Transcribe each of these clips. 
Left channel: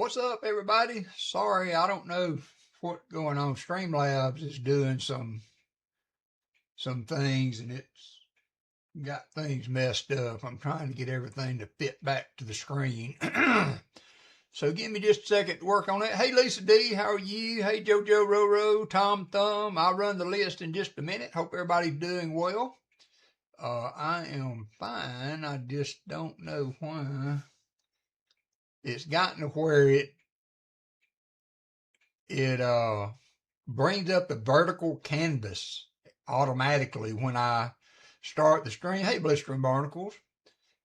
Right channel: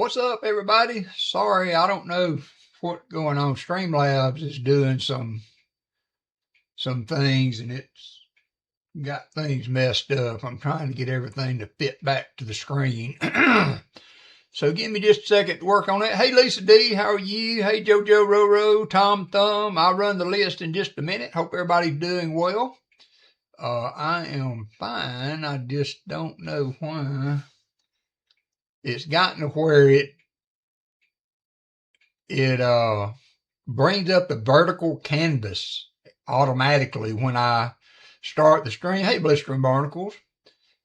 What's up, everybody? Sorry, I don't know what's going on. Streamlabs is doing some things, and it's got things messed up. I'm trying to get everything to fit back to the screen. So give me just a second to work on it. Hey, Lisa D, how are you? Hey, JoJo Roro, Tom Thumb. I'll run the list in just a minute. Hope everybody's doing well. I am fine. I just don't know why it's gotten to where it brings up the vertical canvas automatically when I start the stream. Hey, Blistering Barnacles.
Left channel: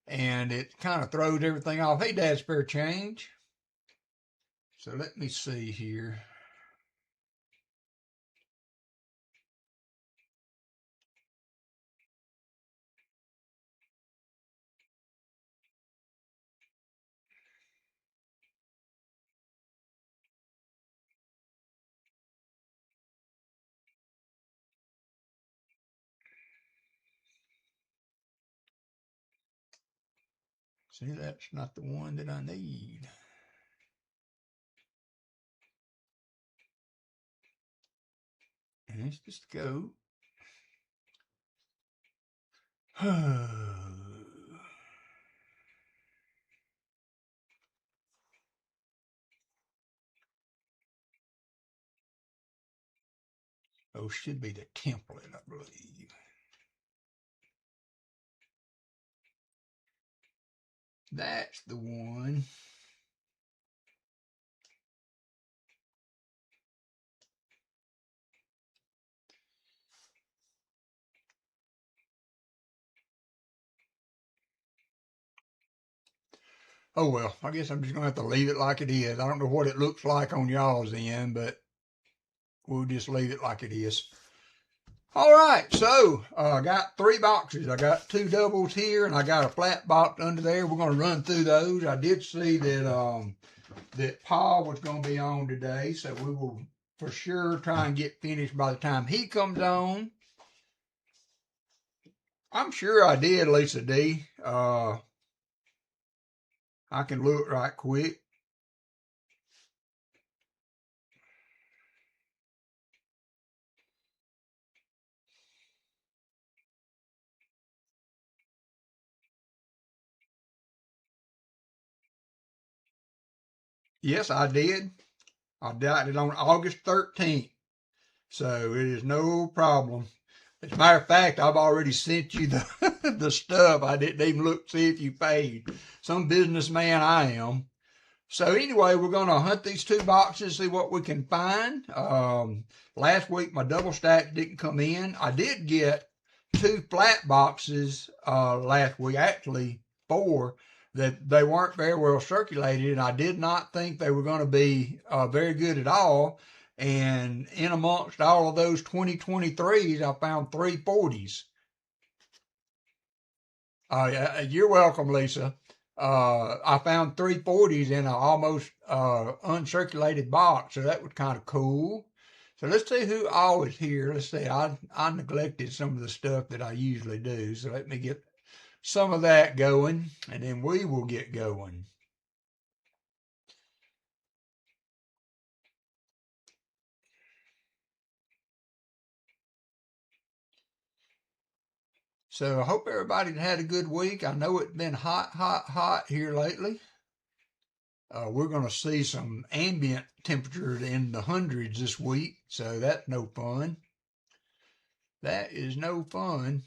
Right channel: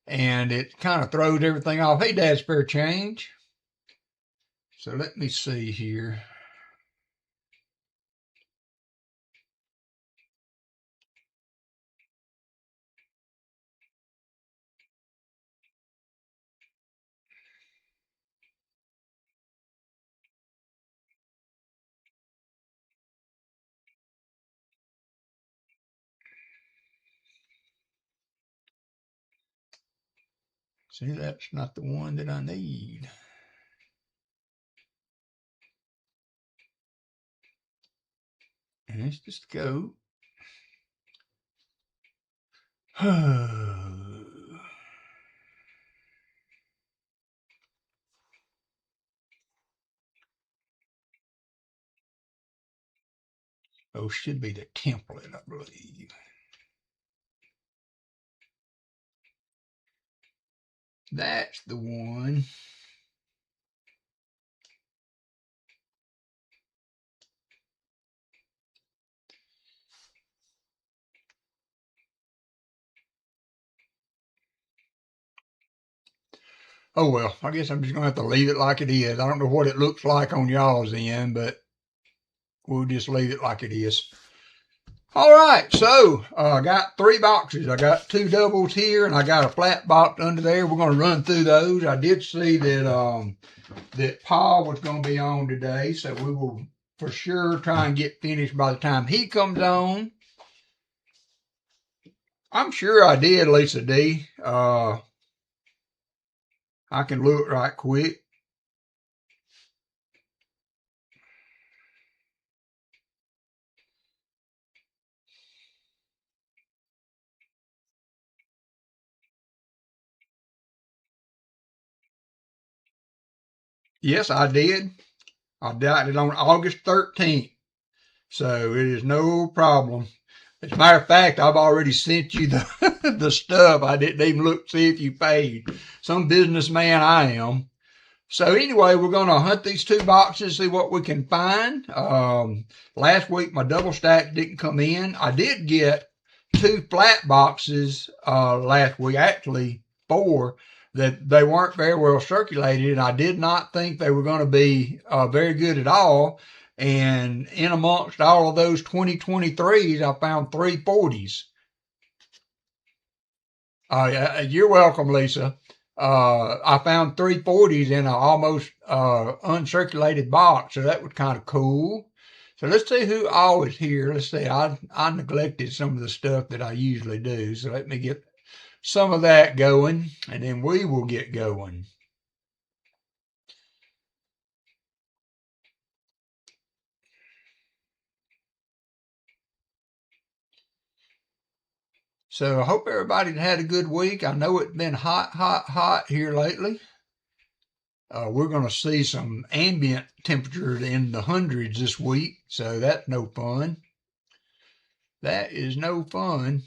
And it kind of throws everything off. Hey, Dad, spare change. So let me see here. See, that's not the one that I need. And let's just go. Oh, should be the template, I believe. That's the one. Oh, well, I guess I'm just going to have to leave it like it is. I don't know what it looks like on y'all's end, but we'll just leave it like it is. All right, so I got 3 boxes. I got 2 doubles here, and I got a flat box under there. We're going to run through those. I did see that that Paul was going to be on today, so we will for sure try and get finished by the time he comes on. I'm sure I did, Lisa D. I can look right quick. Yes, I did. I did it on August 13th. So it is no problem. As a matter of fact, I've already sent you the, the stuff. I didn't even look to see if you paid. Some businessman I am. So anyway, we're going to hunt these 2 boxes, see what we can find. Last week, my double stacks didn't come in. I did get 2 flat boxes last week, actually 4, that they weren't very well circulated, and I did not think they were going to be very good at all. And in amongst all of those 2023s, I found 3 40s. You're welcome, Lisa. I found 3 40s in an almost uncirculated box, so that was kind of cool. So let's see who all is here. Let's see, I neglected some of the stuff that I usually do, so let me get some of that going, and then we will get going. So I hope everybody had a good week. I know it's been hot here lately. We're going to see some ambient temperature in the hundreds this week, so that's no fun. That is no fun.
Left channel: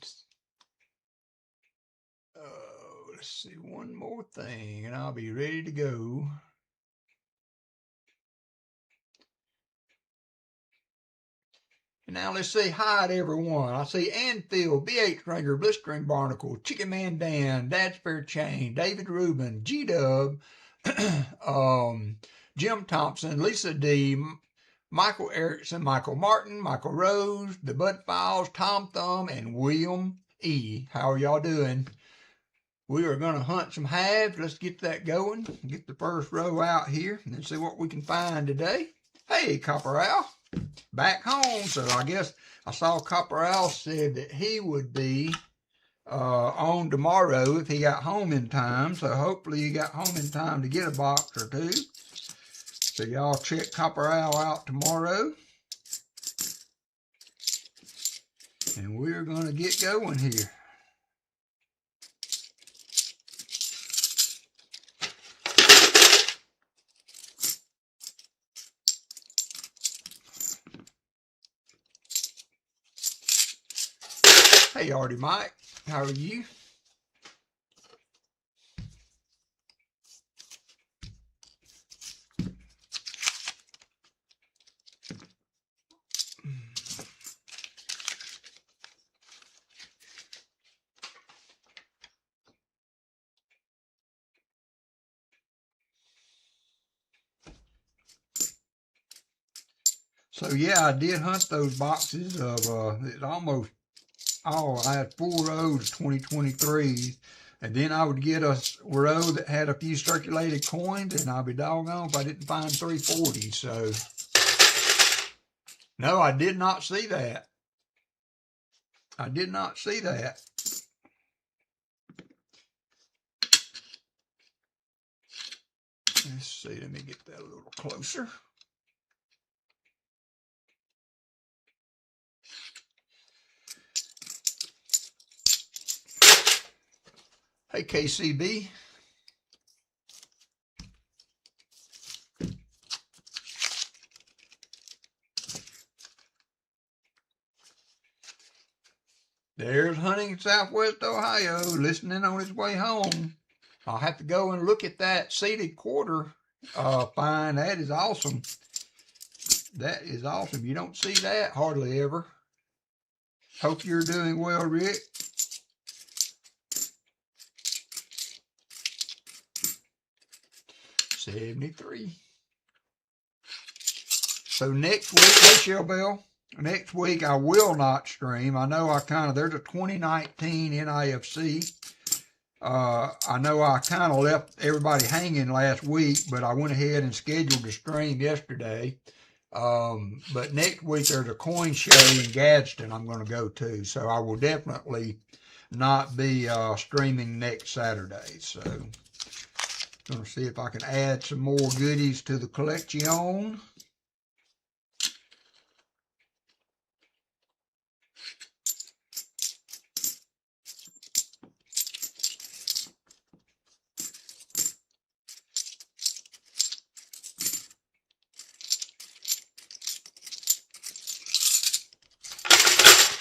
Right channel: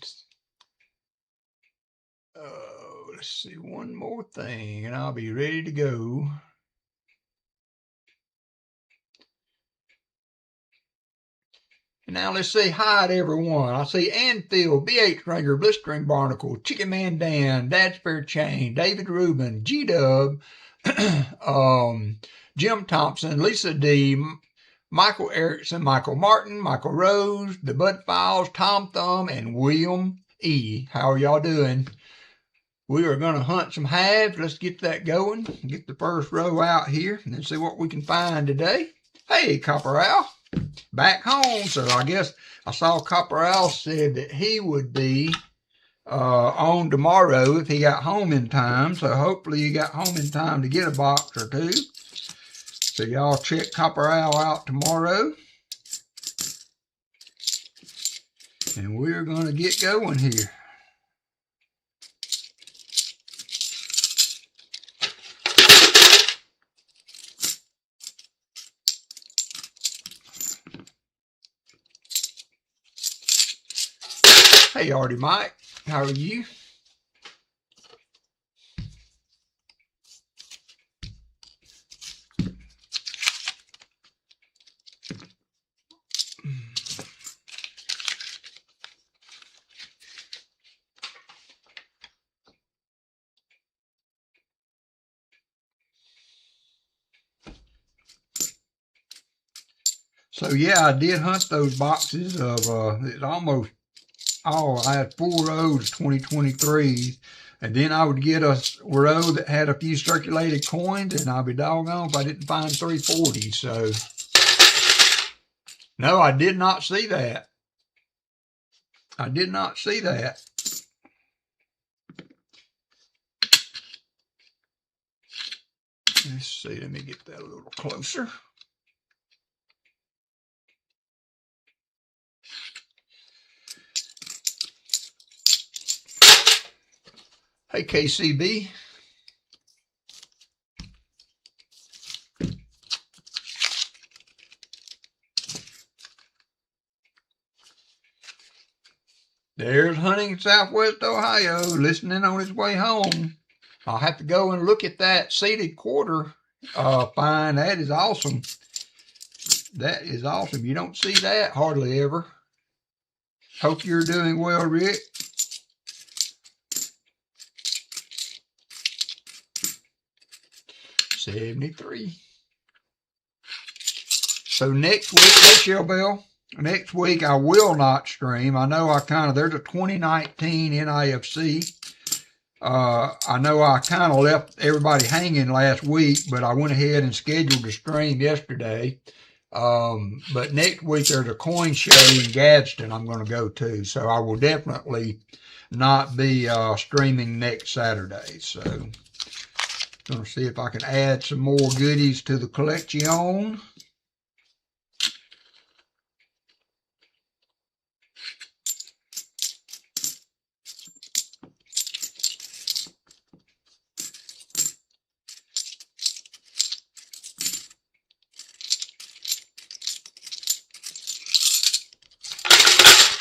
Let's see, one more thing, and I'll be ready to go. And now let's say hi to everyone. I see Anfield, BH Stringer, Blistering Barnacle, Chicken Man Dan, Dad's Fair Chain, David Rubin, G-Dub, Jim Thompson, Lisa D, Michael Erickson, Michael Martin, Michael Rose, the Bud Files, Tom Thumb, and William E. How are y'all doing? We are going to hunt some halves. Let's get that going. Get the first row out here and then see what we can find today. Hey, Copper Al, back home. So I guess I saw Copper Al said that he would be on tomorrow if he got home in time. So hopefully he got home in time to get a box or 2. So y'all check Copper Owl out tomorrow. And we're going to get going here. Hey, Artie Mike, how are you? So yeah, I did hunt those boxes of it's almost all. I had 4 rows 2023, and then I would get a row that had a few circulated coins, and I'd be doggone if I didn't find 340. So no, I did not see that. I did not see that. Let's see, let me get that a little closer. Hey, KCB. There's hunting in Southwest Ohio, listening on his way home. I'll have to go and look at that seated quarter find. That is awesome. That is awesome. You don't see that hardly ever. Hope you're doing well, Rick. $73. So next week, hey Shellbell, next week I will not stream. I know there's a 2019 NIFC. I know I kind of left everybody hanging last week, but I went ahead and scheduled to stream yesterday. But next week there's a coin show in Gadsden I'm going to go to. So I will definitely not be streaming next Saturday. So going to see if I can add some more goodies to the collection.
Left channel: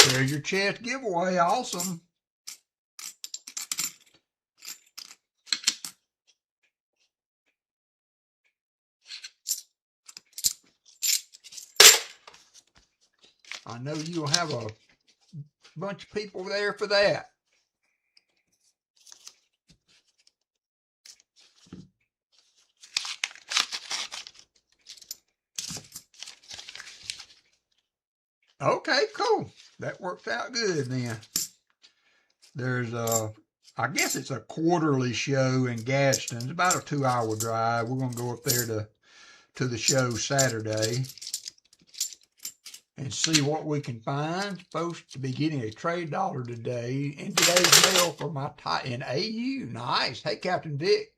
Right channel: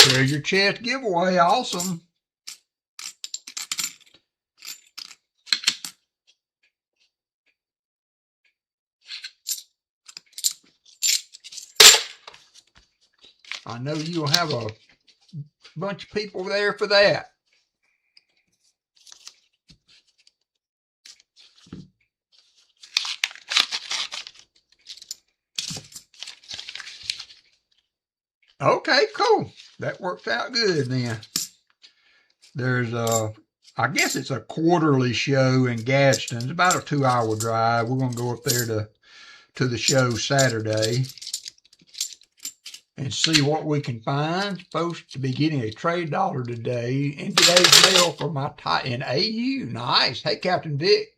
There's your chest giveaway. Awesome. I know you'll have a bunch of people there for that. Okay, cool. That works out good then. There's I guess it's a quarterly show in Gadsden. It's about a 2-hour drive. We're going to go up there to the show Saturday and see what we can find. Supposed to be getting a trade dollar today in today's mail for my in AU. Nice. Hey, Captain Vic.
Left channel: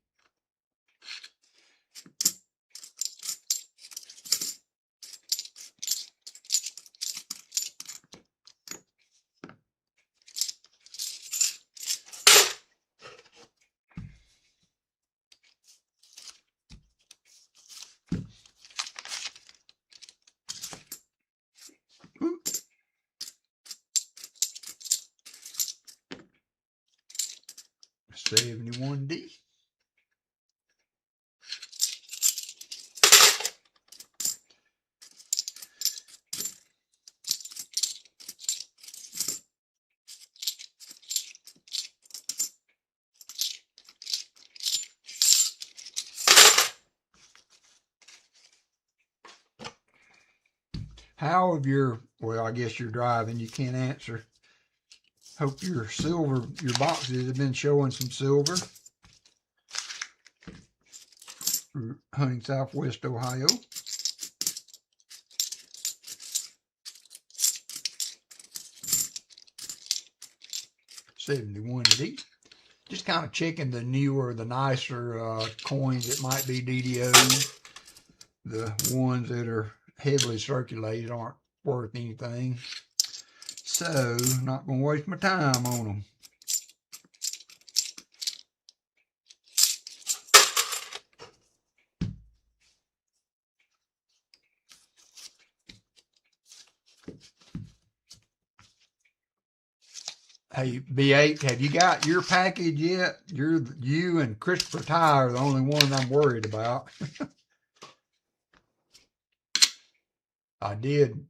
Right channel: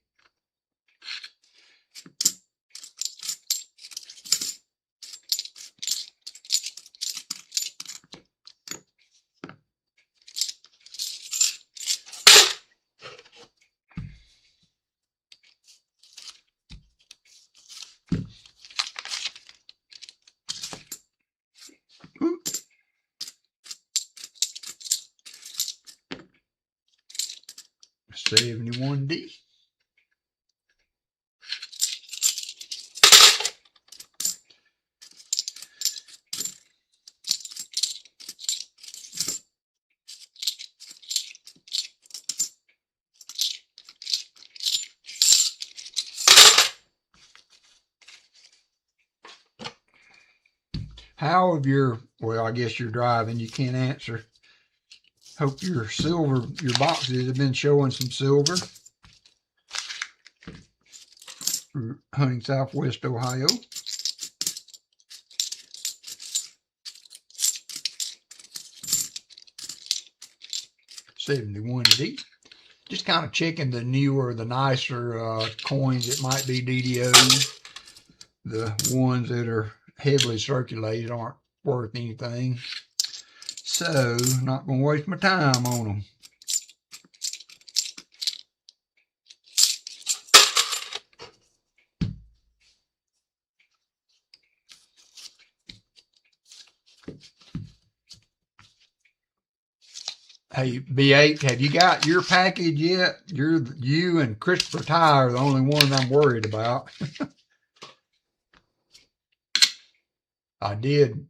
$71D. How have well, I guess you're driving, you can't answer. Hope your boxes have been showing some silver. Hunting Southwest Ohio. $71D. Just kind of checking the newer, the nicer coins. It might be DDOs. The ones that are heavily circulated aren't worth anything. So, not going to waste my time on them. Hey, B8, have you got your package yet? You and Christopher Ty are the only one I'm worried about. I did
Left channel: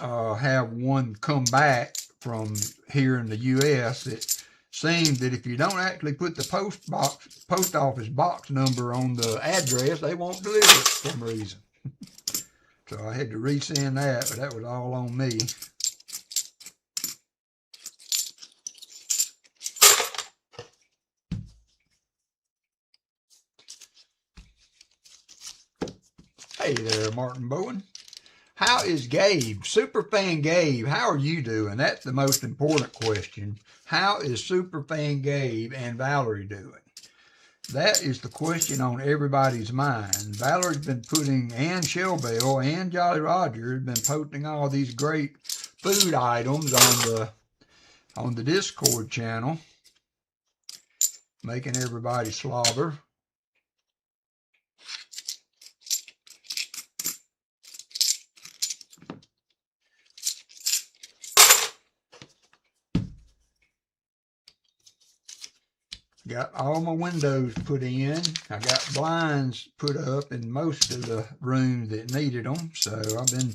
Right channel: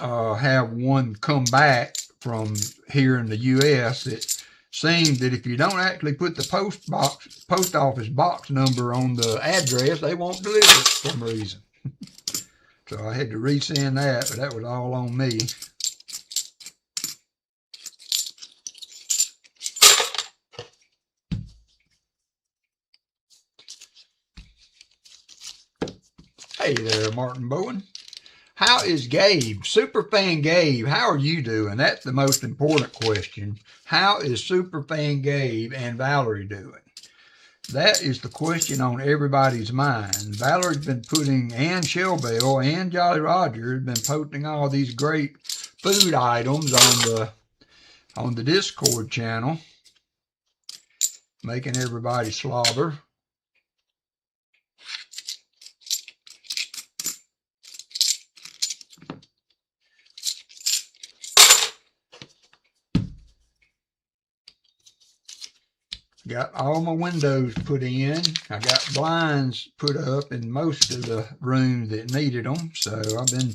have one come back from here in the U.S. It seems that if you don't actually put the post office box number on the address, they won't deliver it for some reason. So I had to resend that, but that was all on me. Hey there, Martin Bowen. How is Gabe? Superfan Gabe, how are you doing? That's the most important question. How is Superfan Gabe and Valerie doing? That is the question on everybody's mind. Valerie's been putting, and Shellbell and Jolly Roger have been posting all these great food items on the Discord channel, making everybody slobber. Got all my windows put in. I got blinds put up in most of the rooms that needed them. So I've been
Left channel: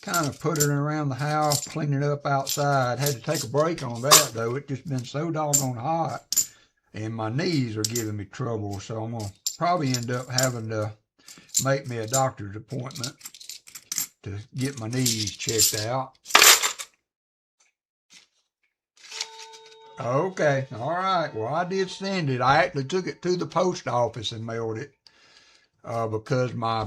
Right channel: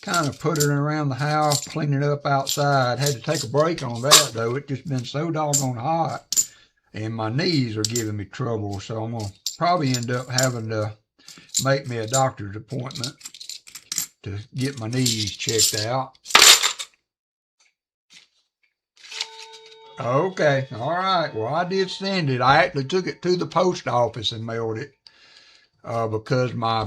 kind of putting around the house, cleaning up outside. Had to take a break on that though. It's just been so doggone hot and my knees are giving me trouble. So I'm going to probably end up having to make me a doctor's appointment to get my knees checked out. Okay, all right. Well, I did send it. I actually took it to the post office and mailed it because my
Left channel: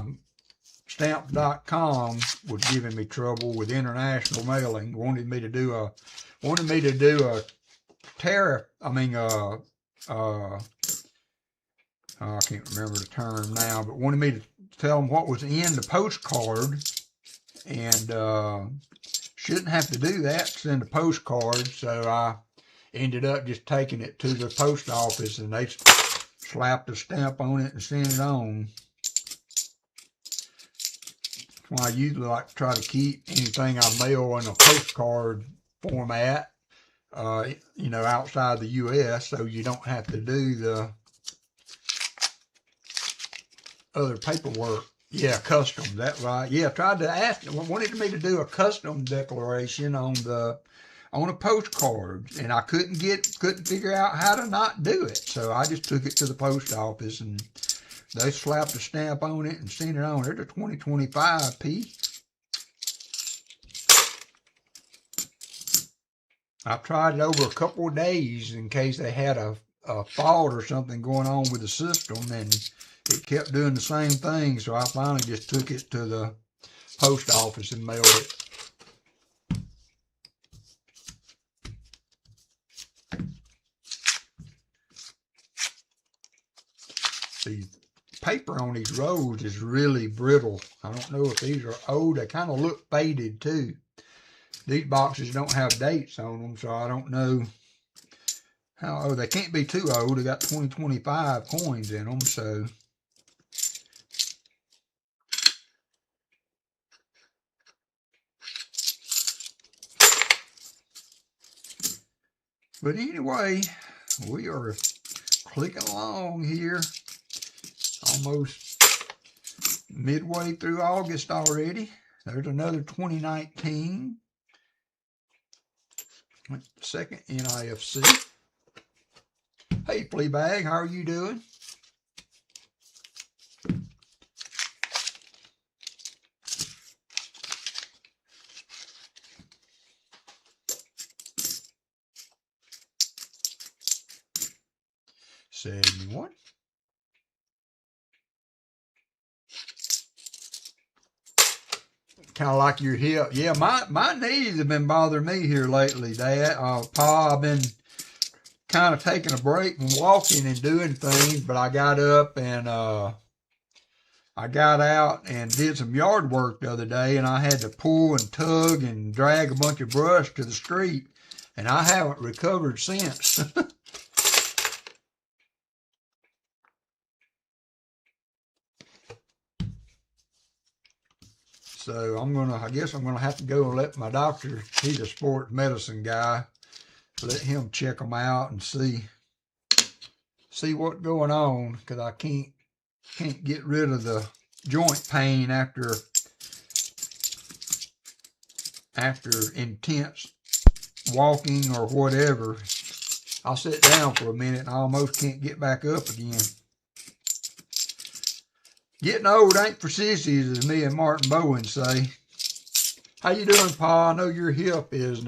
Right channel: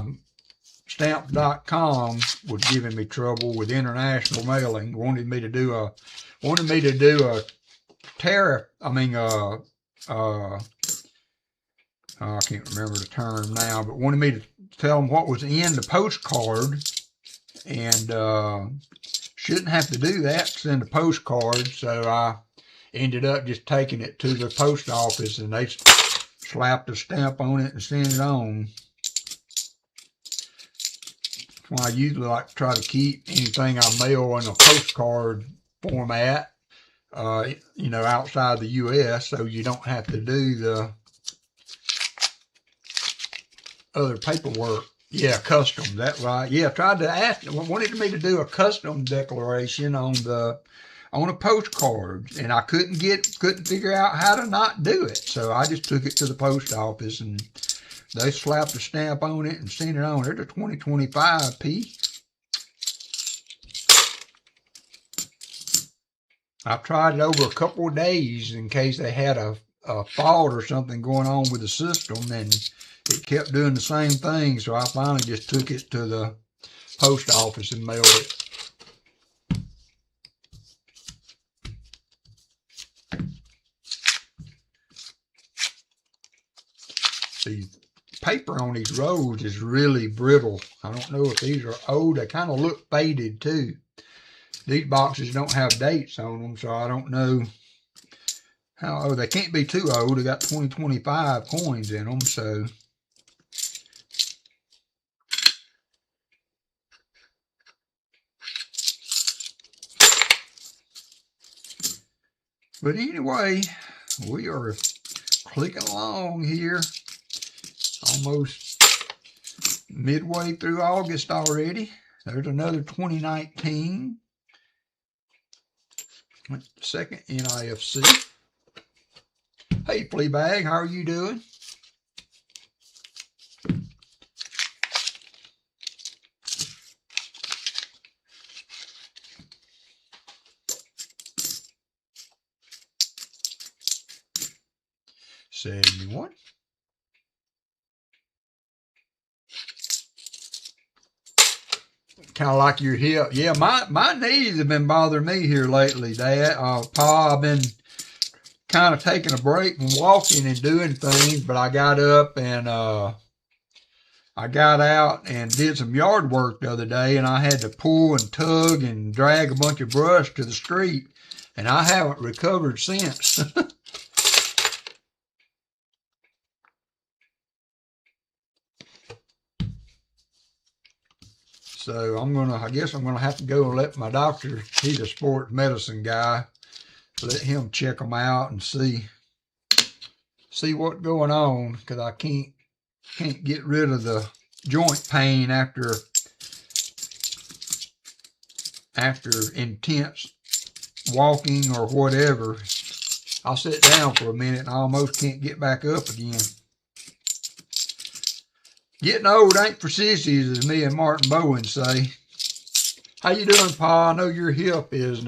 stamps.com was giving me trouble with international mailing. Wanted me to do a tariff. I can't remember the term now, but wanted me to tell them what was in the postcard, and shouldn't have to do that. Send a postcard, so I ended up just taking it to the post office and they slapped a stamp on it and sent it on. That's why I usually like to try to keep anything I mail in a postcard format, outside the U.S. so you don't have to do the other paperwork. Yeah, customs, that's right. Yeah, tried to ask, wanted me to do a custom declaration on a postcard, and I couldn't figure out how to not do it. So I just took it to the post office and they slapped a stamp on it and sent it on. There's a 2025P. I've tried it over a couple of days in case they had a fault or something going on with the system, and it kept doing the same thing. So I finally just took it to the post office and mailed it. The paper on these rolls is really brittle. I don't know if these are old. They kind of look faded too. These boxes don't have dates on them, so I don't know how old. They can't be too old. They got 2025 coins in them, so. But anyway, we are clicking along here. Almost midway through August already. There's another 2019. Second NIFC. Hey, Fleabag, how are you doing? $71. Kind of like your hip. Yeah, my knees have been bothering me here lately, Dad. Pa, I've been kind of taking a break from walking and doing things, but I got up and I I got out and did some yard work the other day, and I had to pull and tug and drag a bunch of brush to the street, and I haven't recovered since. So I guess I'm gonna have to go and let my doctor, he's a sports medicine guy, let him check them out and see what's going on, because I can't get rid of the joint pain after intense walking or whatever. I'll sit down for a minute and I almost can't get back up again. Getting old ain't for sissies, as me and Martin Bowen say. How you doing, Pa? I know your hip is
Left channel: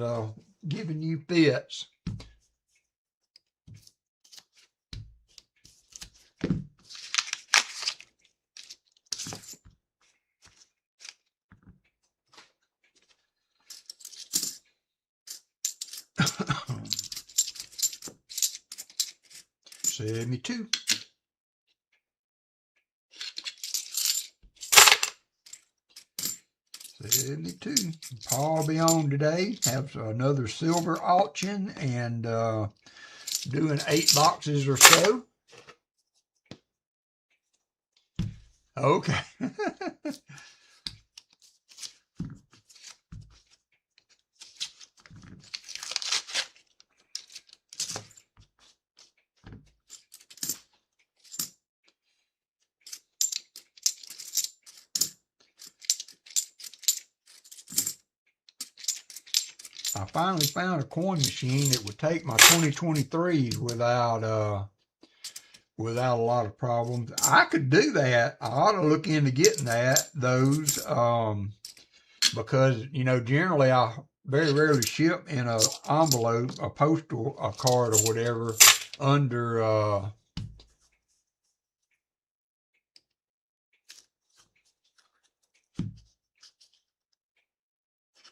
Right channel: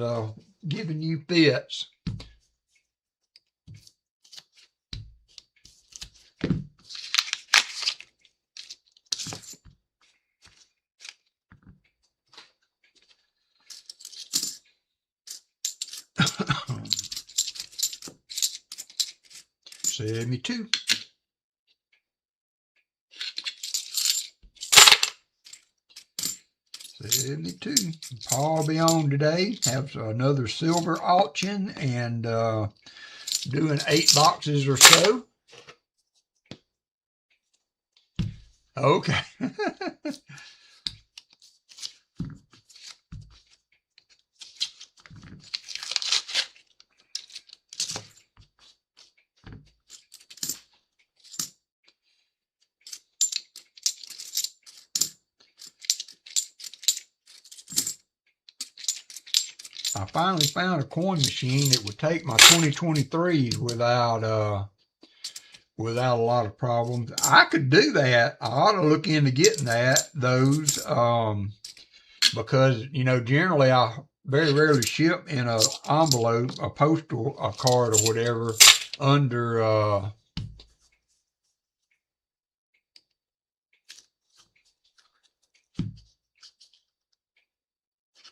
giving you fits. Me too. Me too. Paul will be on today. Have another silver auction and doing 8 boxes or so. Okay. I finally found a coin machine that would take my 2023s without a lot of problems. I could do that. I ought to look into getting those because, you know, generally I very rarely ship in an envelope, a postal card or whatever under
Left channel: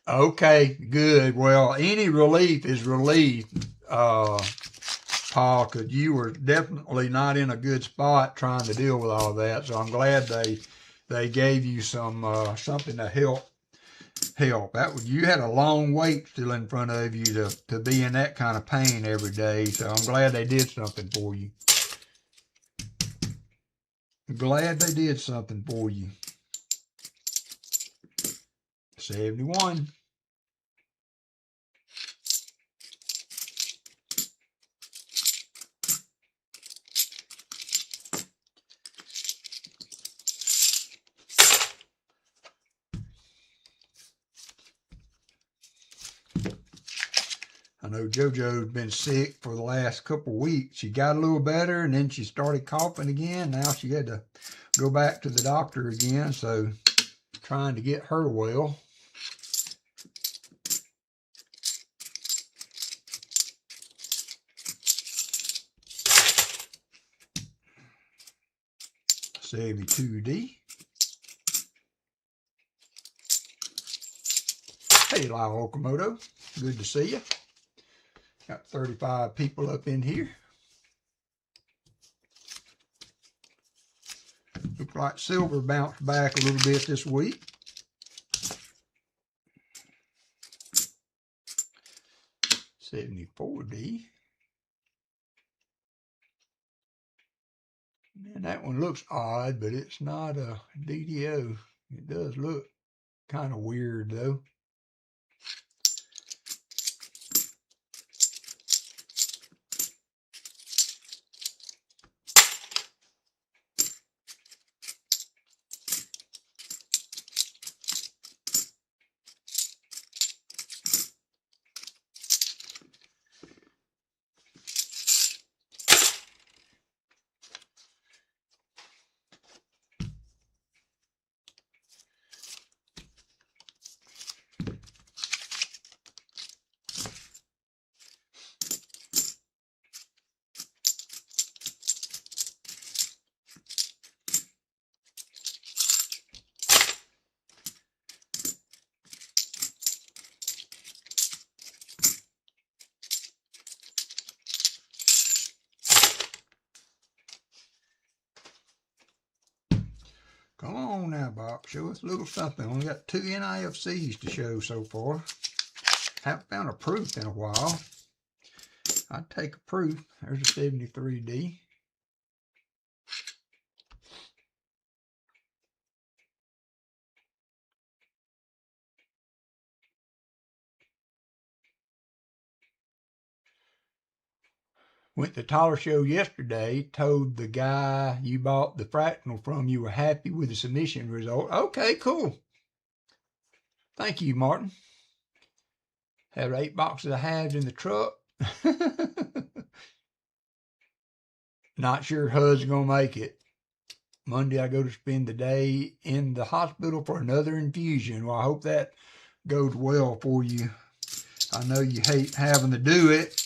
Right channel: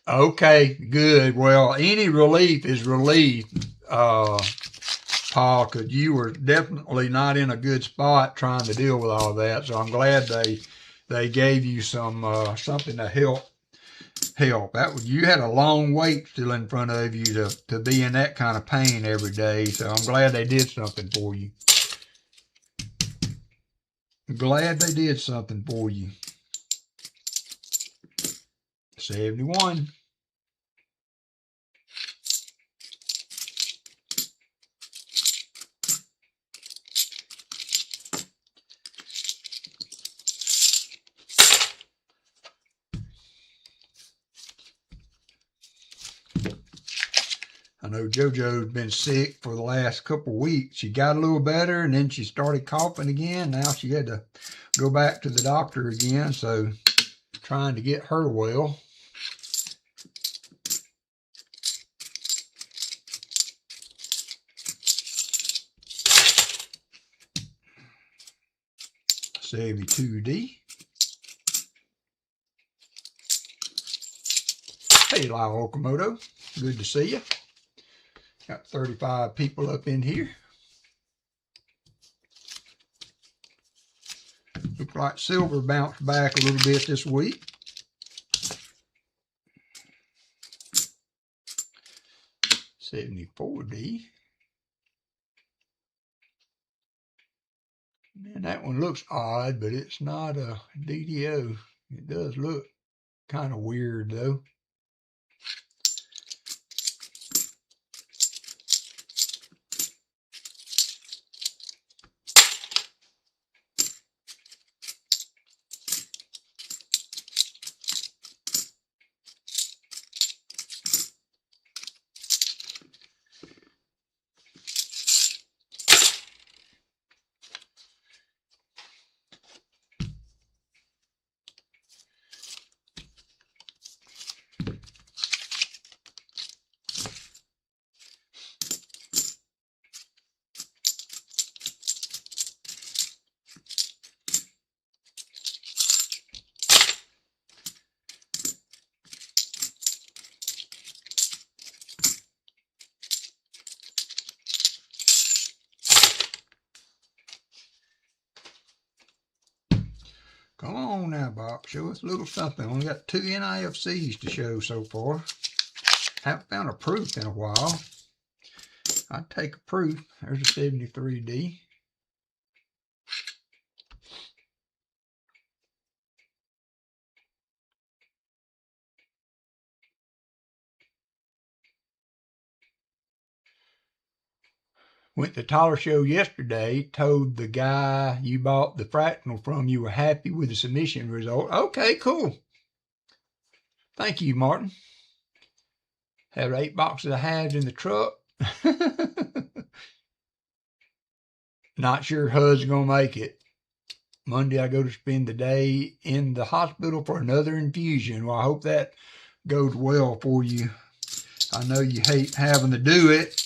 okay, good. Well, any relief is relief, Paul, because you were definitely not in a good spot trying to deal with all of that. So I'm glad they gave you some something to help. You had a long wait still in front of you to be in that kind of pain every day. So I'm glad they did something for you. Glad they did something for you. 71. I know JoJo's been sick for the last couple of weeks. She got a little better and then she started coughing again. Now she had to go back to the doctor again. So trying to get her well. $72D. Hey, Lyle Okamoto. Good to see you. Got 35 people up in here. Looks like silver bounced back a little bit this week. $74D. Man, that one looks odd, but it's not a DDO. It does look kind of weird though. Come on now, Bob. Show us a little something. Only got 2 NIFCs to show so far. Haven't found a proof in a while. I'd take a proof. There's a 73D. Went to the Tyler show yesterday, told the guy you bought the fractional from you were happy with the submission result. Okay, cool. Thank you, Martin. Have 8 boxes of halves in the truck. Not sure HUD's going to make it. Monday I go to spend the day in the hospital for another infusion. Well, I hope that goes well for you. I know you hate having to do it.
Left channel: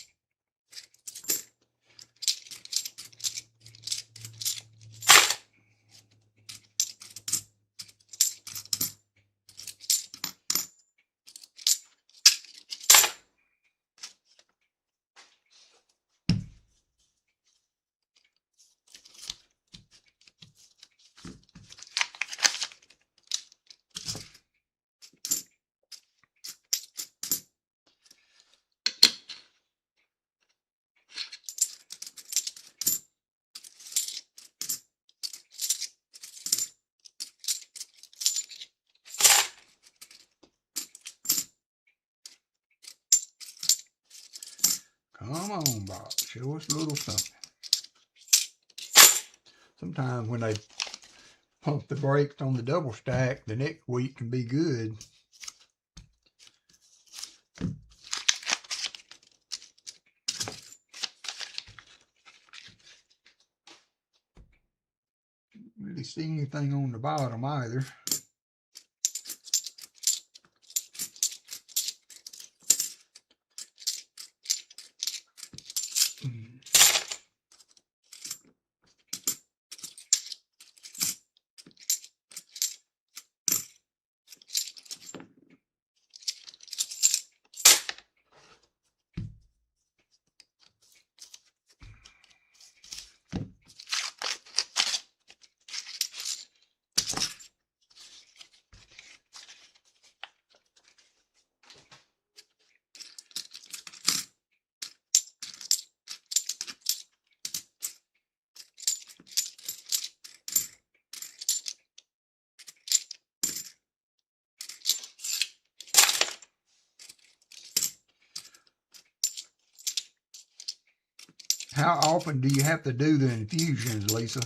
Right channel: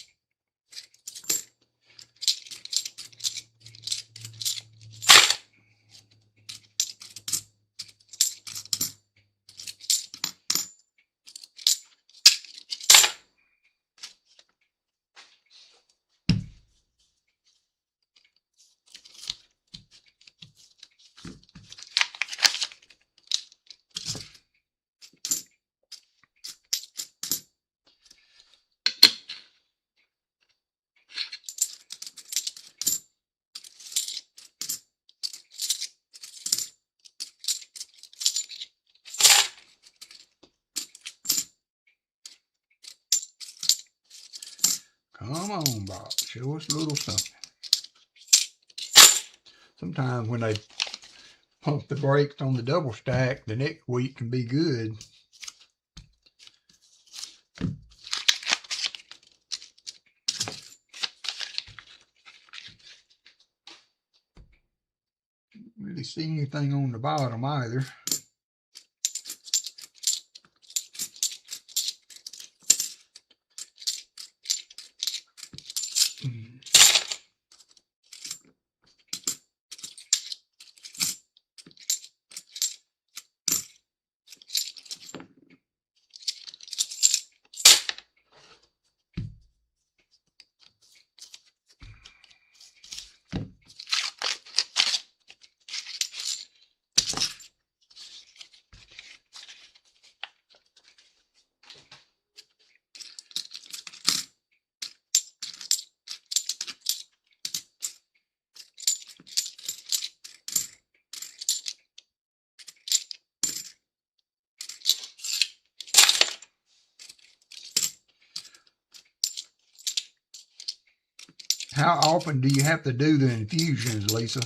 Come on, Bob. Show us a little something. Sometimes when they pump the brakes on the double stack, the next week can be good. Really see anything on the bottom either. How often do you have to do the infusions, Lisa?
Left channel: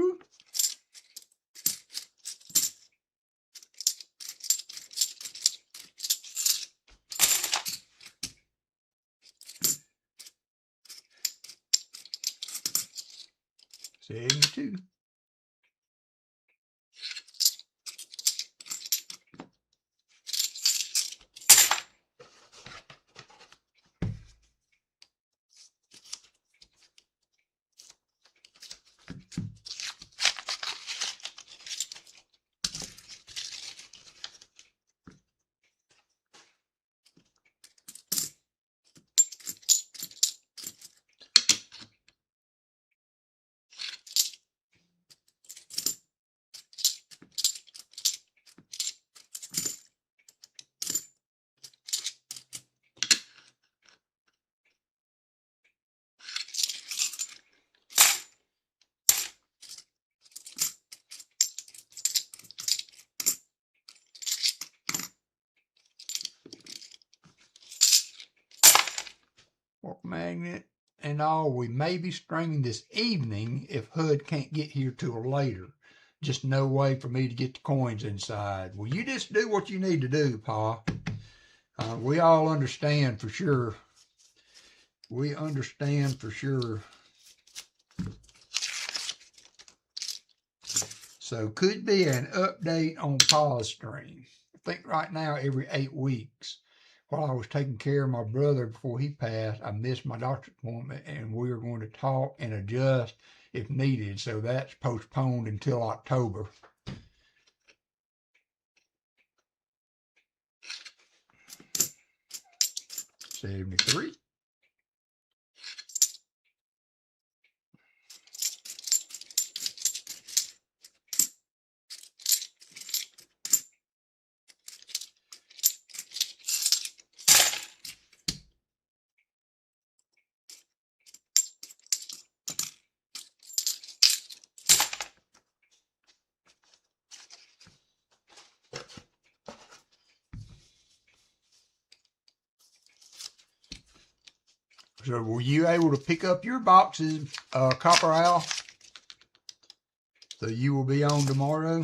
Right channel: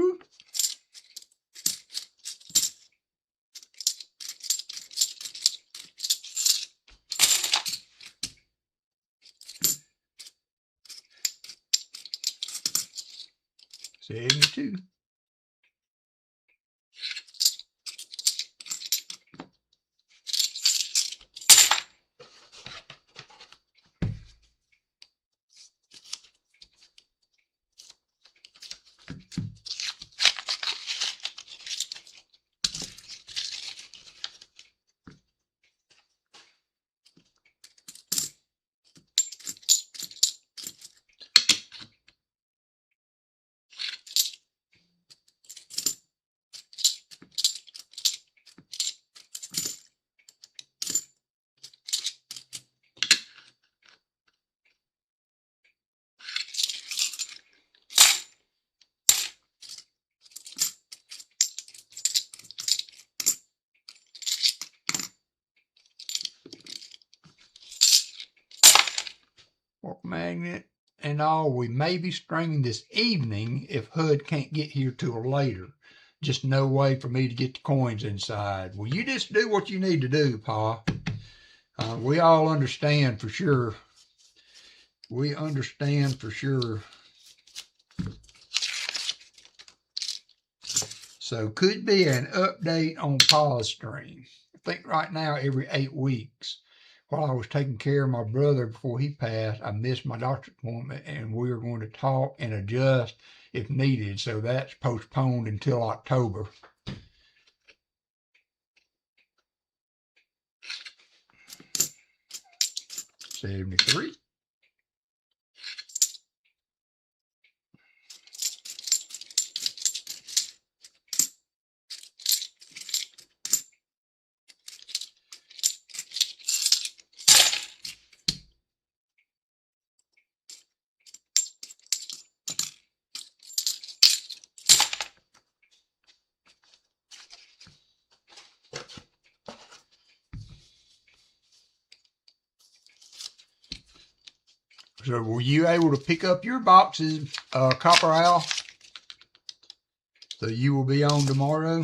Ooh. $72. WalkerMagnet and all, we may be stringing this evening if HUD can't get here till later. Just no way for me to get the coins inside. Well, you just do what you need to do, Pa. We all understand for sure. We understand for sure. So could be an update on Pa's stream. think right now every 8 weeks. While I was taking care of my brother before he passed, I missed my doctor's appointment, and we are going to talk and adjust if needed. So that's postponed until October. $73. So were you able to pick up your boxes, Copper Al? So you will be on tomorrow?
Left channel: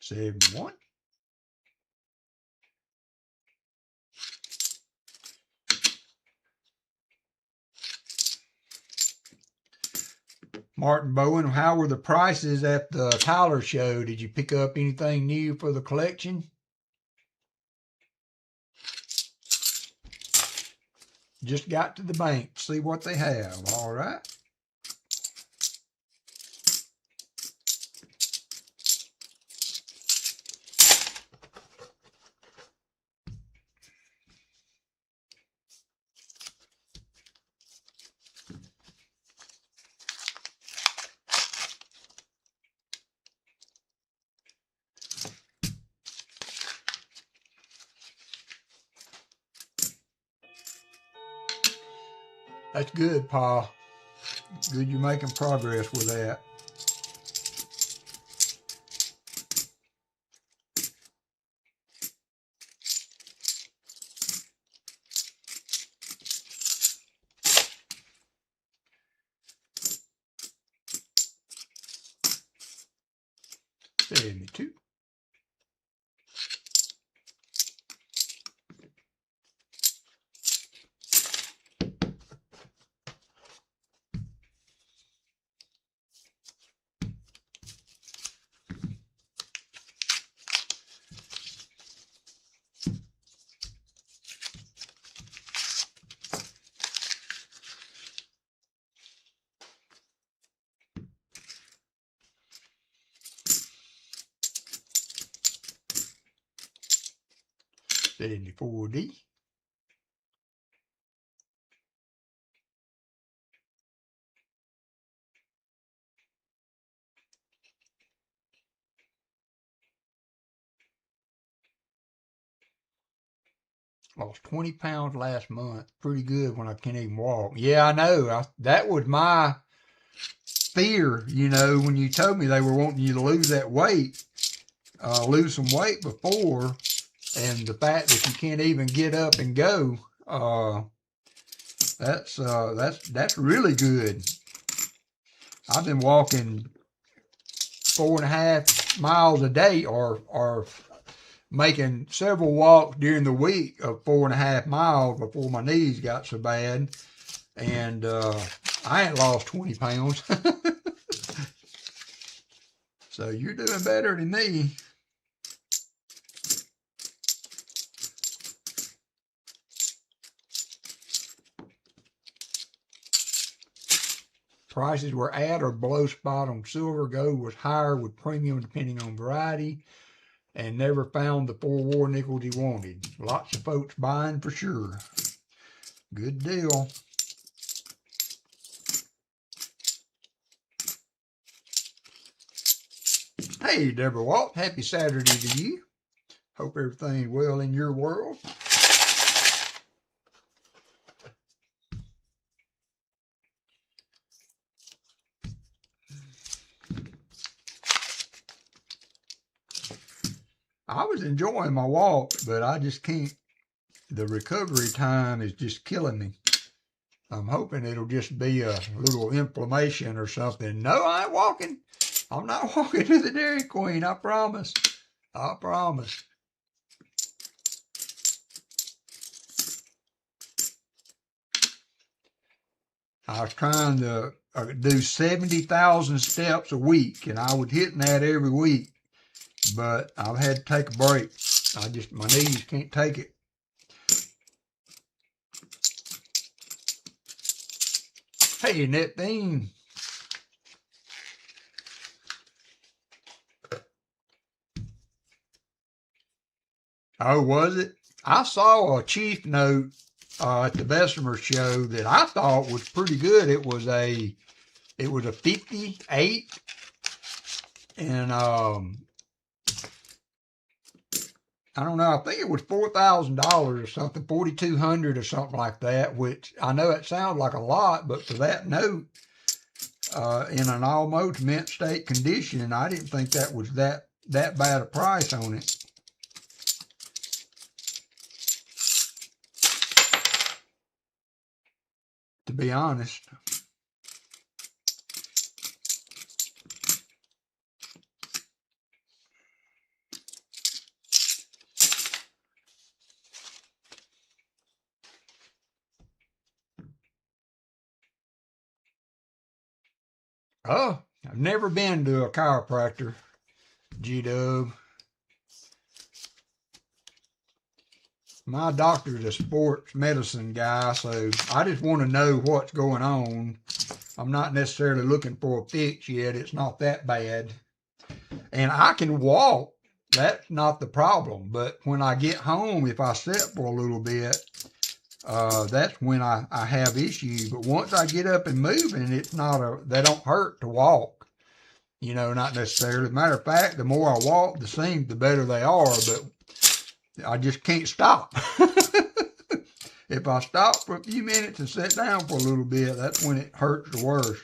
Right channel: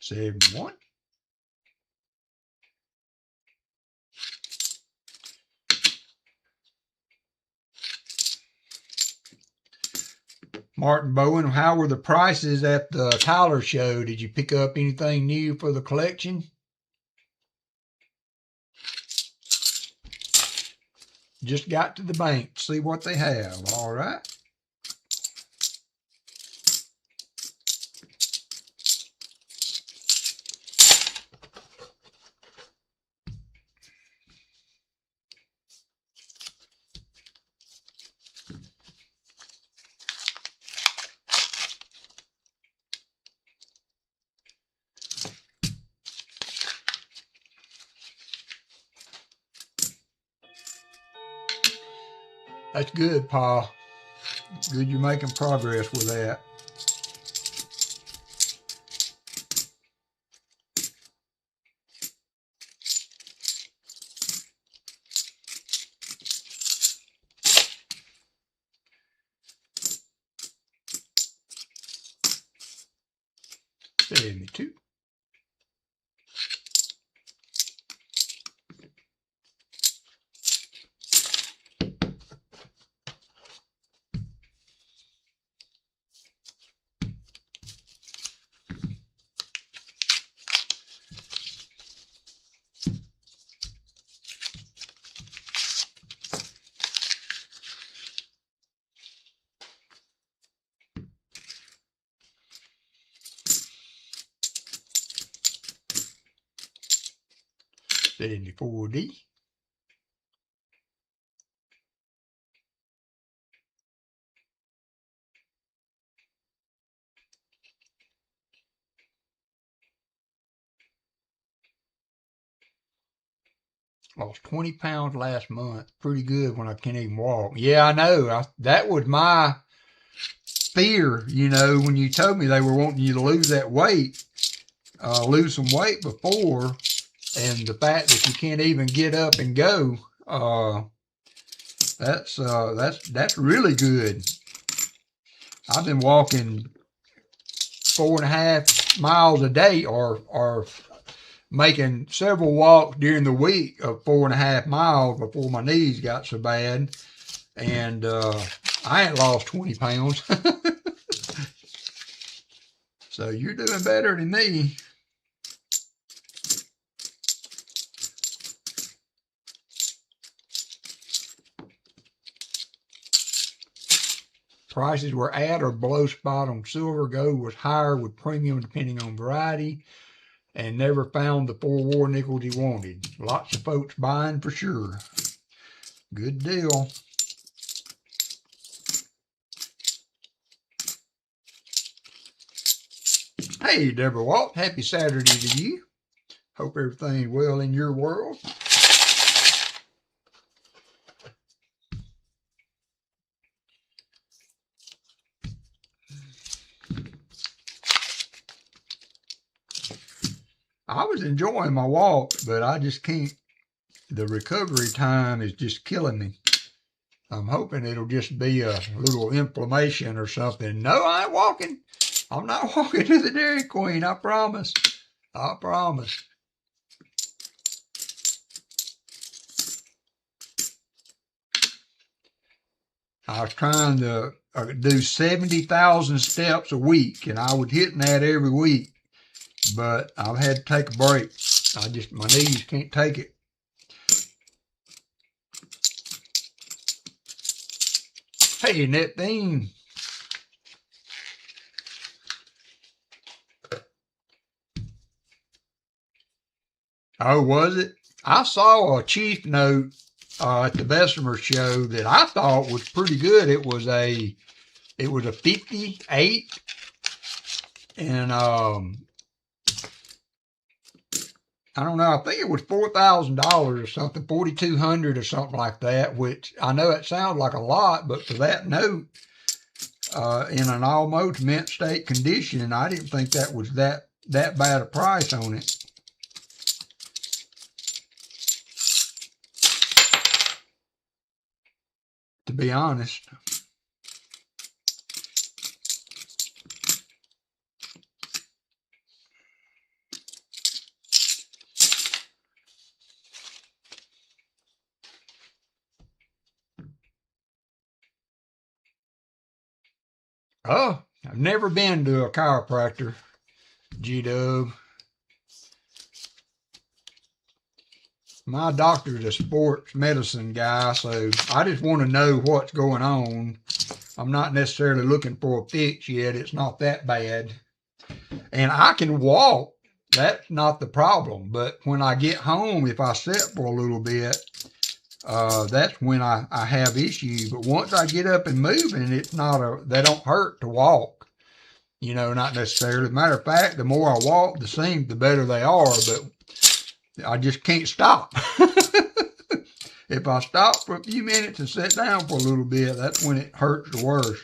$71. Martin Bowen, how were the prices at the Tyler show? Did you pick up anything new for the collection? Just got to the bank to see what they have. All right. That's good, Pa. Good you're making progress with that. $72. $74D. Lost 20 pounds last month. Pretty good when I can't even walk. Yeah, I know. That was my fear, you know, when you told me they were wanting you to lose that weight, lose some weight before, and the fact that you can't even get up and go, that's really good. I've been walking 4.5 miles a day, or making several walks during the week of 4.5 miles before my knees got so bad, and I ain't lost 20 pounds. So you're doing better than me. Prices were at or below spot on silver. Gold was higher with premium depending on variety, and never found the 4 war nickels he wanted. Lots of folks buying for sure. Good deal. Hey, Deborah Walt, happy Saturday to you. Hope everything's well in your world. I was enjoying my walks, but I just can't. The recovery time is just killing me. I'm hoping it'll just be a little inflammation or something. No, I ain't walking. I'm not walking to the Dairy Queen. I promise. I promise. I was trying to do 70,000 steps a week, and I was hitting that every week, but I've had to take a break. My knees can't take it. Hey, Neptune. Oh, was it? I saw a chief note at the Bessemer show that I thought was pretty good. It was a 58, and I don't know. I think it was $4,000 or something, 4,200 or something like that. Which I know it sounds like a lot, but for that note, in an almost mint state condition, I didn't think that was that bad a price on it. To be honest. Oh, I've never been to a chiropractor, G-Dub. My doctor's a sports medicine guy, so I just want to know what's going on. I'm not necessarily looking for a fix yet. It's not that bad. And I can walk. That's not the problem. But when I get home, if I sit for a little bit, that's when I have issues. But once I get up and moving, they don't hurt to walk. You know, not necessarily. Matter of fact, the more I walk, the better they are. But I just can't stop. If I stop for a few minutes and sit down for a little bit, that's when it hurts the worst.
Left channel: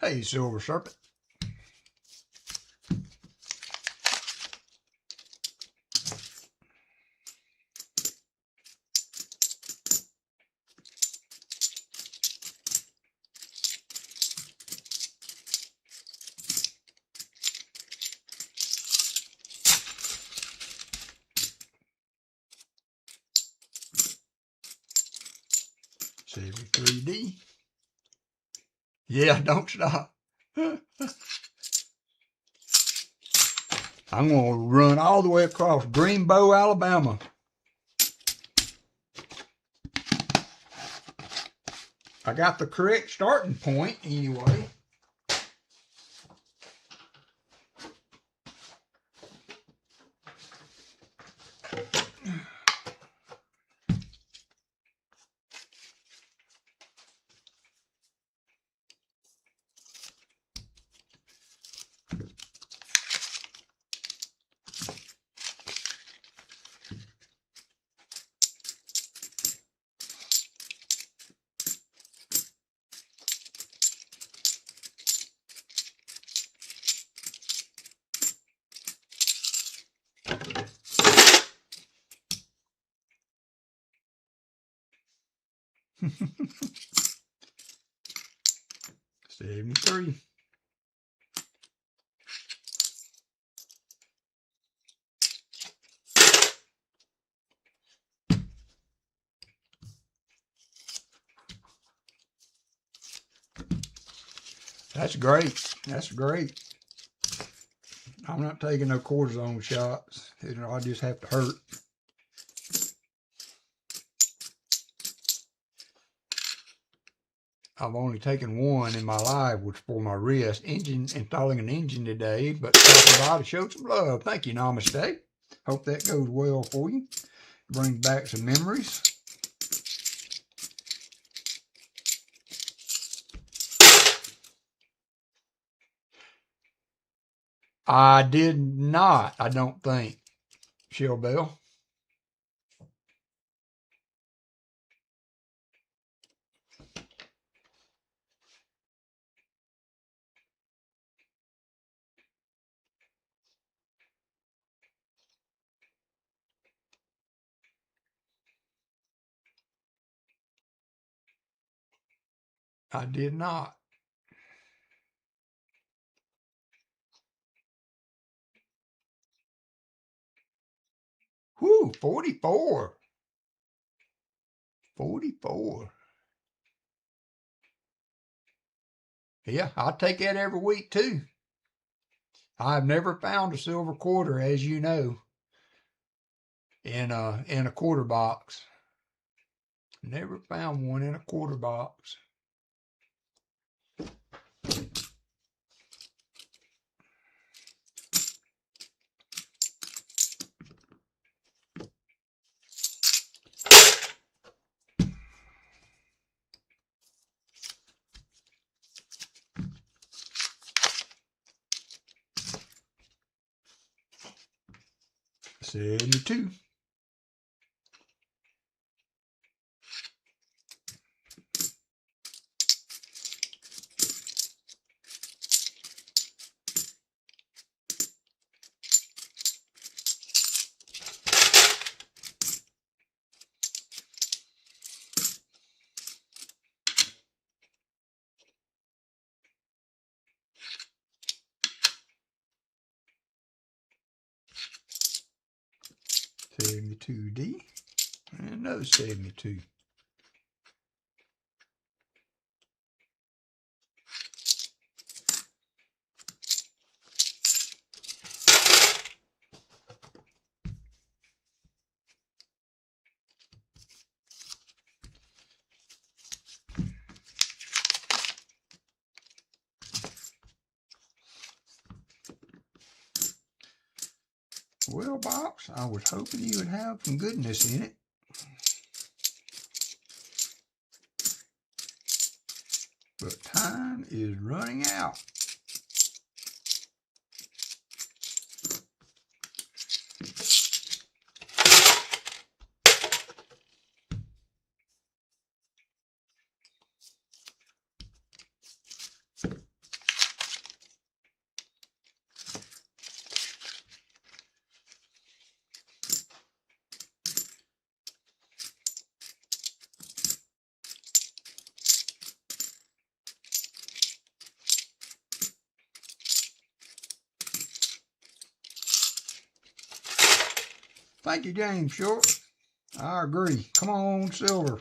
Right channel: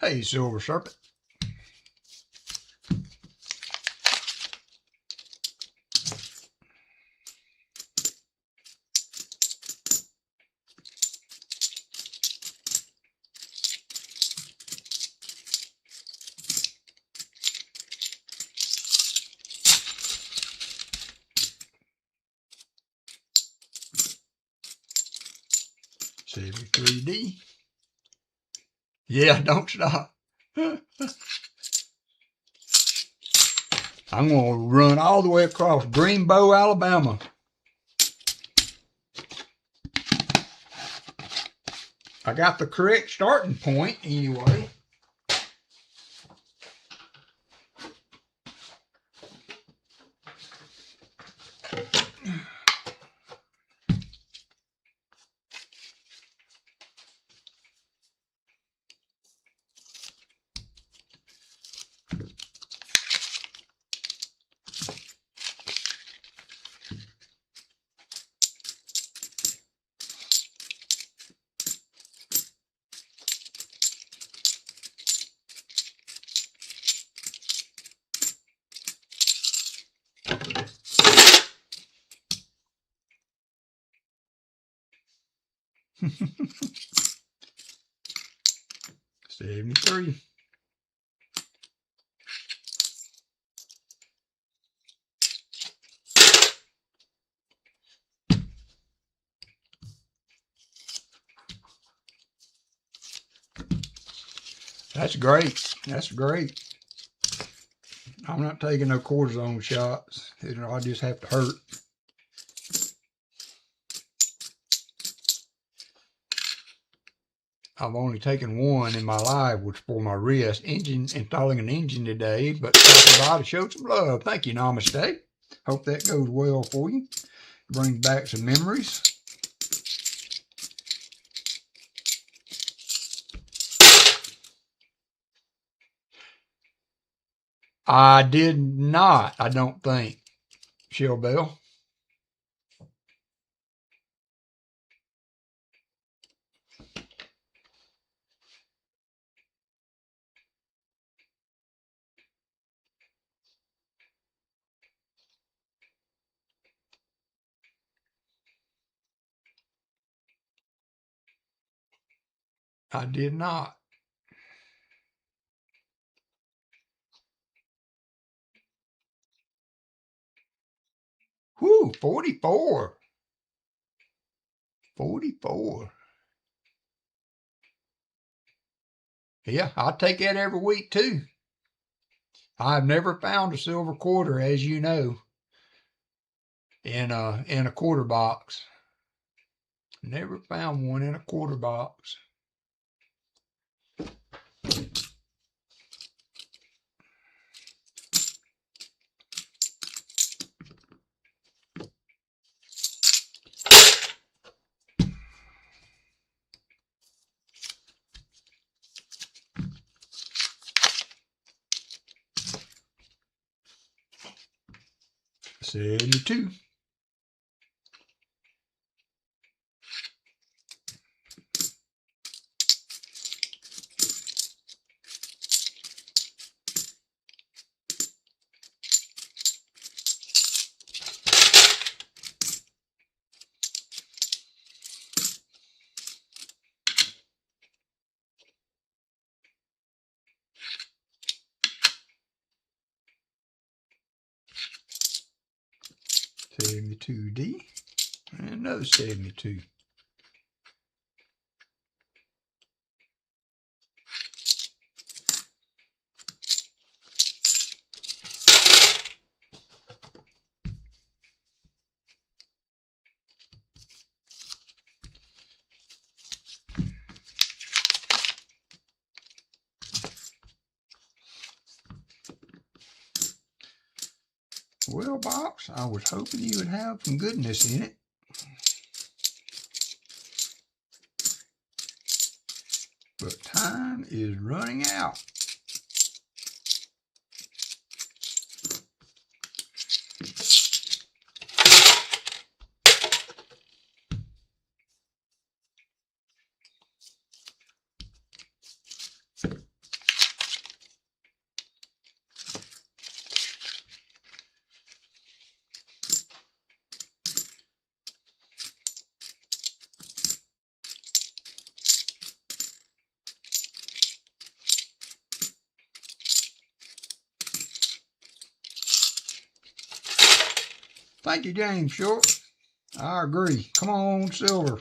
Hey, Silver Serpent. $73D. Yeah, don't stop. I'm going to run all the way across Greenbow, Alabama. I got the correct starting point anyway. $73. That's great. That's great. I'm not taking no cortisone shots. I just have to hurt. I've only taken one in my life, which for my wrist. Installing an engine today, but stopping by to show some love. Thank you, Namaste. Hope that goes well for you. Brings back some memories. I did not, I don't think, Shell Bell. I did not. Whew, 44. 44. Yeah, I'll take that every week too. I've never found a silver quarter, as you know, in a quarter box. Never found one in a quarter box. $72. $72D. And another 72. Well, box, I was hoping you would have some goodness in it. But time is running out. Thank you, James Short. I agree. Come on, silver.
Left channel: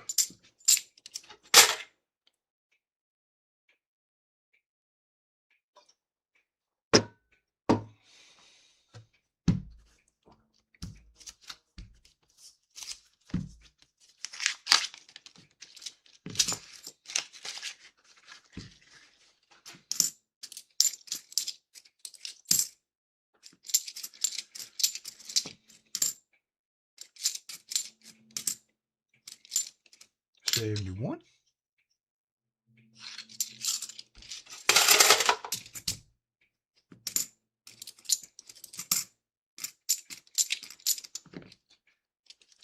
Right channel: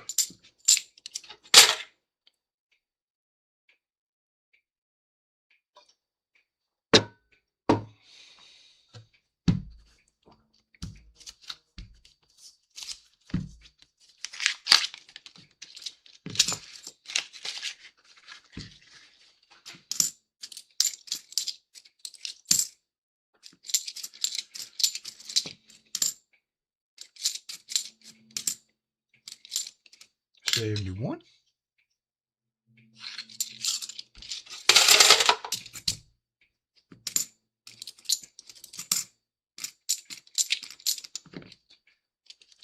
$71.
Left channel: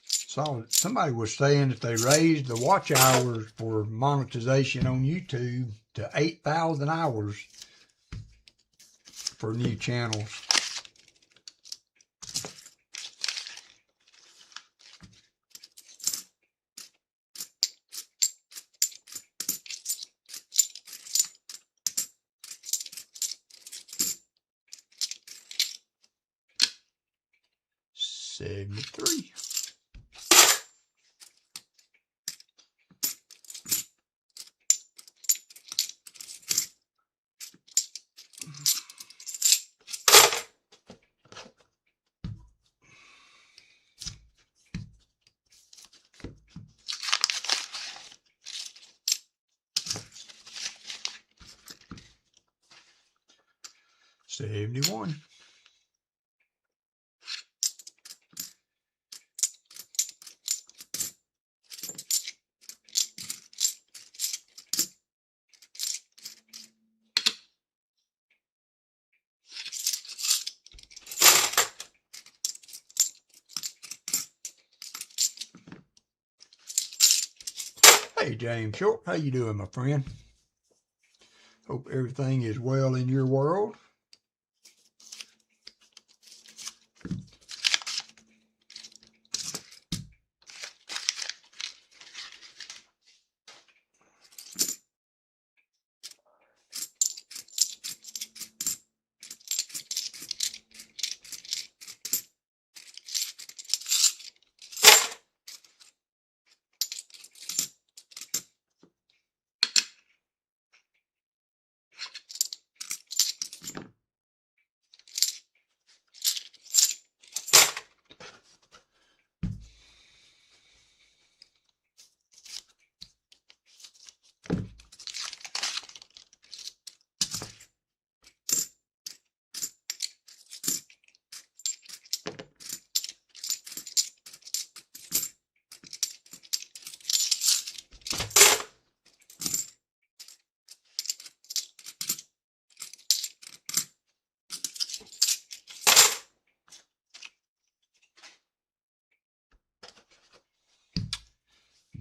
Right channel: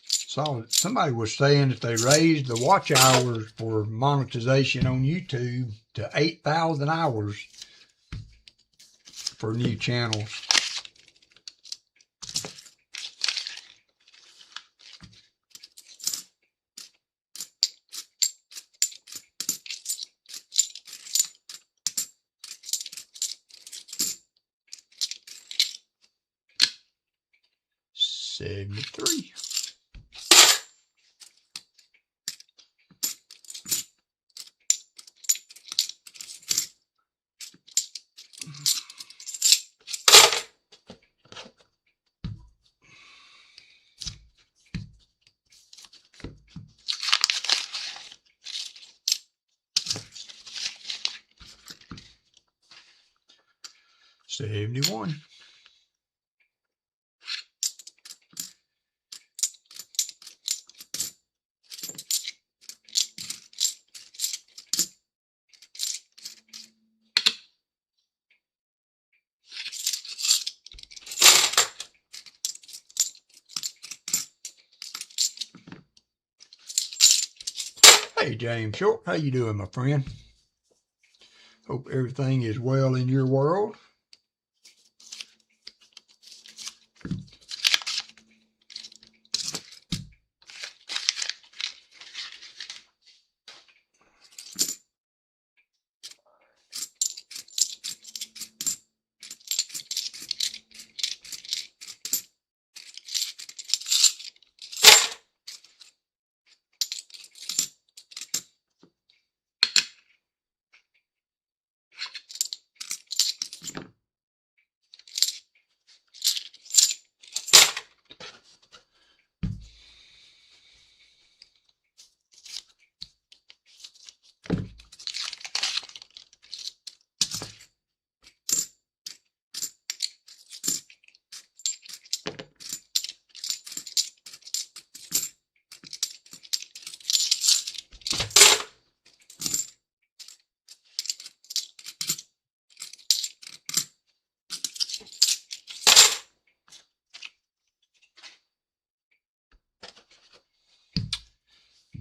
Saw somebody was saying that they raised the watch hours for monetization on YouTube to 8,000 hours for new channels. $73. $71. Hey, James Short, how you doing, my friend? Hope everything is well in your world.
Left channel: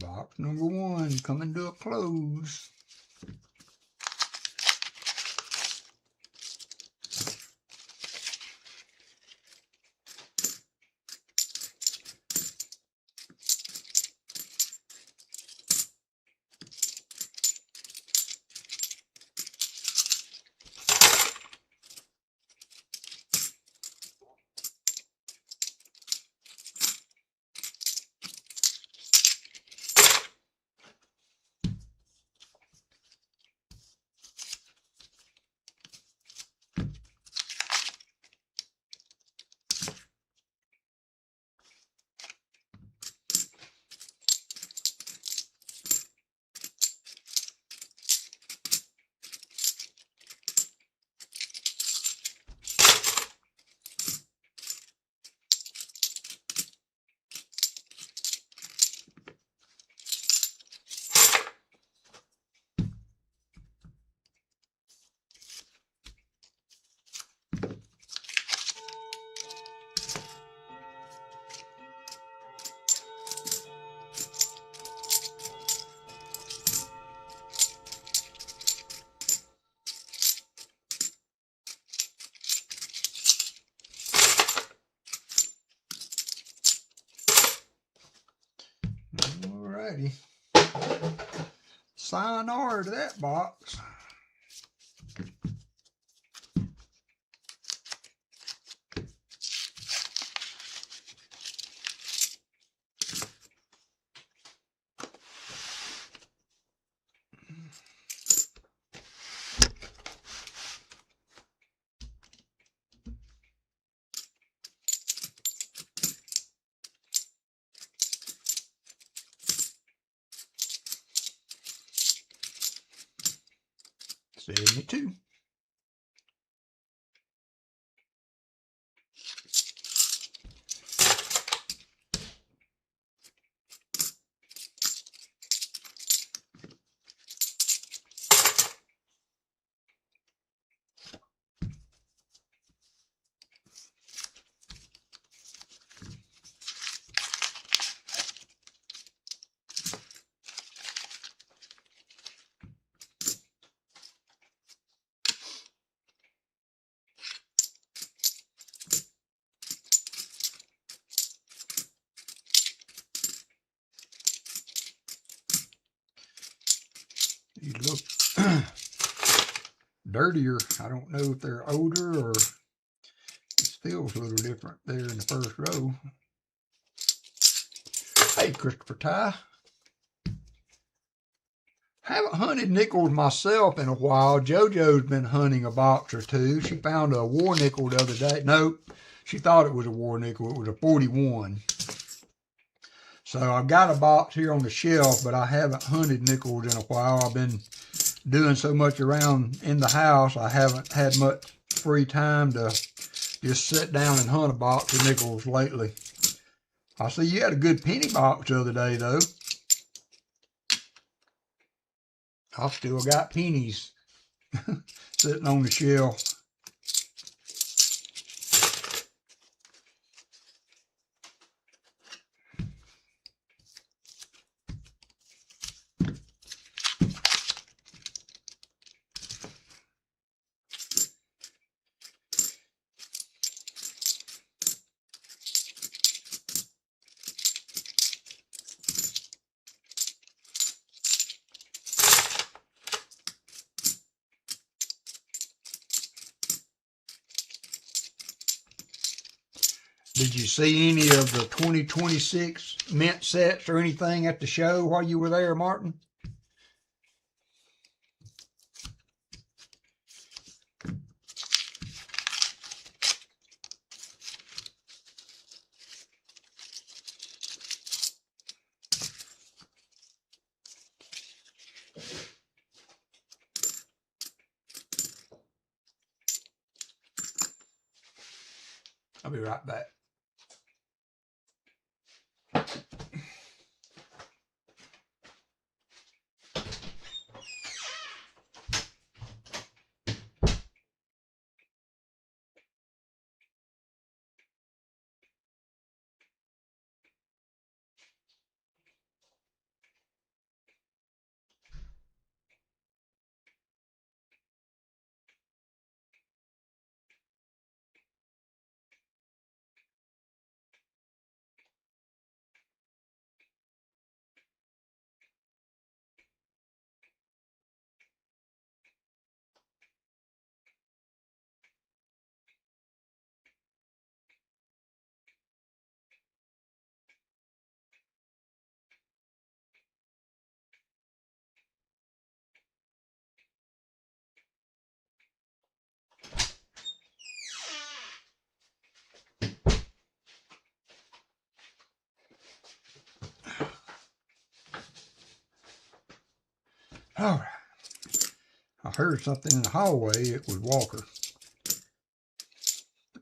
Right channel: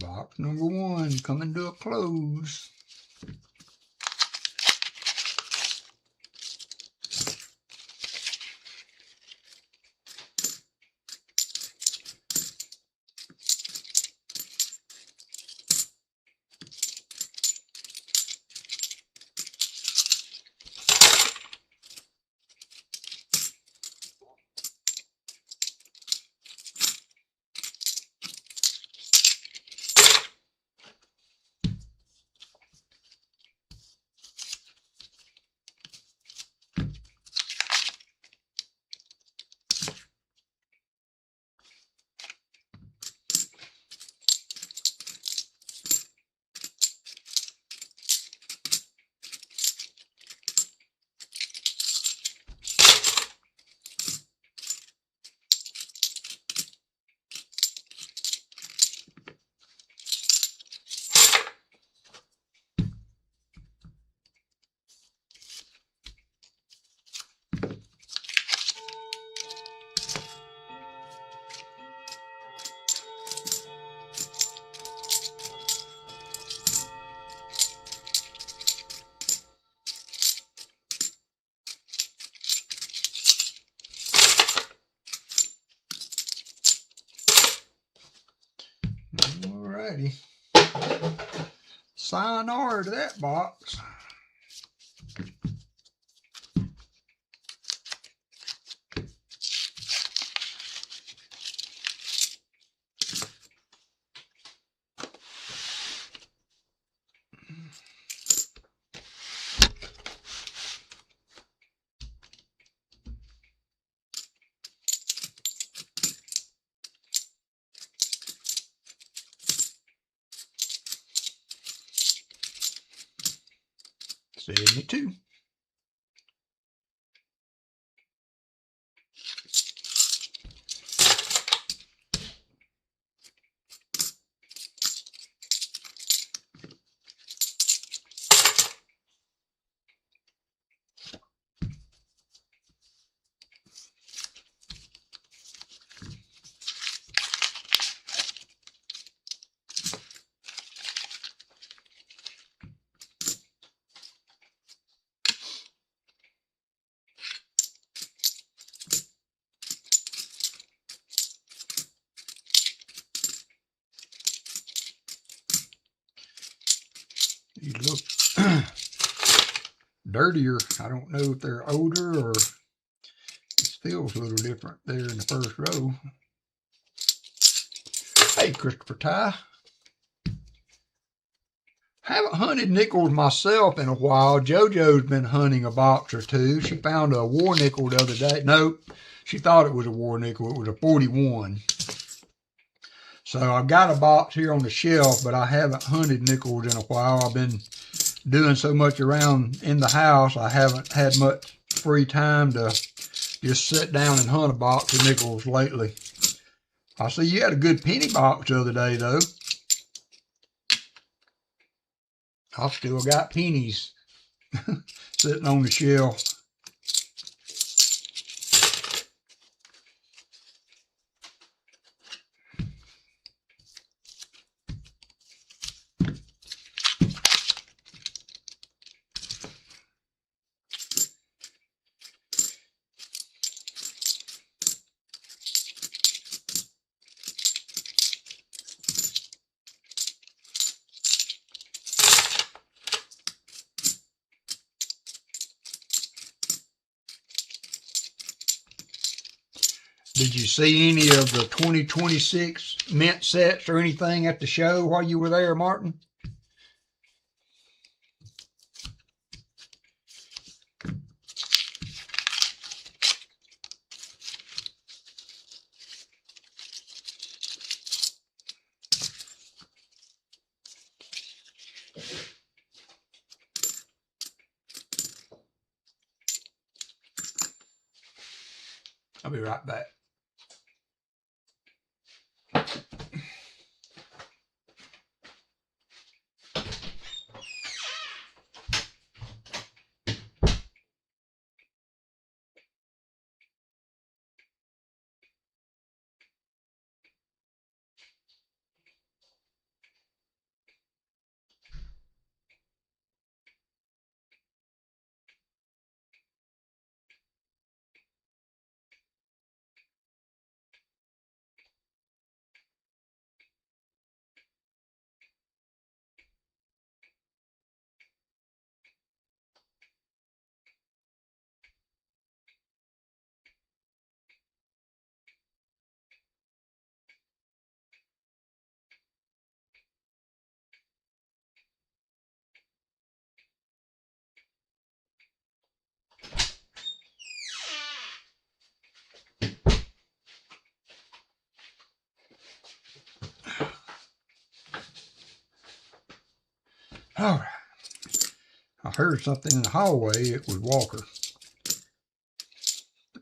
Box number 1 coming to a close. Alrighty. Sayonara to that box. $72. These look dirtier. I don't know if they're older or this feels a little different there in the first row. Hey, Christopher Ty. Haven't hunted nickels myself in a while. JoJo's been hunting a box or two. She found a war nickel the other day. Nope, she thought it was a war nickel. It was a 41. So I've got a box here on the shelf, but I haven't hunted nickels in a while. I've been doing so much around in the house, I haven't had much free time to just sit down and hunt a box of nickels lately. I see you had a good penny box the other day, though. I've still got pennies sitting on the shelf. Did you see any of the 2026 mint sets or anything at the show while you were there, Martin? I'll be right back. All right. I heard something in the hallway. It was Walker. It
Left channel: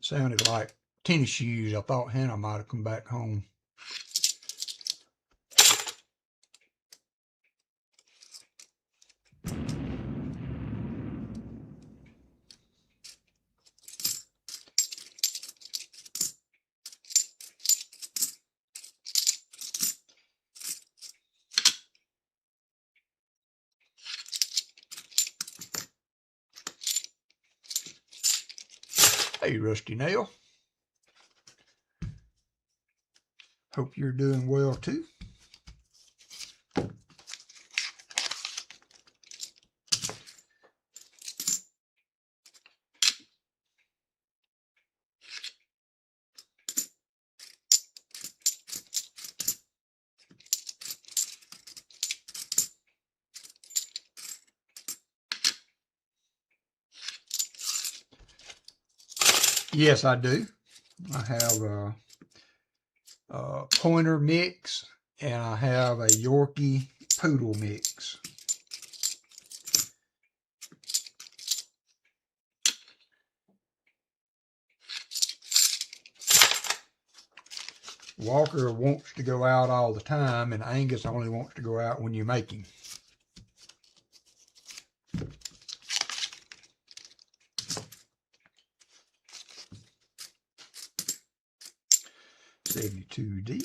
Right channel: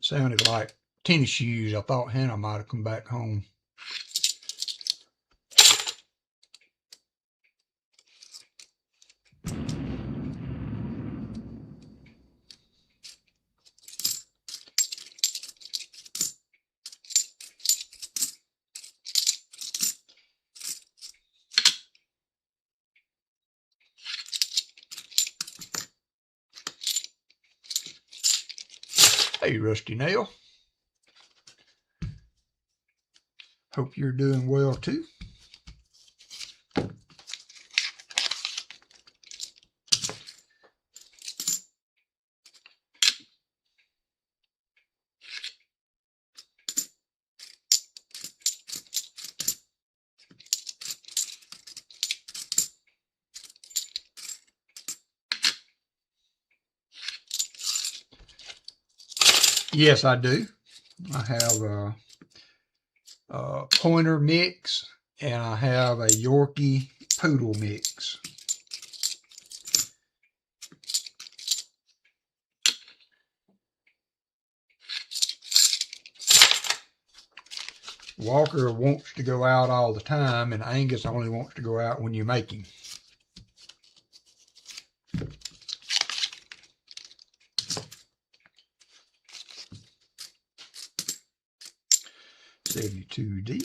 sounded like tennis shoes. I thought Hannah might have come back home. Hey, Rusty Nail. Hope you're doing well too. Yes, I do. I have a pointer mix and I have a Yorkie poodle mix. Walker wants to go out all the time, and Angus only wants to go out when you make him. $72D.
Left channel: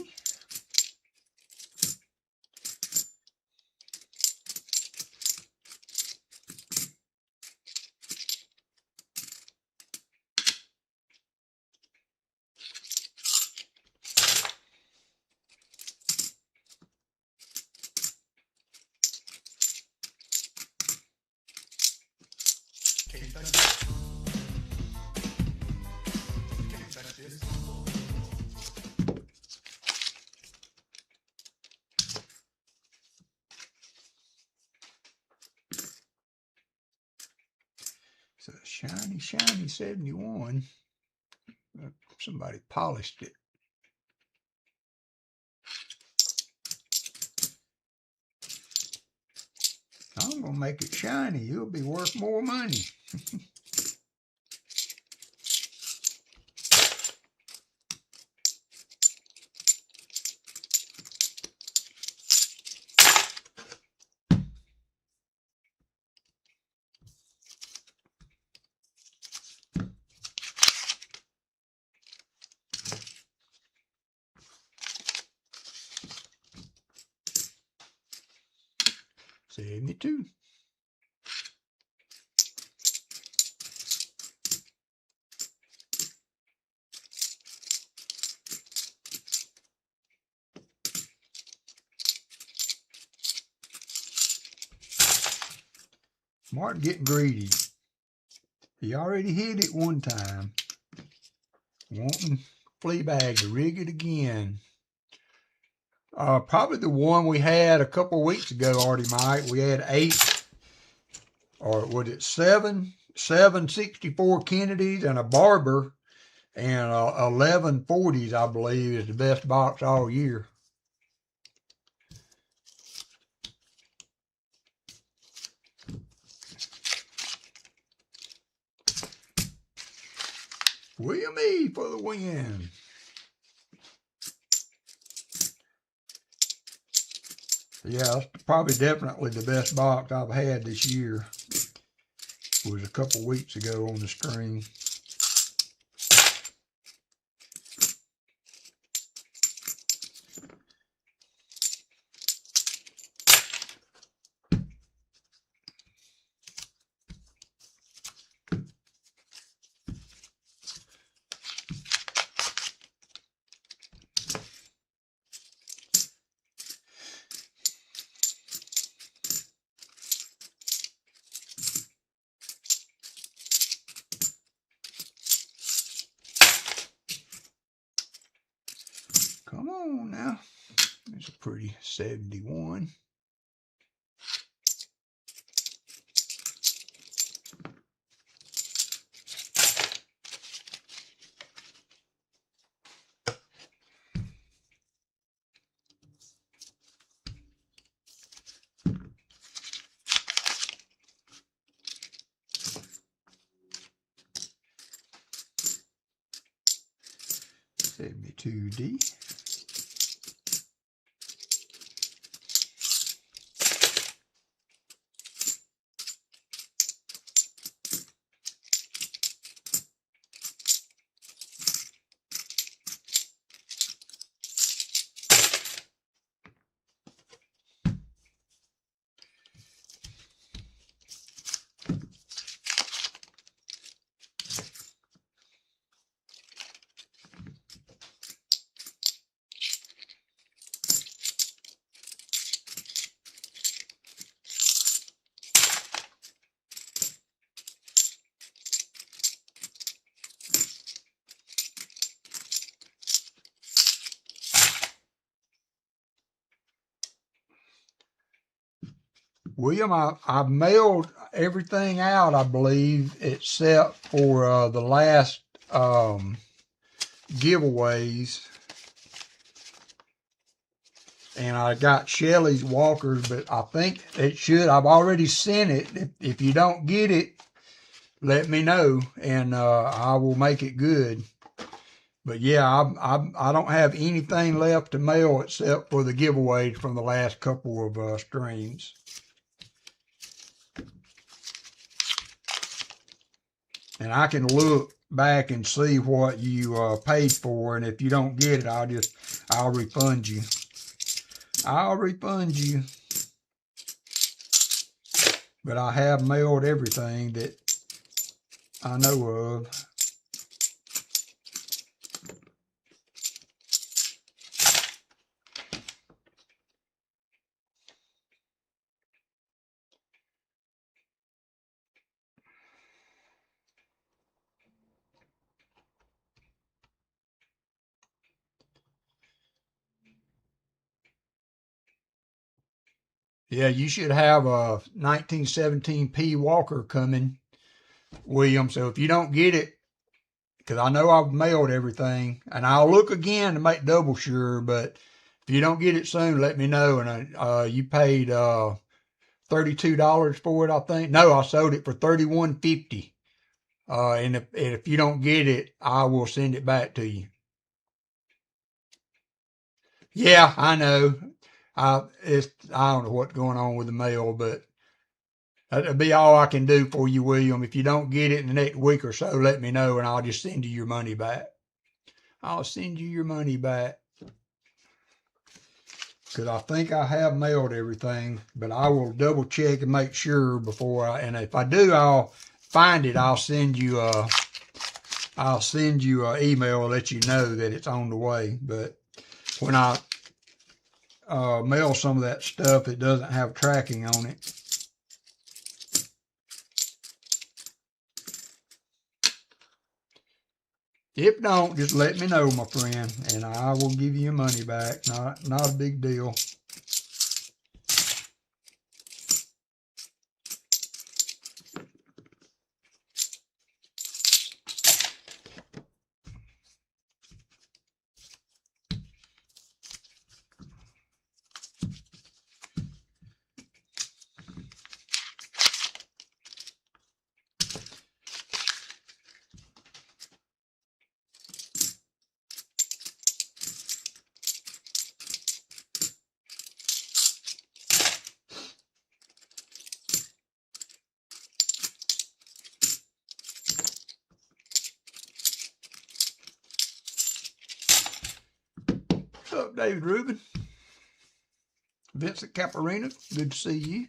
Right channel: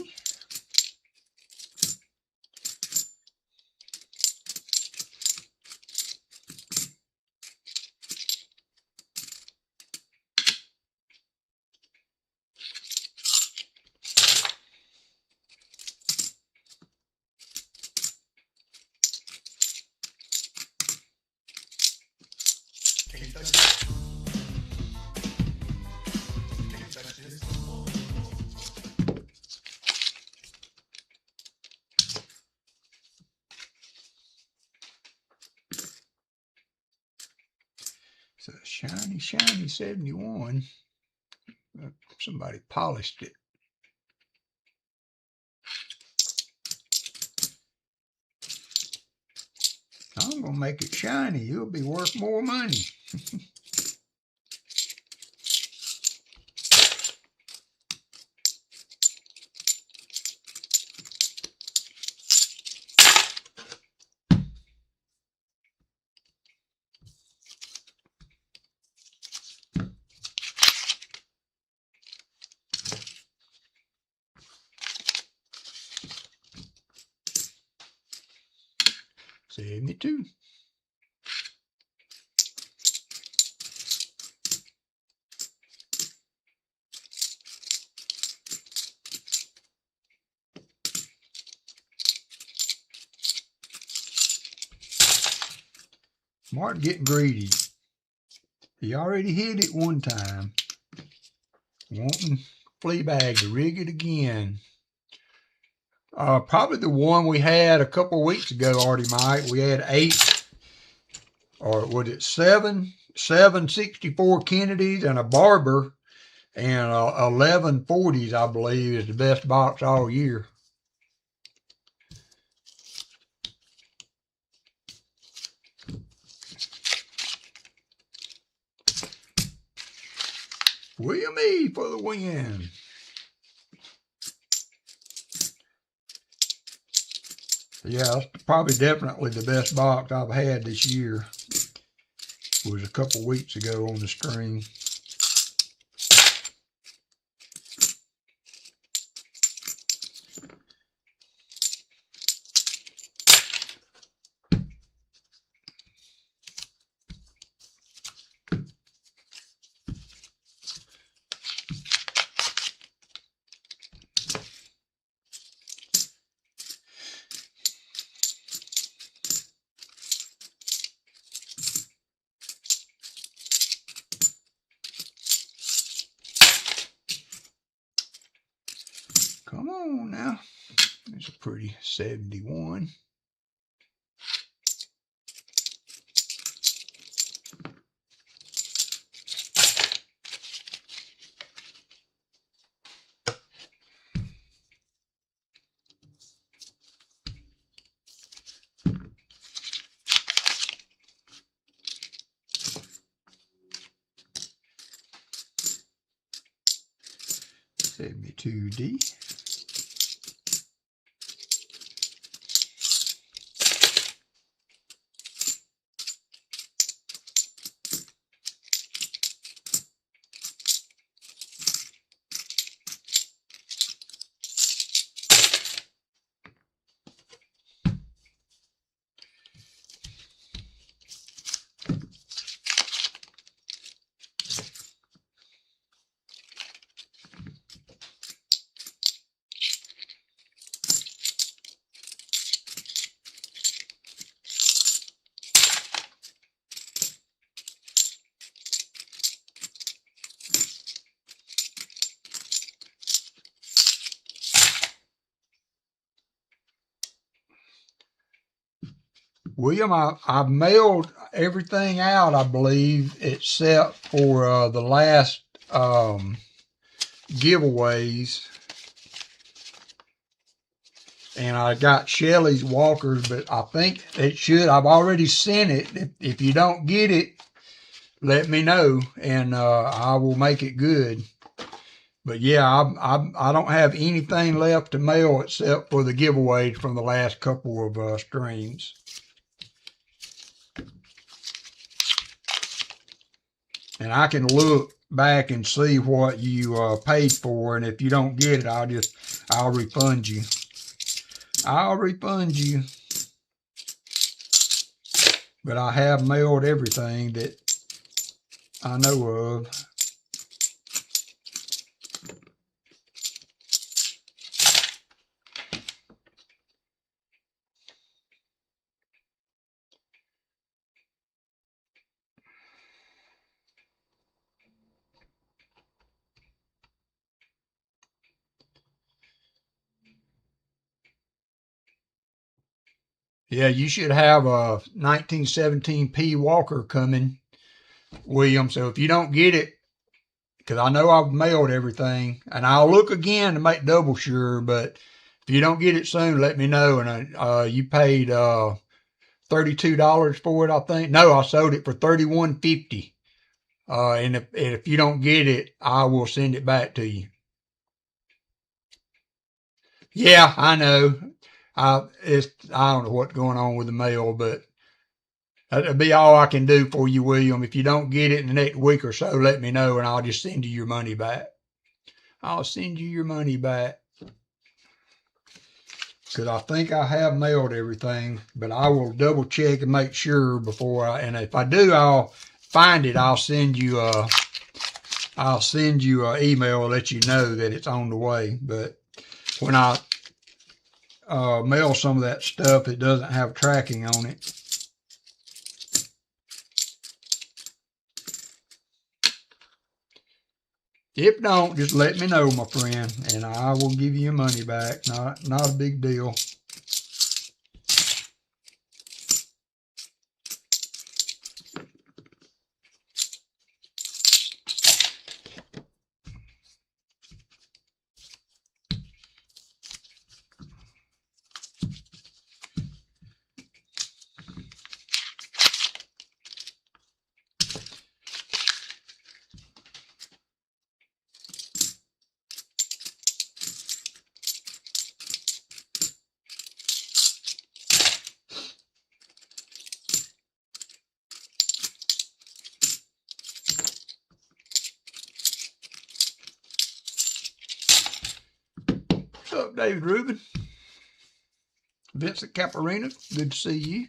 It's a shiny, shiny 71. Somebody polished it. I'm going to make it shiny. It'll be worth more money. $72. Martin getting greedy. He already hit it one time. Wanting Fleabag to rig it again. Probably the one we had a couple of weeks ago, Artie Mike. We had 8, or was it 7 64 Kennedys and a Barber, and 11 40s, I believe, is the best box all year. William E. for the win. Yeah, that's probably definitely the best box I've had this year. It was a couple weeks ago on the screen. Come on now. There's a pretty 71. 2D. William, I've mailed everything out, I believe, except for the last giveaways. And I got Shelly's walkers, but I think it should. I've already sent it. If you don't get it, let me know, and I will make it good. But yeah, I don't have anything left to mail except for the giveaways from the last couple of streams. And I can look back and see what you paid for, and if you don't get it, I'll refund you. I'll refund you. But I have mailed everything that I know of. Yeah, you should have a 1917 P Walker coming, William. So if you don't get it, because I know I've mailed everything, and I'll look again to make double sure, but if you don't get it soon, let me know. And you paid $32 for it, I think. No, I sold it for $31.50. And if you don't get it, I will send it back to you. Yeah, I know. I don't know what's going on with the mail, but that'll be all I can do for you, William. If you don't get it in the next week or so, let me know, and I'll just send you your money back. I'll send you your money back. Because I think I have mailed everything, but I will double check and make sure before and if I do, I'll find it. I'll send you an email and let you know that it's on the way. But when I mail some of that stuff, it doesn't have tracking on it. If don't, just let me know, my friend, and I will give you your money back. Not a big deal. What's up, David Rubin? Vincent Caparina, good to see you.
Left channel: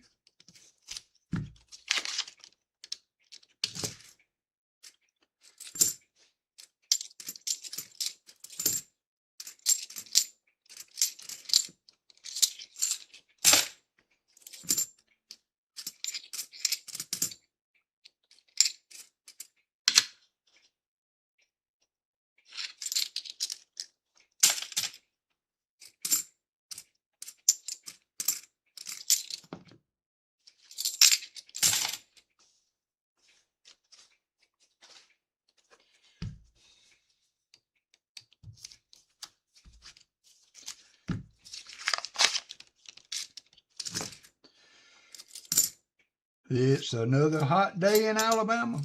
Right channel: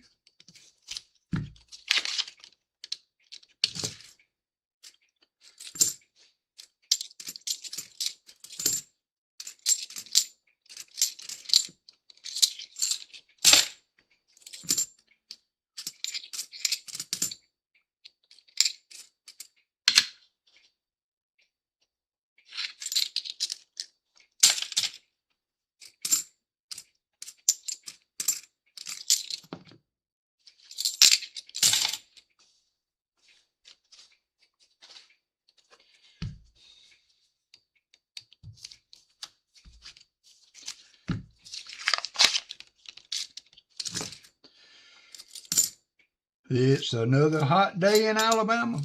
It's another hot day in Alabama.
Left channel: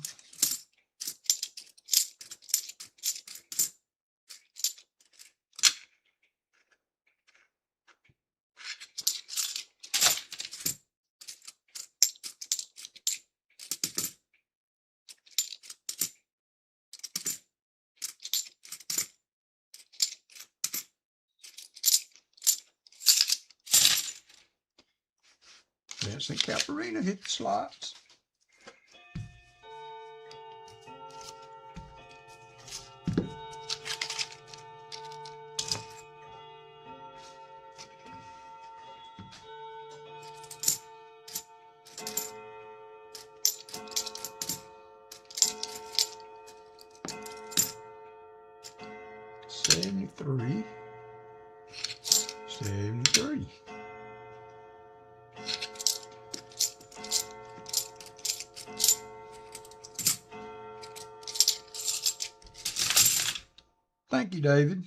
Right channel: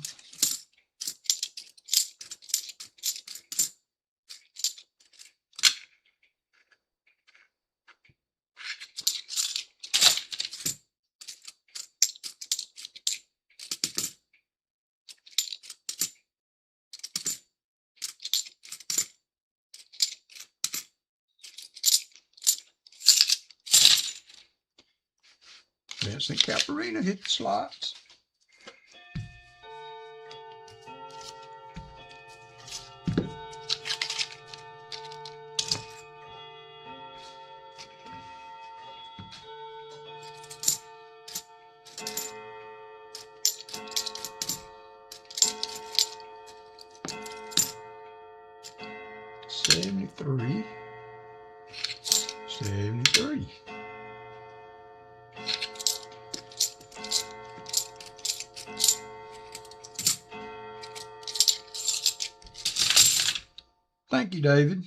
Vincent Caparina hit the slots. $73. $73. Thank you, David.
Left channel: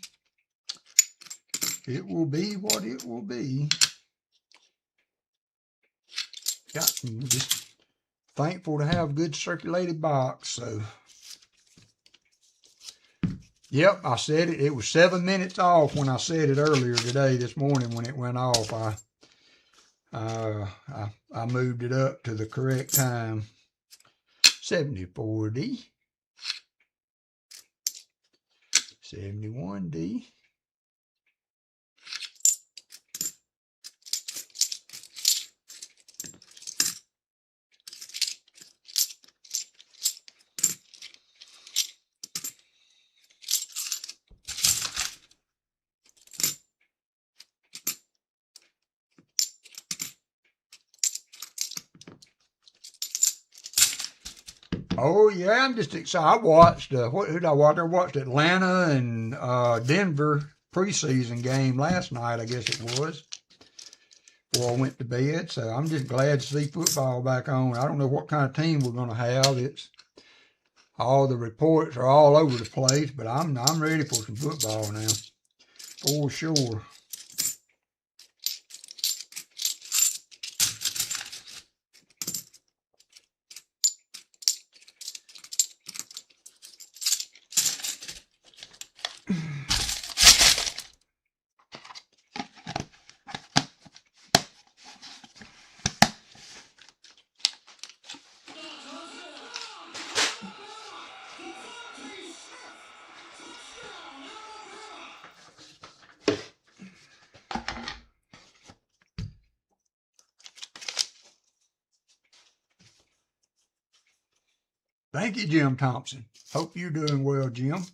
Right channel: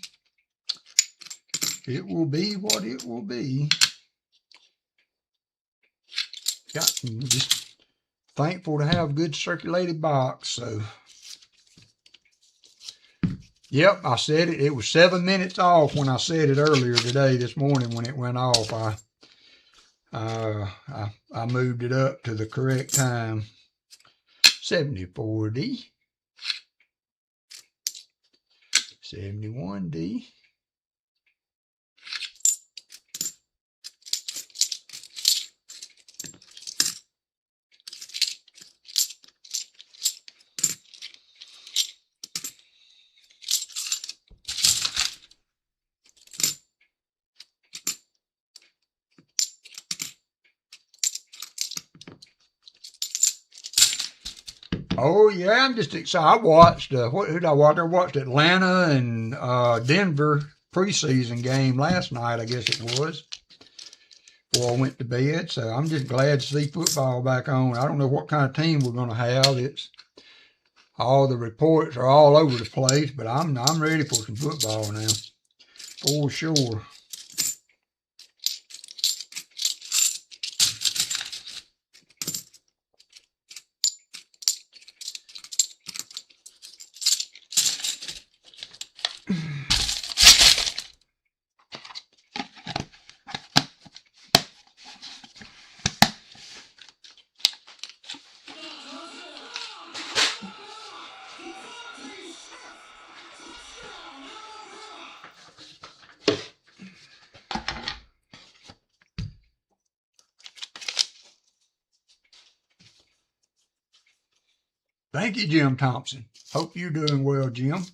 It will be what it will be. Just thankful to have a good circulated box. So, yep, I said it. It was 7 minutes off when I said it earlier today, this morning when it went off. I moved it up to the correct time. 70-40. 71D. Oh yeah, I'm just excited. I watched who did I watch? I watched Atlanta and Denver preseason game last night, I guess it was, before I went to bed. So I'm just glad to see football back on. I don't know what kind of team we're going to have. It's all the reports are all over the place, but I'm ready for some football now, for sure. Thank you, Jim Thompson. Hope you're doing well, Jim.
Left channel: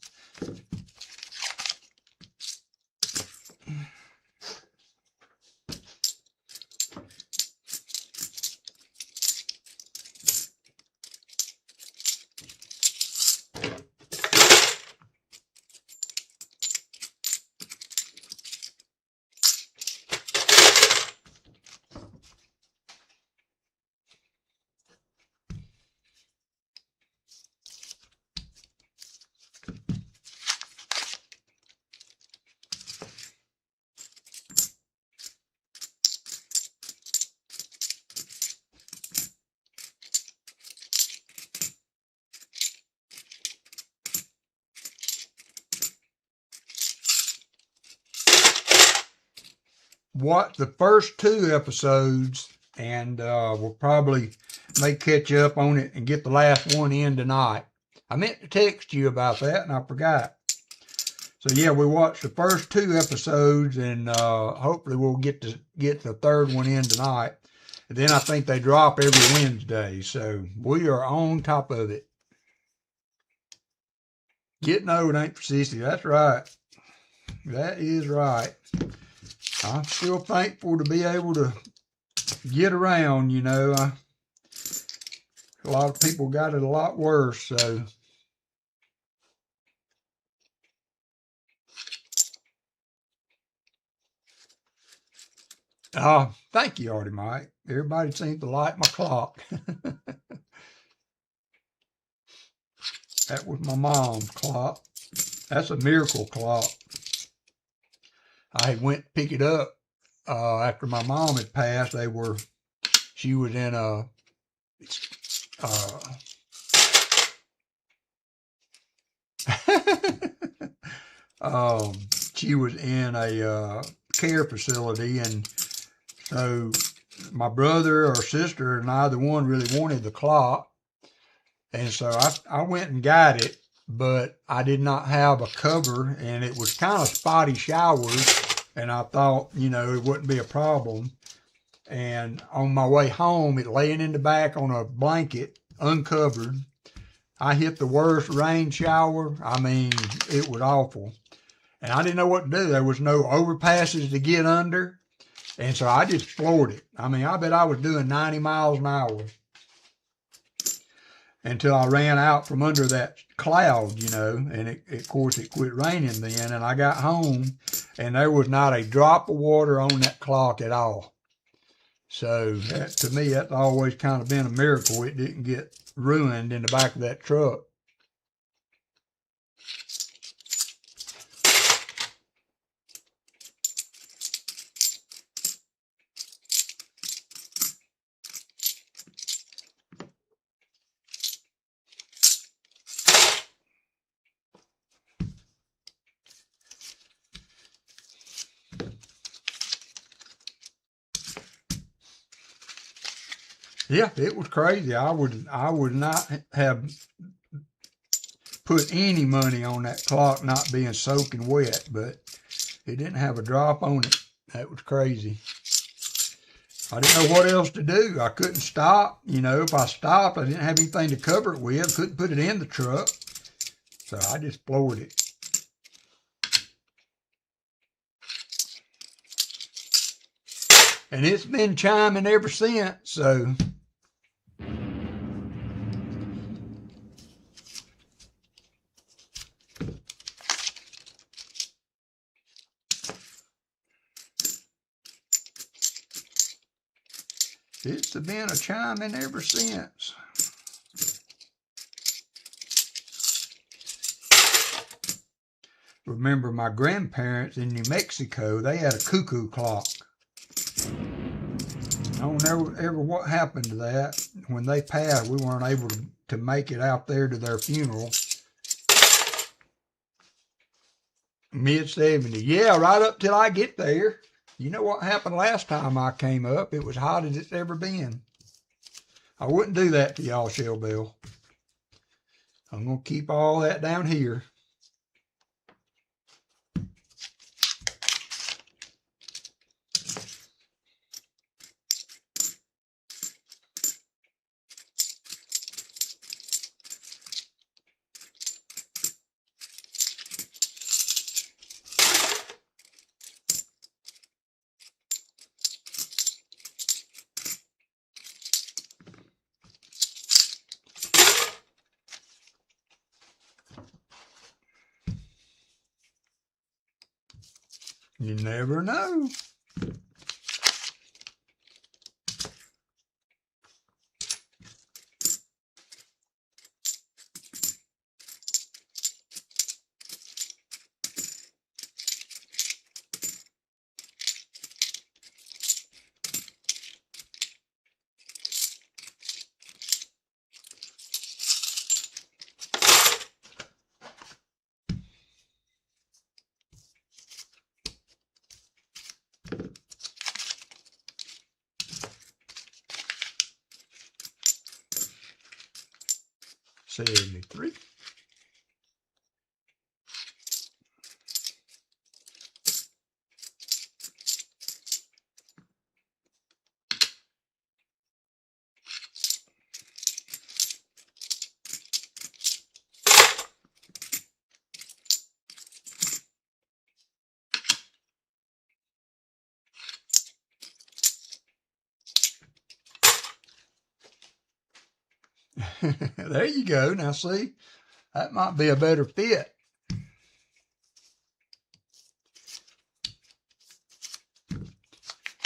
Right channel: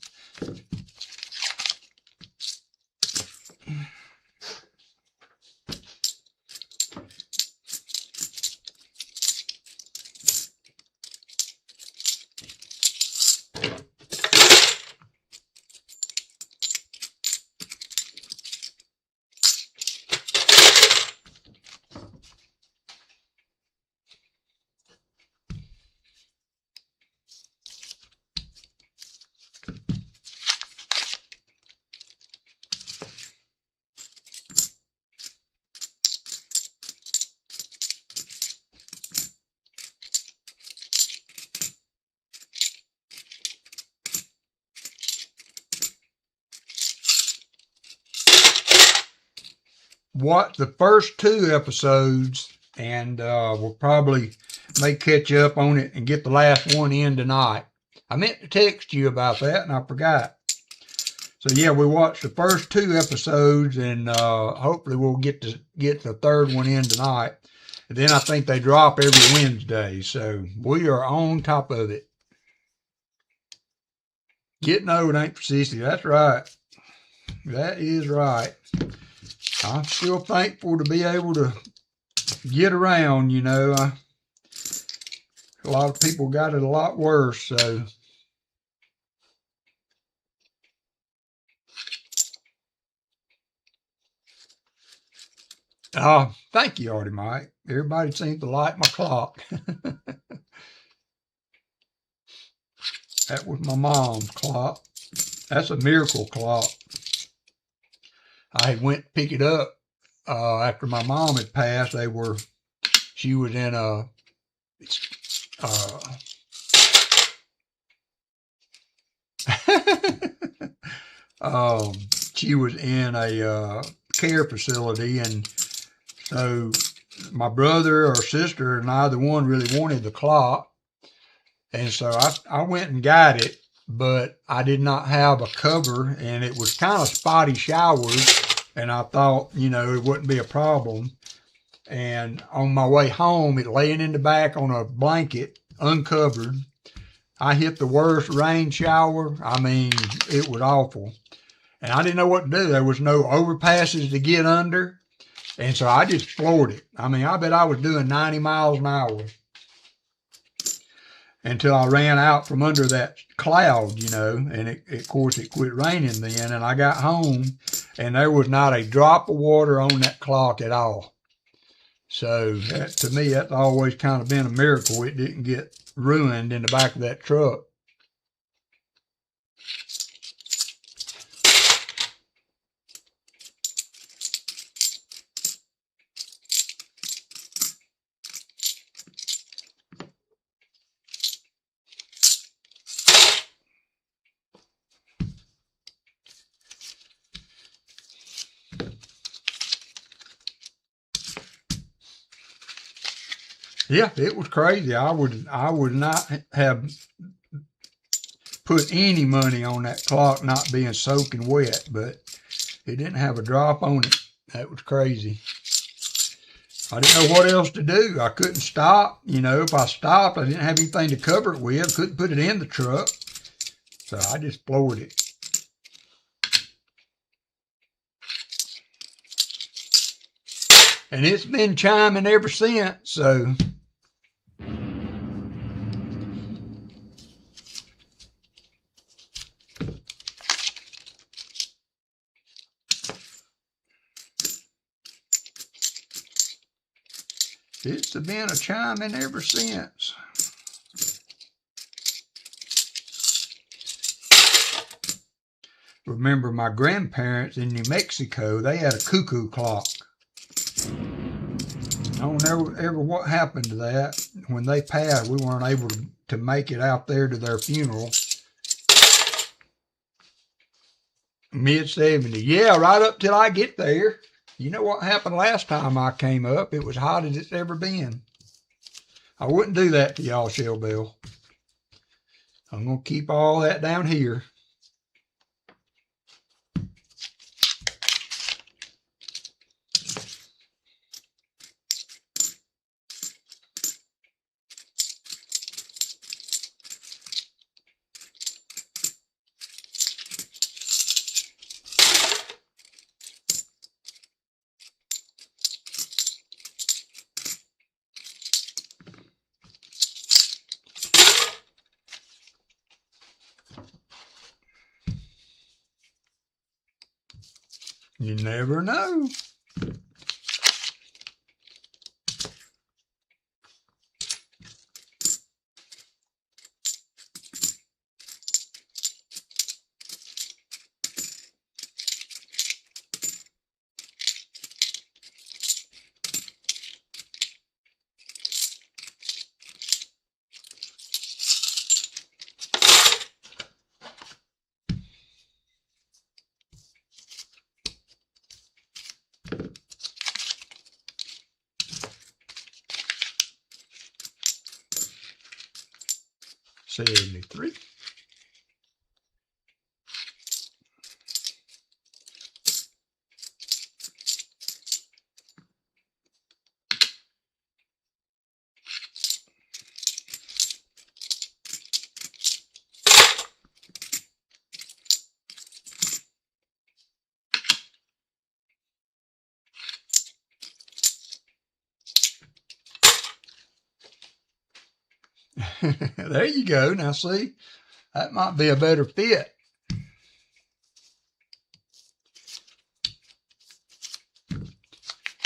Watch the first 2 episodes, and we'll probably may catch up on it and get the last one in tonight. I meant to text you about that, and I forgot. So yeah, we watched the first 2 episodes, and hopefully we'll get the 3rd one in tonight. And then I think they drop every Wednesday, so we are on top of it. Getting old ain't for sissy. That's right. That is right. I'm still thankful to be able to get around, you know. A lot of people got it a lot worse, so. Thank you, Artie Mike. Everybody seems to like my clock. That was my mom's clock. That's a miracle clock. I went to pick it up after my mom had passed. She was in a she was in a care facility, and so my brother or sister, neither one really wanted the clock, and so I went and got it, but I did not have a cover, and it was kind of spotty showers, and I thought, you know, it wouldn't be a problem. And on my way home, it laying in the back on a blanket, uncovered. I hit the worst rain shower. I mean, it was awful. And I didn't know what to do. There was no overpasses to get under. And so I just floored it. I mean, I bet I was doing 90 miles an hour until I ran out from under that cloud, you know, and of course it quit raining then. And I got home and there was not a drop of water on that clock at all. So that, to me, that's always kind of been a miracle. It didn't get ruined in the back of that truck. Yeah, it was crazy. I would not have put any money on that clock not being soaking wet, but it didn't have a drop on it. That was crazy. I didn't know what else to do. I couldn't stop. You know, if I stopped, I didn't have anything to cover it with. Couldn't put it in the truck. So I just floored it. And it's been chiming ever since, so. It's been a chiming ever since. Remember my grandparents in New Mexico, they had a cuckoo clock. I don't know ever what happened to that. When they passed, we weren't able to make it out there to their funeral. Mid-70s. Yeah, right up till I get there. You know what happened last time I came up? It was hot as it's ever been. I wouldn't do that to y'all, Shell Bill. I'm going to keep all that down here. You never know. $73. There you go. Now see, that might be a better fit.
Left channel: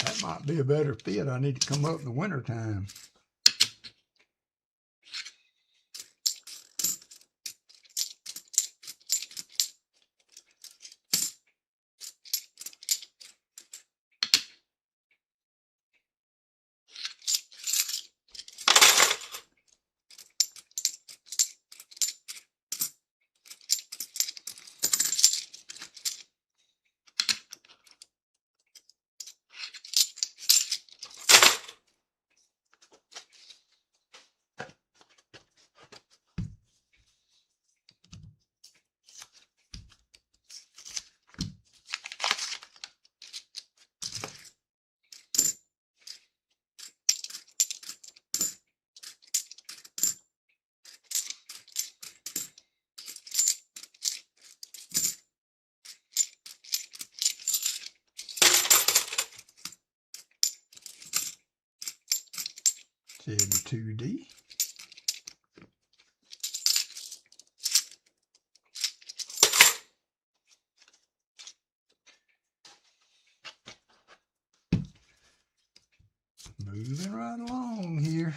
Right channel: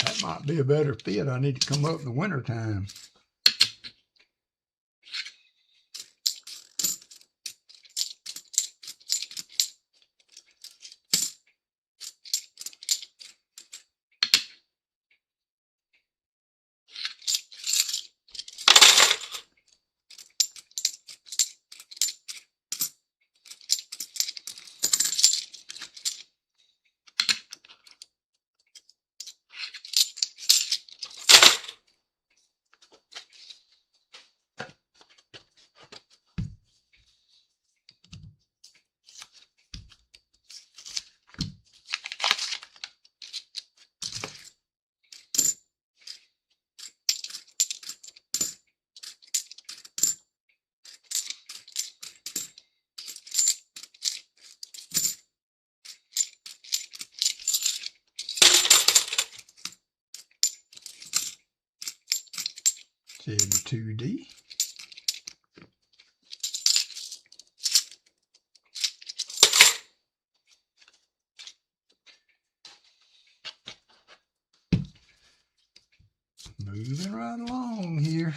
That might be a better fit. I need to come up in the wintertime. 72D. Moving right along here.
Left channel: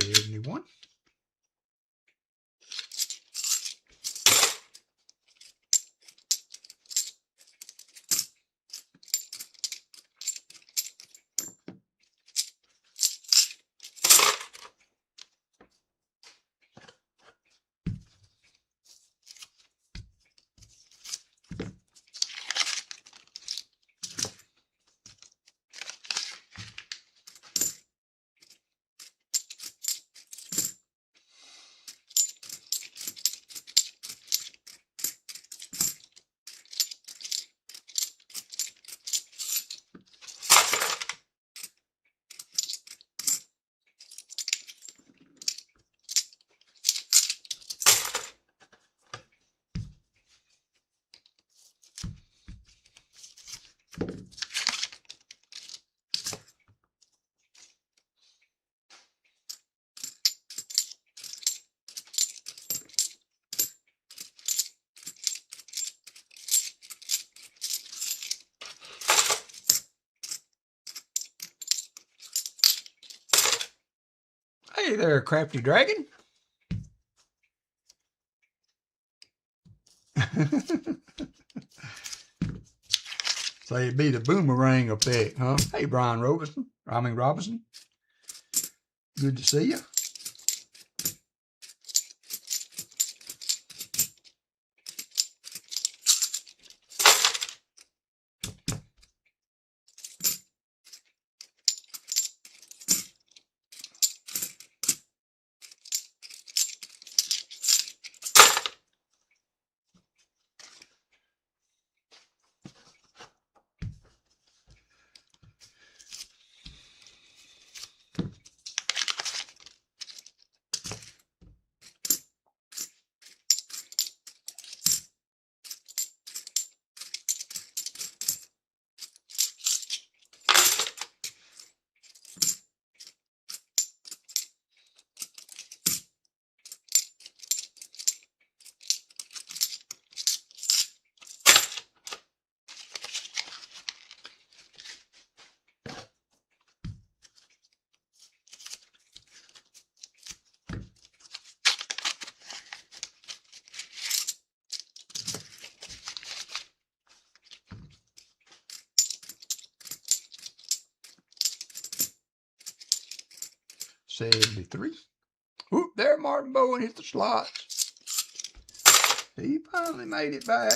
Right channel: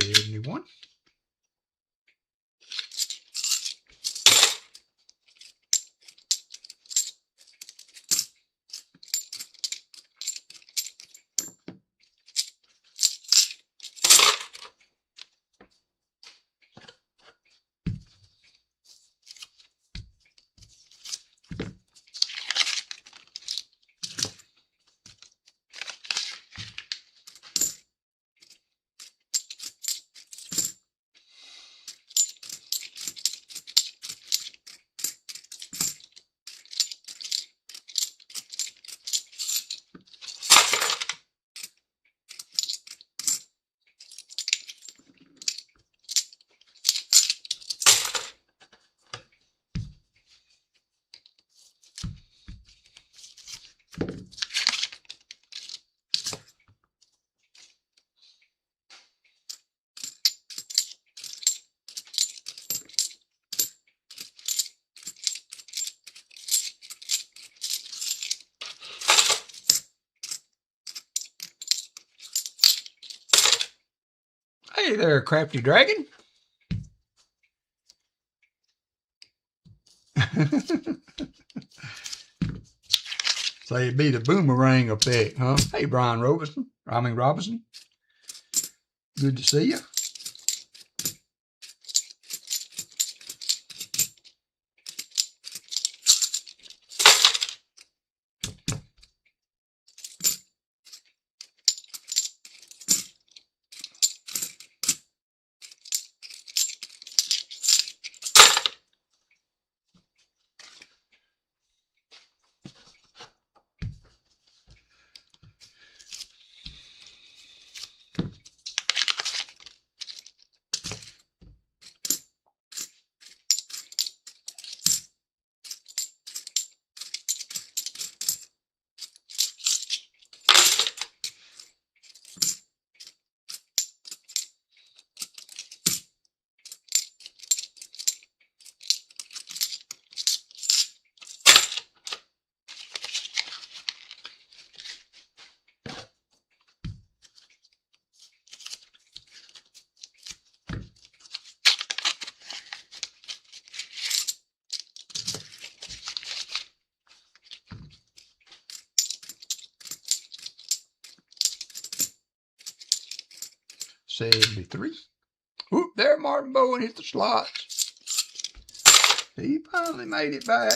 $71. Hey there, crafty dragon. So it'd be the boomerang effect, huh? Hey, Brian Robinson. Robinson. Good to see you. $73. Whoop, there Martin Bowen hit the slots. He finally made it back.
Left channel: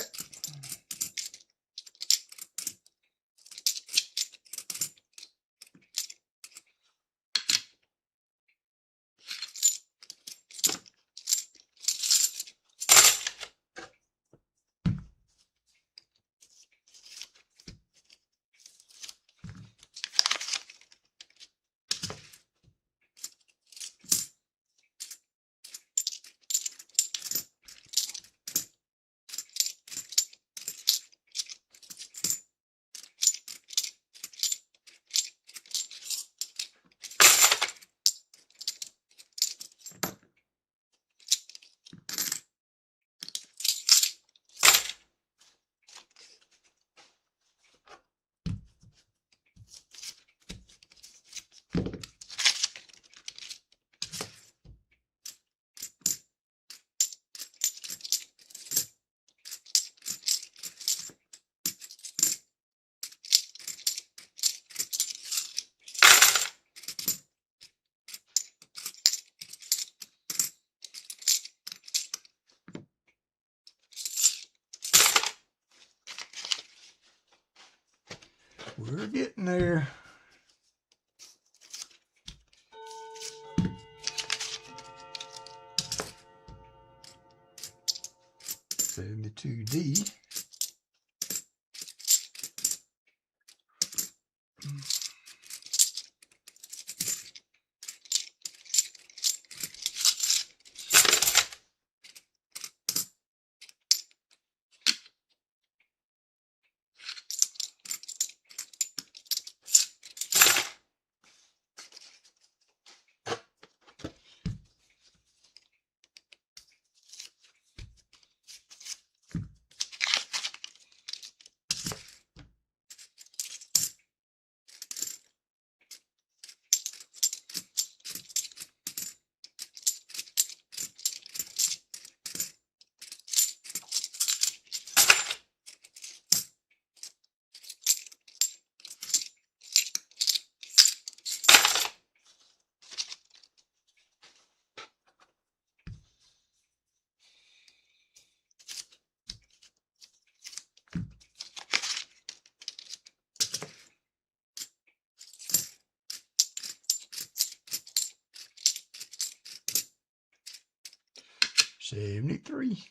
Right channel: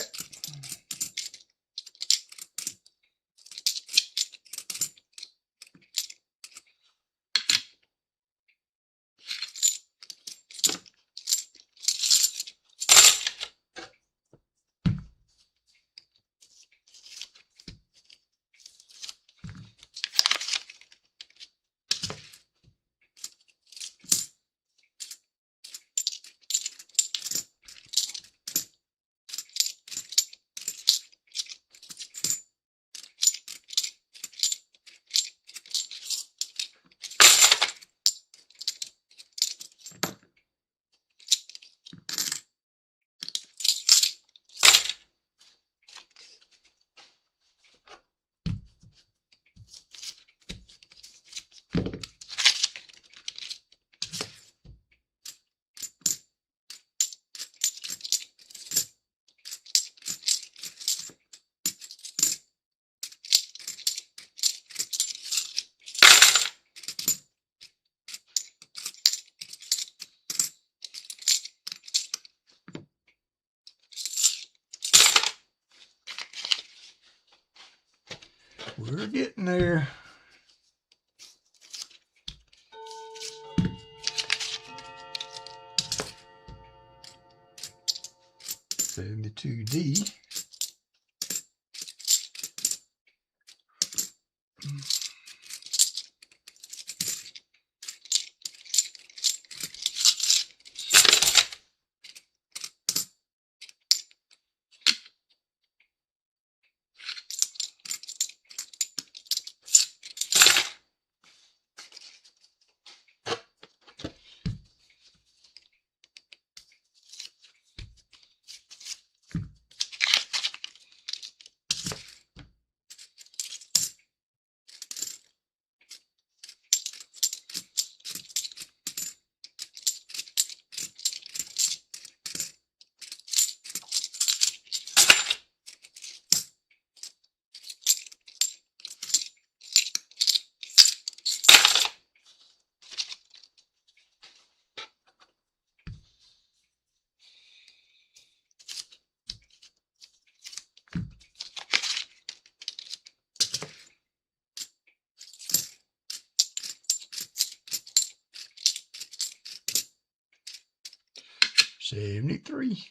We're getting there. $72D. 73.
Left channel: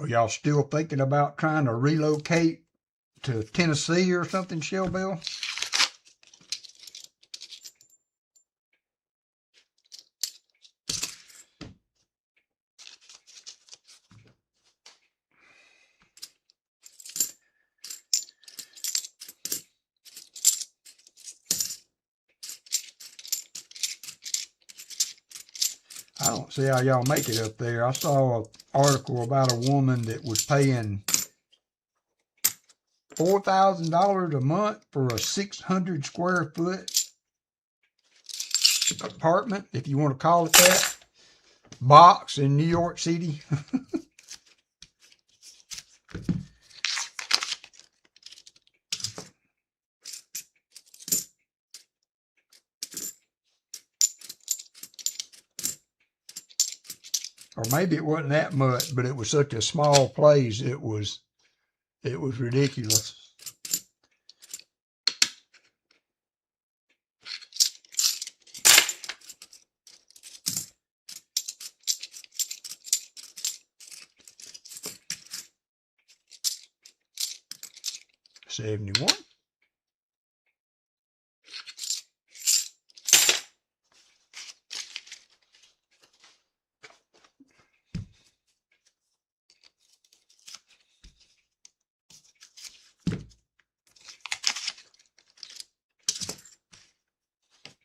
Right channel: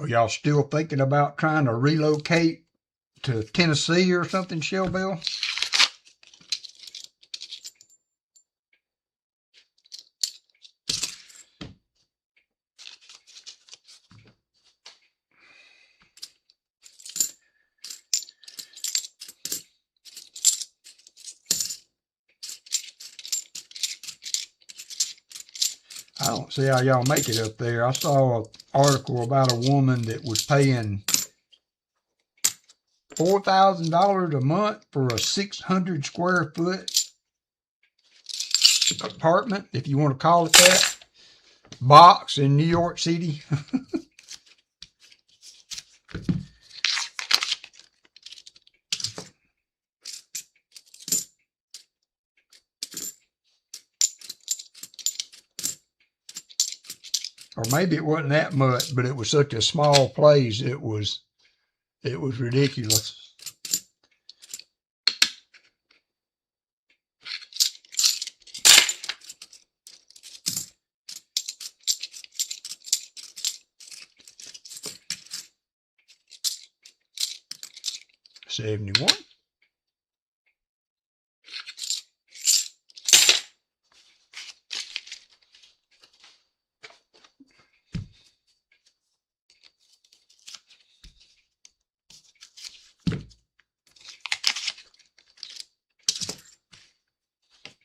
Are y'all still thinking about trying to relocate to Tennessee or something, Shelbyville? I don't see how y'all make it up there. I saw an article about a woman that was paying $4,000 a month for a 600 square foot apartment, if you want to call it that, box in New York City. Or maybe it wasn't that much, but it was such a small place, it was ridiculous. $71.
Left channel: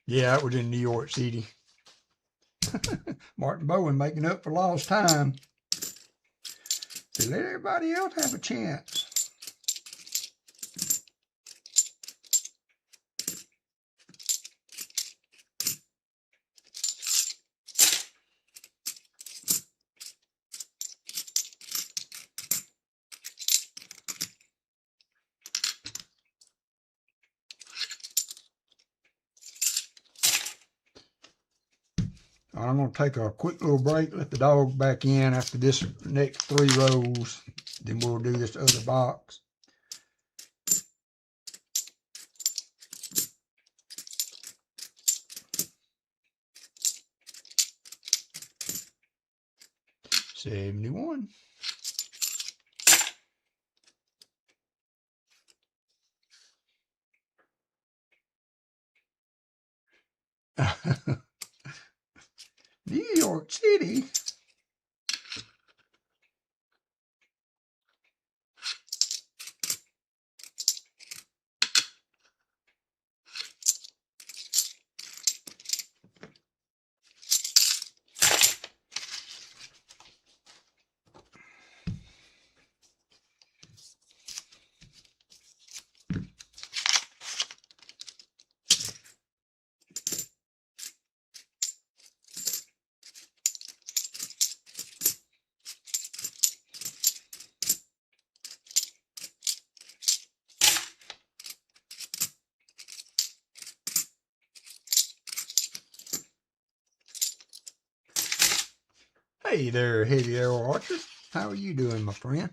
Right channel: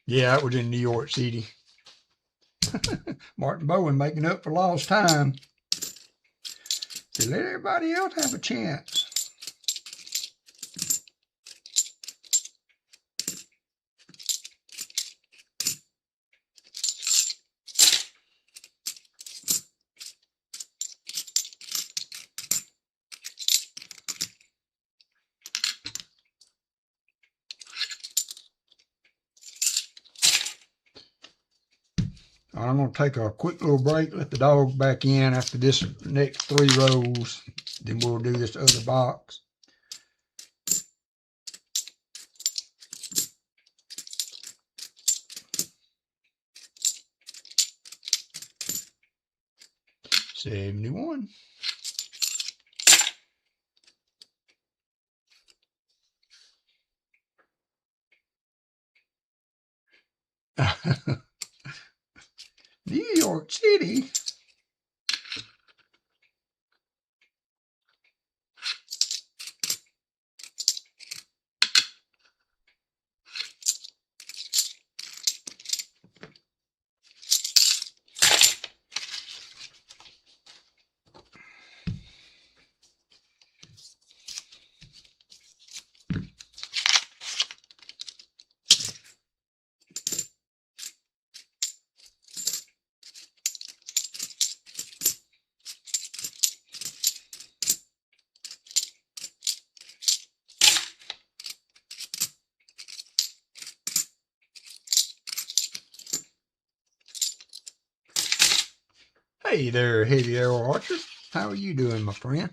Yeah, it was in New York City. Martin Bowen making up for lost time. To let everybody else have a chance. I'm going to take a quick little break, let the dog back in after this next 3 rows. Then we'll do this other box. $71. New York City. Hey there, heavy arrow archer. How are you doing, my friend?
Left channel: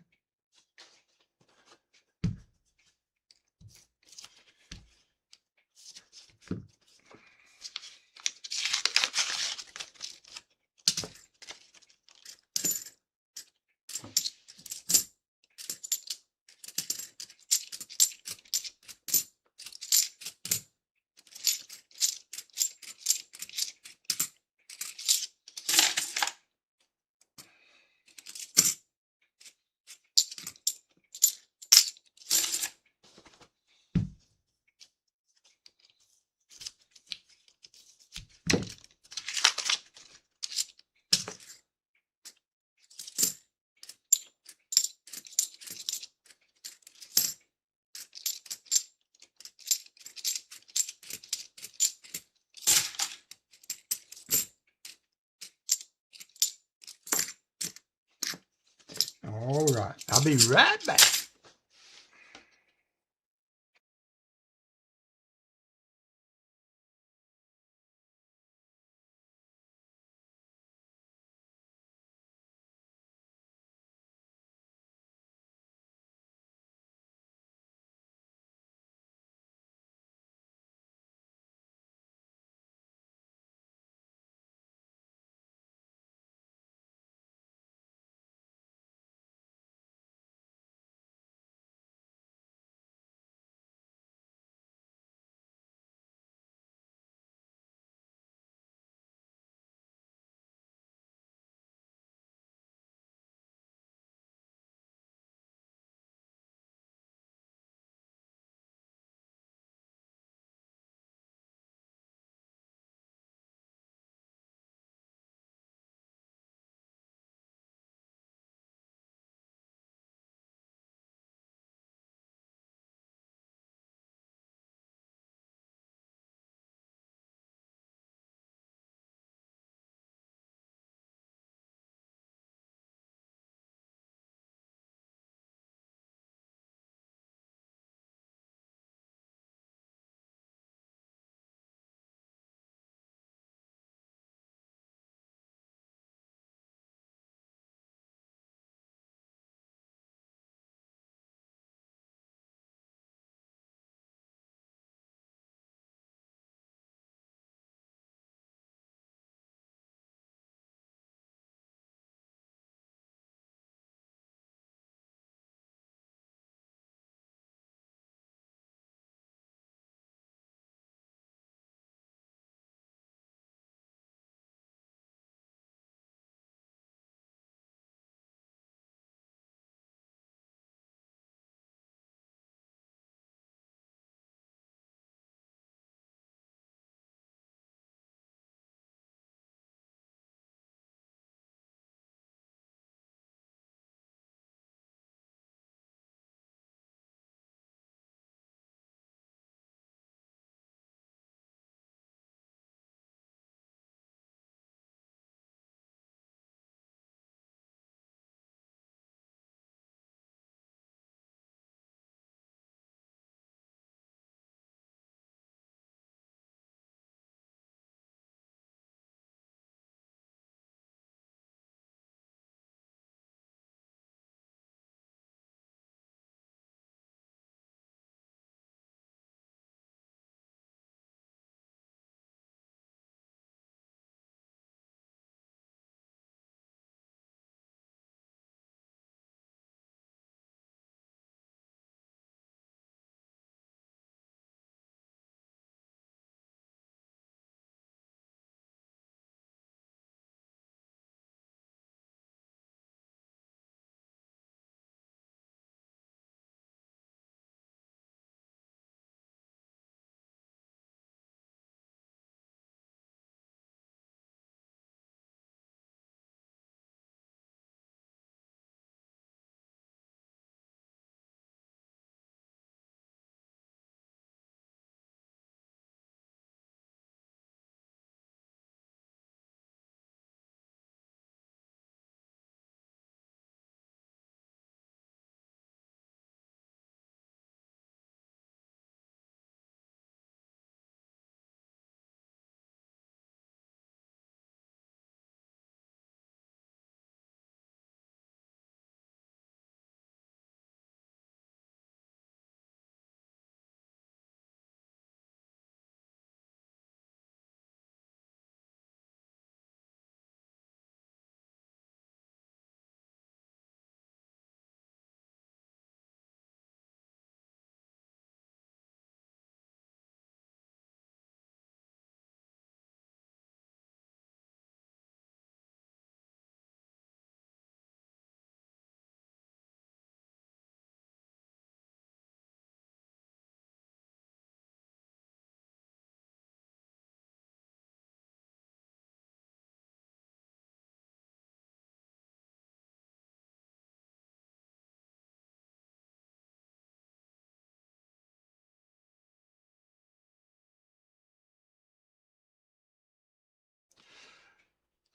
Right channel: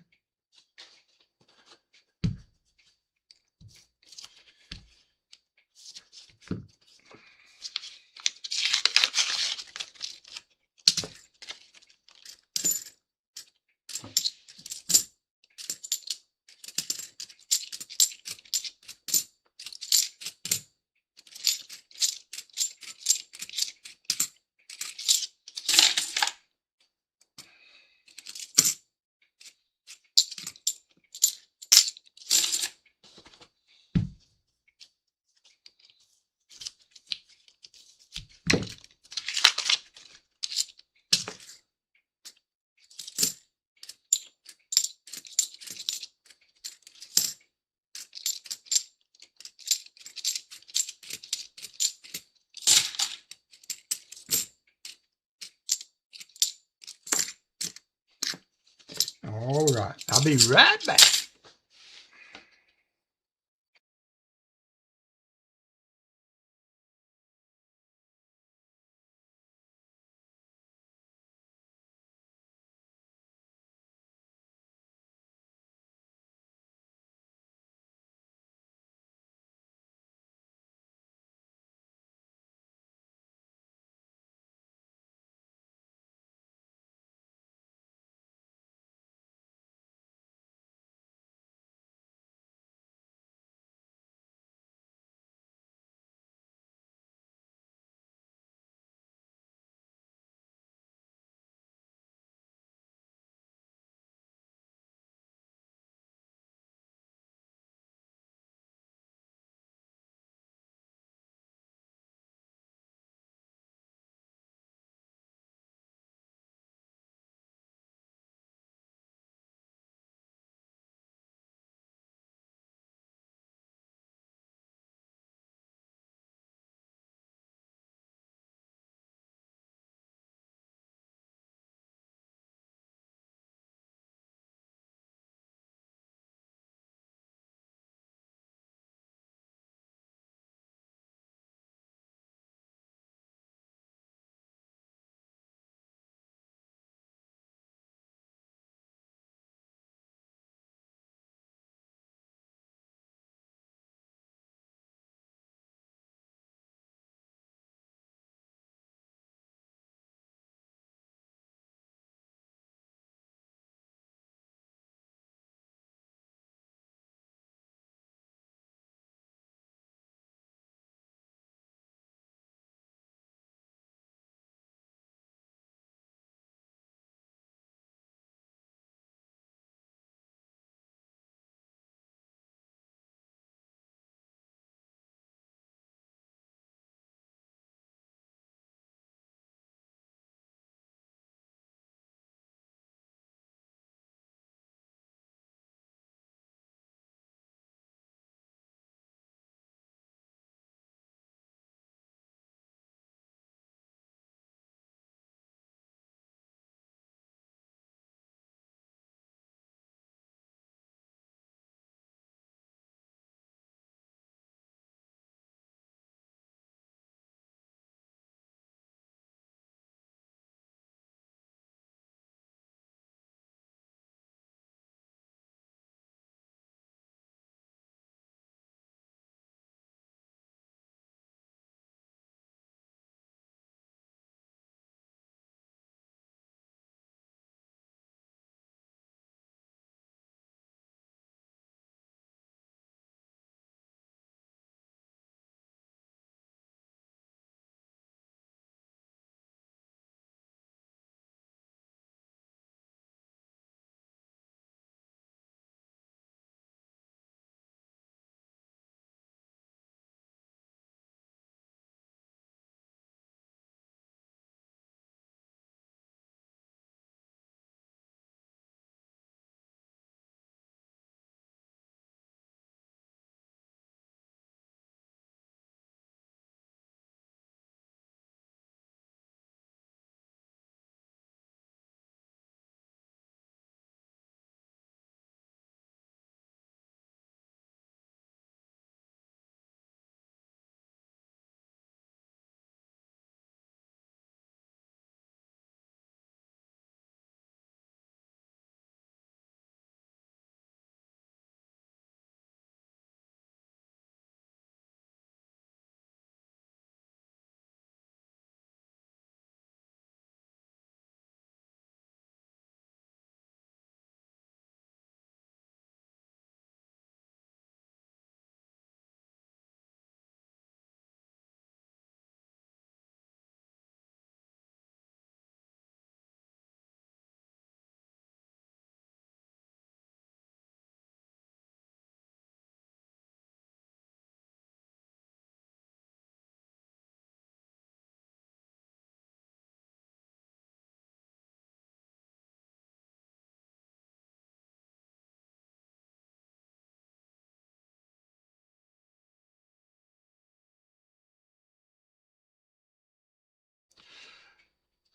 All right. I'll be right back.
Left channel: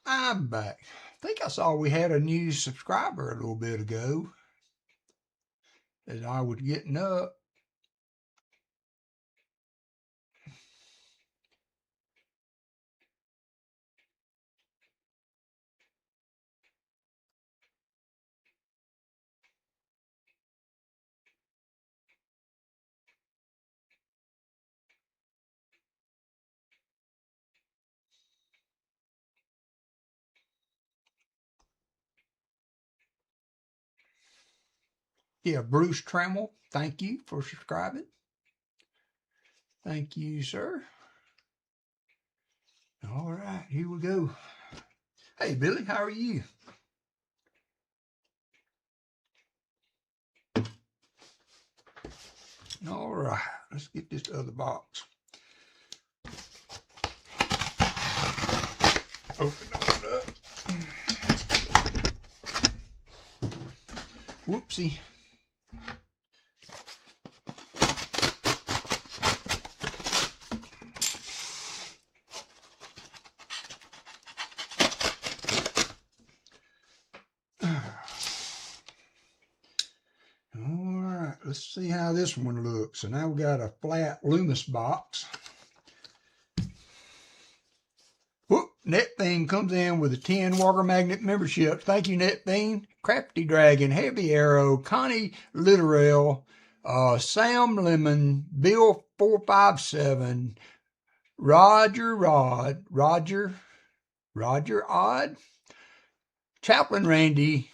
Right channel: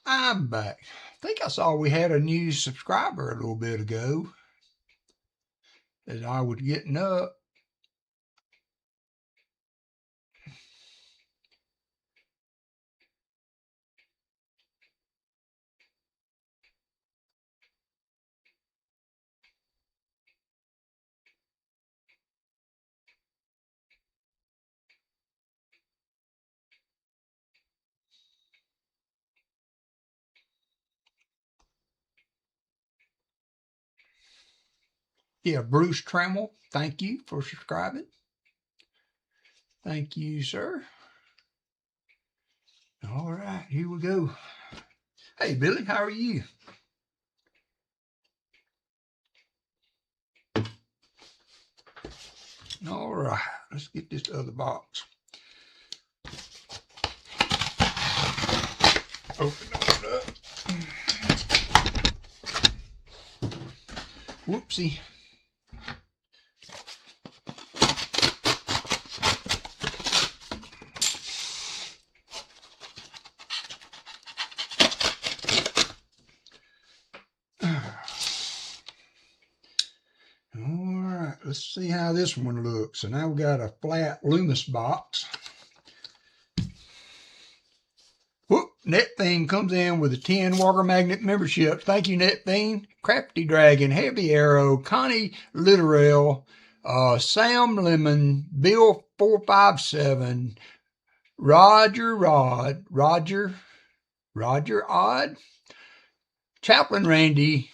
I'm back. I think I saw we had a new subscriber a little bit ago as I was getting up. Yeah, Bruce Trammell, thank you for subscribing. Thank you, sir. All right, here we go. Hey, Billy, how are you? All right, let's get this other box. Open it up. Whoopsie. Let's see how this one looks. So now we got a flat Loomis box. Whoop, NetThing comes in with a 10 WalkerMagnet membership. Thank you, NetThing. Crafty Dragon, Heavy Arrow, Connie Litterell, Sam Lemon, Bill 457, Roger Odd, Chaplain Randy,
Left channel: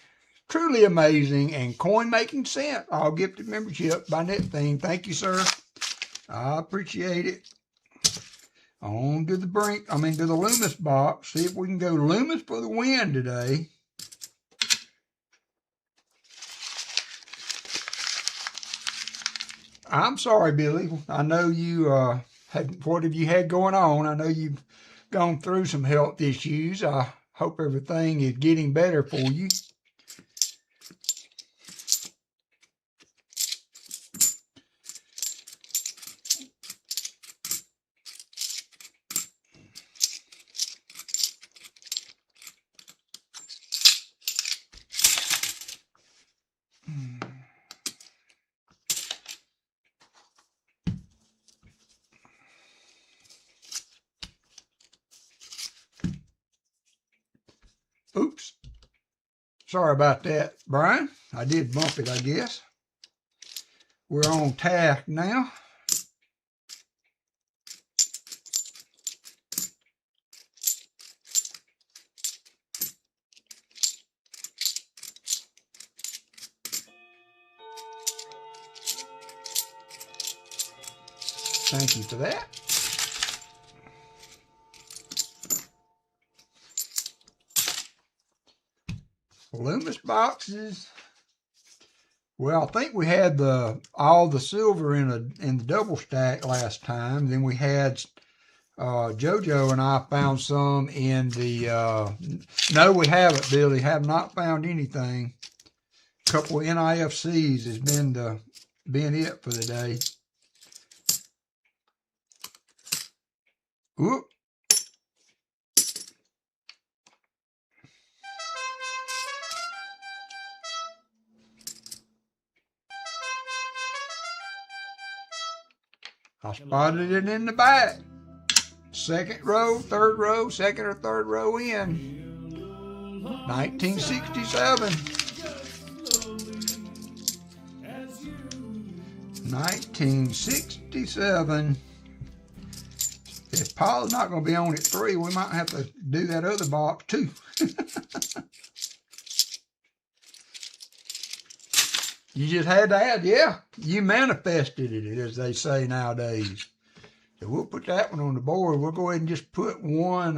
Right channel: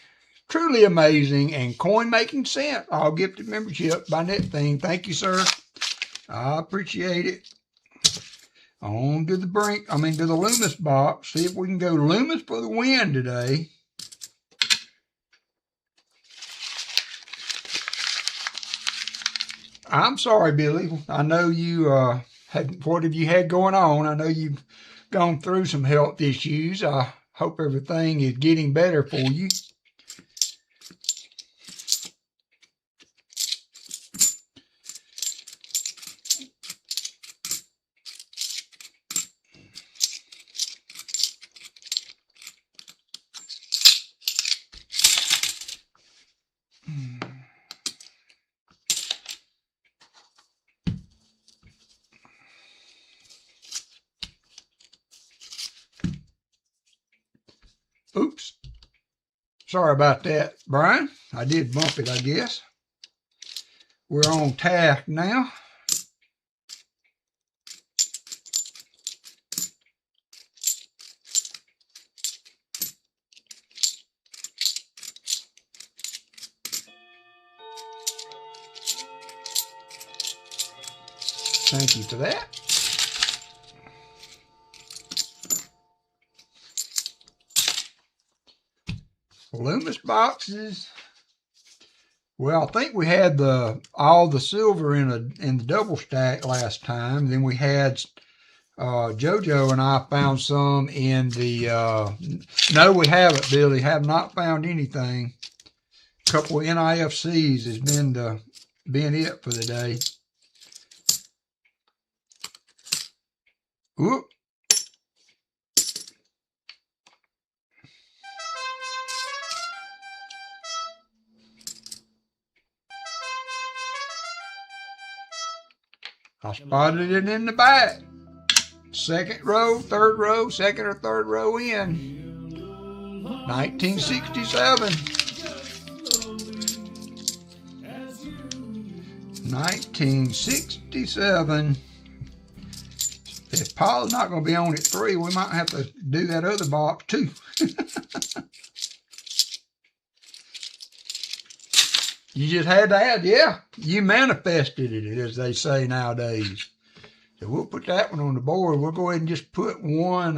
Truly Amazing, and Coin Making Sense. All gifted membership by NetThing. Thank you, sir. I appreciate it. On to the to the Loomis box. See if we can go Loomis for the win today. I'm sorry, Billy. I know you what have you had going on? I know you've gone through some health issues. I hope everything is getting better for you. Oops. Sorry about that, Brian. I did bump it, I guess. We're on task now. Thank you for that. Loomis boxes. Well, I think we had all the silver in the double stack last time. Then we had JoJo and I found some in the no, we haven't, Billy. Have not found anything. A couple of NIFCs has been it for the day. Whoop. I spotted it in the back. Second row, third row, second or third row in. 1967. 1967. If Paul's not going to be on at 3, we might have to do that other box too. You just had to add, yeah, you manifested it, as they say nowadays. So we'll put that one on the board. We'll go ahead and just put one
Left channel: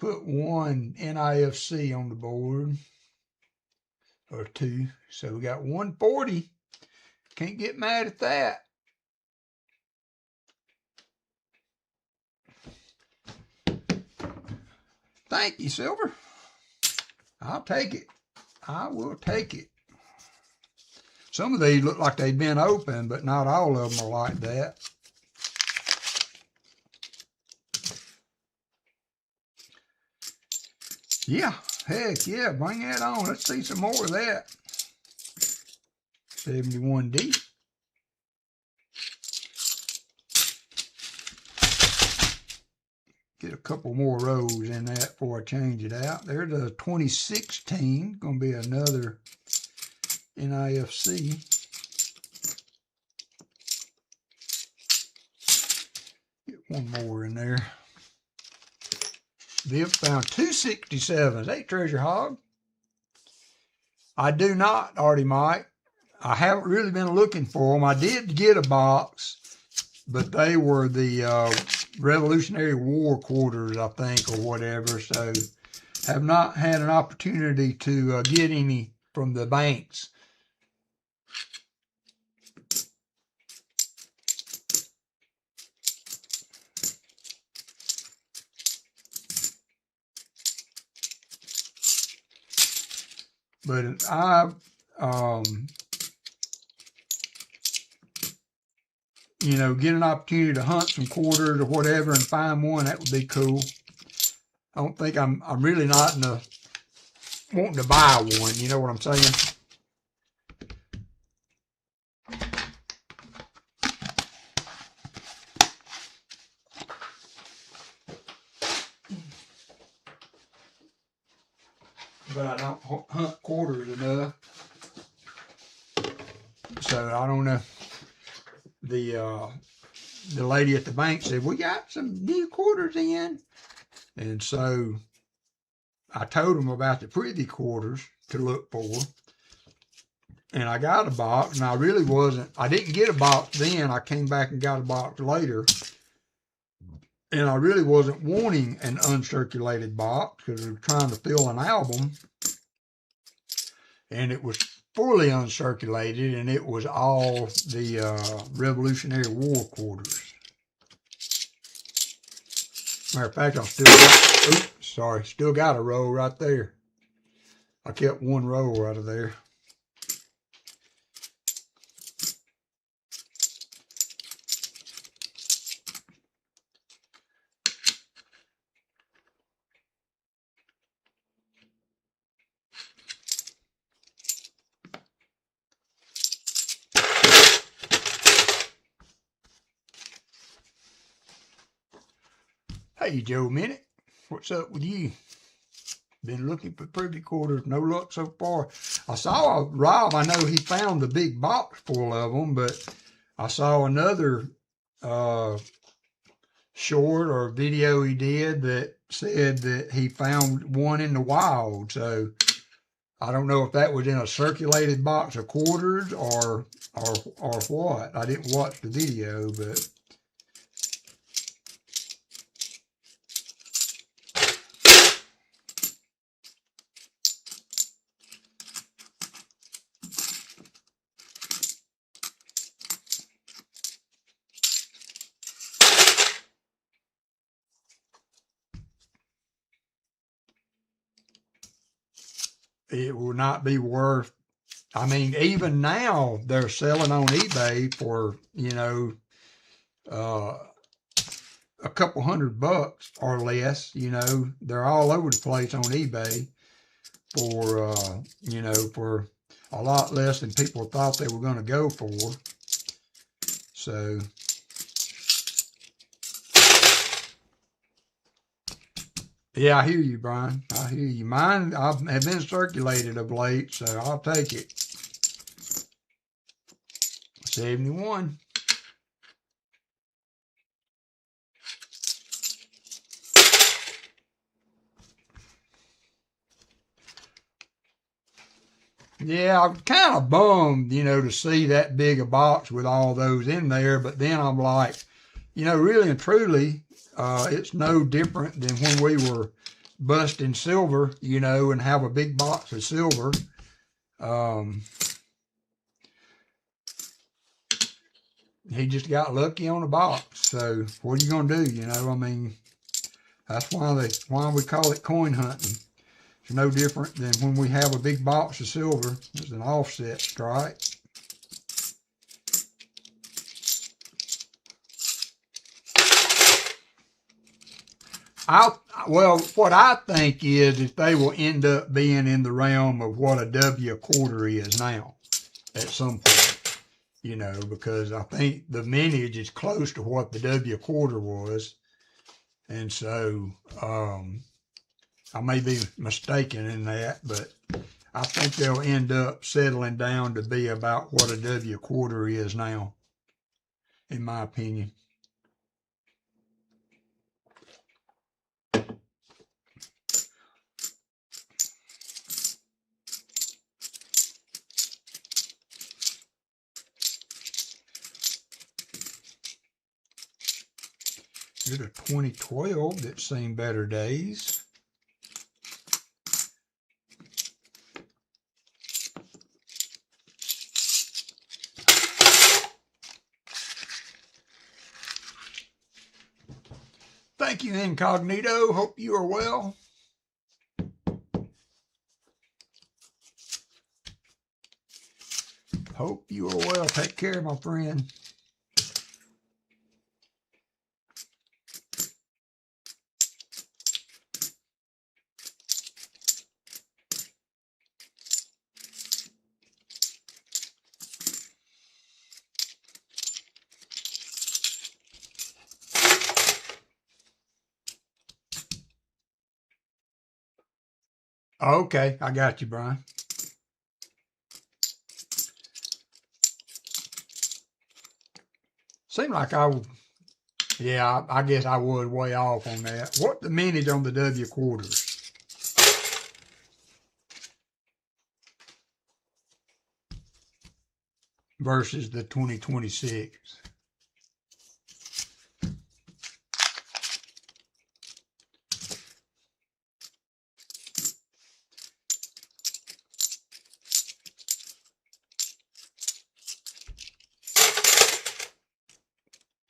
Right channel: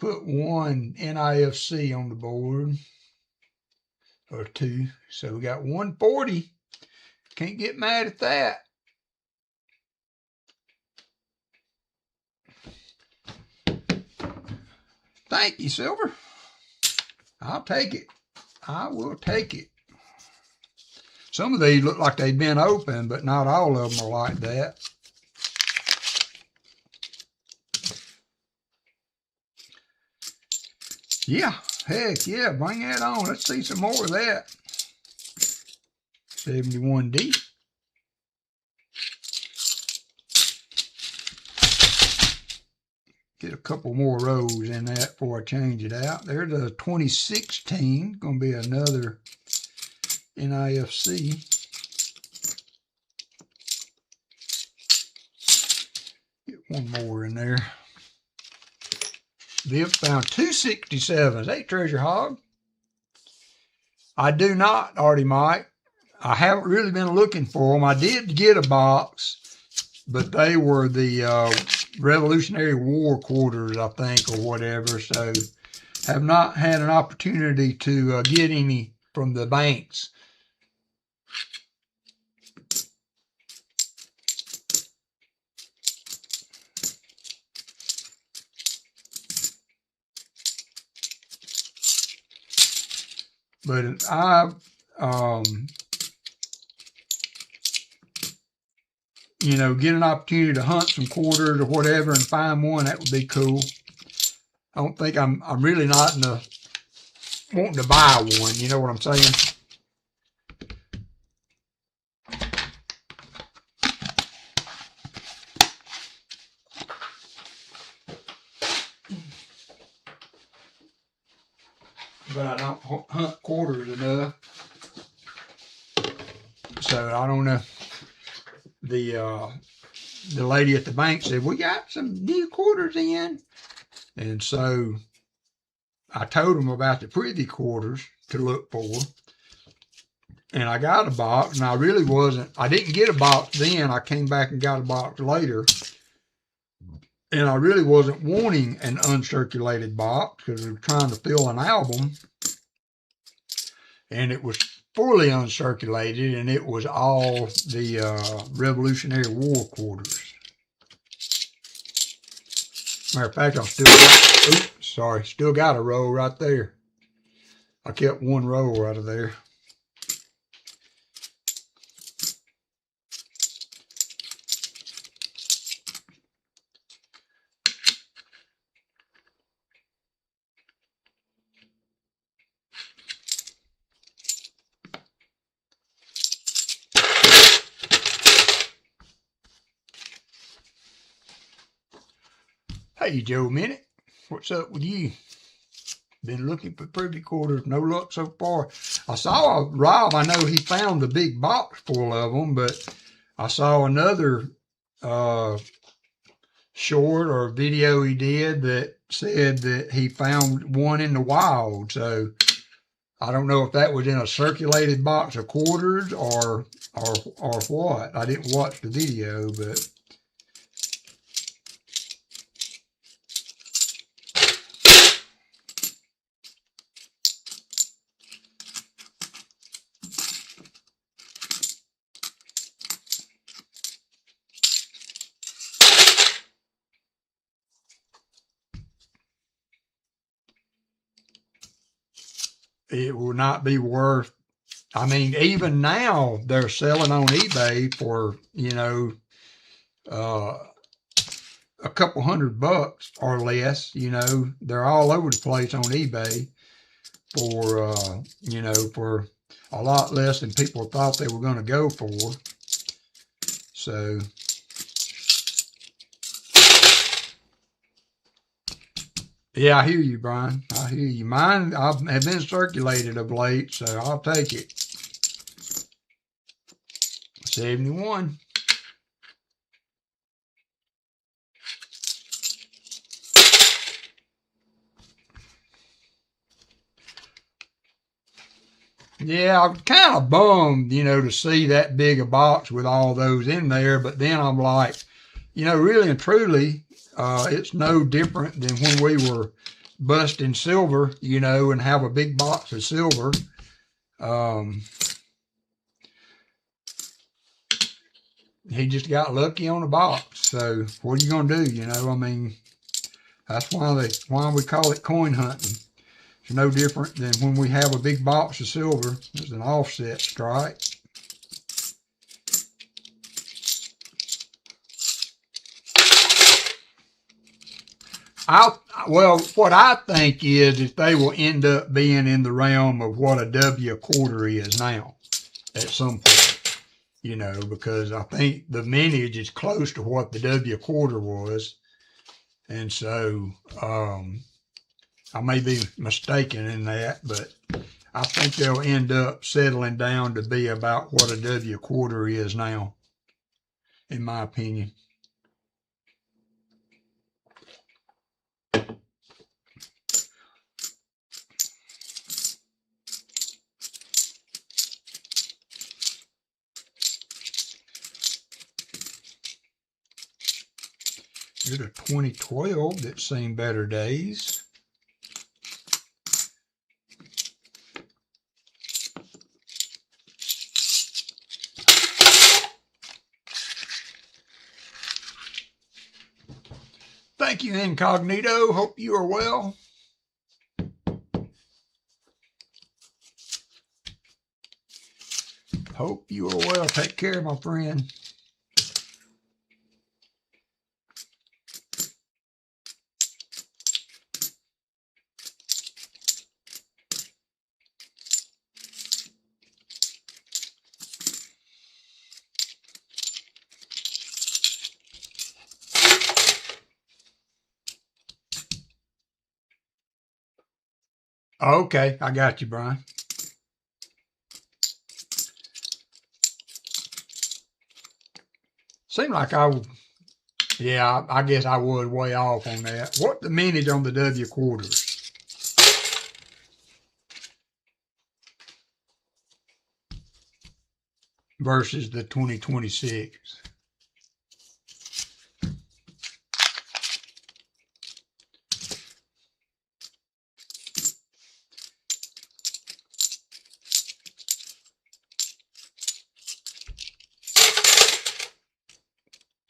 NIFC on the board, or 2. So we got 140. Can't get mad at that. Thank you, Silver. I'll take it. I will take it. Some of these look like they've been open, but not all of them are like that. Yeah, heck yeah, bring that on. Let's see some more of that. 71D. Get a couple more rows in that before I change it out. There's a 2016, gonna be another NIFC. Get one more in there. Vip found 267s. Hey, Treasure Hog. I do not, Artie Mike. I haven't really been looking for them. I did get a box, but they were the Revolutionary War quarters, I think, or whatever. So have not had an opportunity to get any from the banks. But I, you know, get an opportunity to hunt some quarters or whatever and find one, that would be cool. I don't think I'm really not in the wanting to buy one, you know what I'm saying? But I don't hunt quarters enough. So I don't know. The lady at the bank said, we got some new quarters in. And so I told them about the privy quarters to look for. And I got a box, and I didn't get a box then. I came back and got a box later. And I really wasn't wanting an uncirculated box because we were trying to fill an album. And it was fully uncirculated, and it was all the Revolutionary War quarters. Matter of fact, still got a row right there. I kept one row out of there. Hey, Joe Minute, what's up with you? Been looking for privy quarters, no luck so far. I saw Rob, I know he found the big box full of them, but I saw another short or video he did that said that he found one in the wild. So I don't know if that was in a circulated box of quarters or what. I didn't watch the video, but it will not be worth. I mean, even now they're selling on eBay for, you know, a couple $100 or less. You know, they're all over the place on eBay for, you know, for a lot less than people thought they were going to go for. So, yeah, I hear you, Brian. I hear you. Mine have been circulated of late, so I'll take it. 71. Yeah, I'm kind of bummed, you know, to see that big a box with all those in there. But then I'm like, you know, really and truly, it's no different than when we were busting silver, you know, and have a big box of silver. He just got lucky on the box. So what are you going to do? You know, I mean, that's why we call it coin hunting. It's no different than when we have a big box of silver. It's an offset strike. Well, what I think is they will end up being in the realm of what a W quarter is now at some point, you know, because I think the mintage is close to what the W quarter was. And so I may be mistaken in that, but I think they'll end up settling down to be about what a W quarter is now, in my opinion. Here's a 2012 that's seen better days. Thank you, Incognito. Hope you are well. Hope you are well. Take care, my friend. Okay, I got you, Brian. Seemed like I guess I was way off on that. What the mintage on the W quarters? Versus the 2026.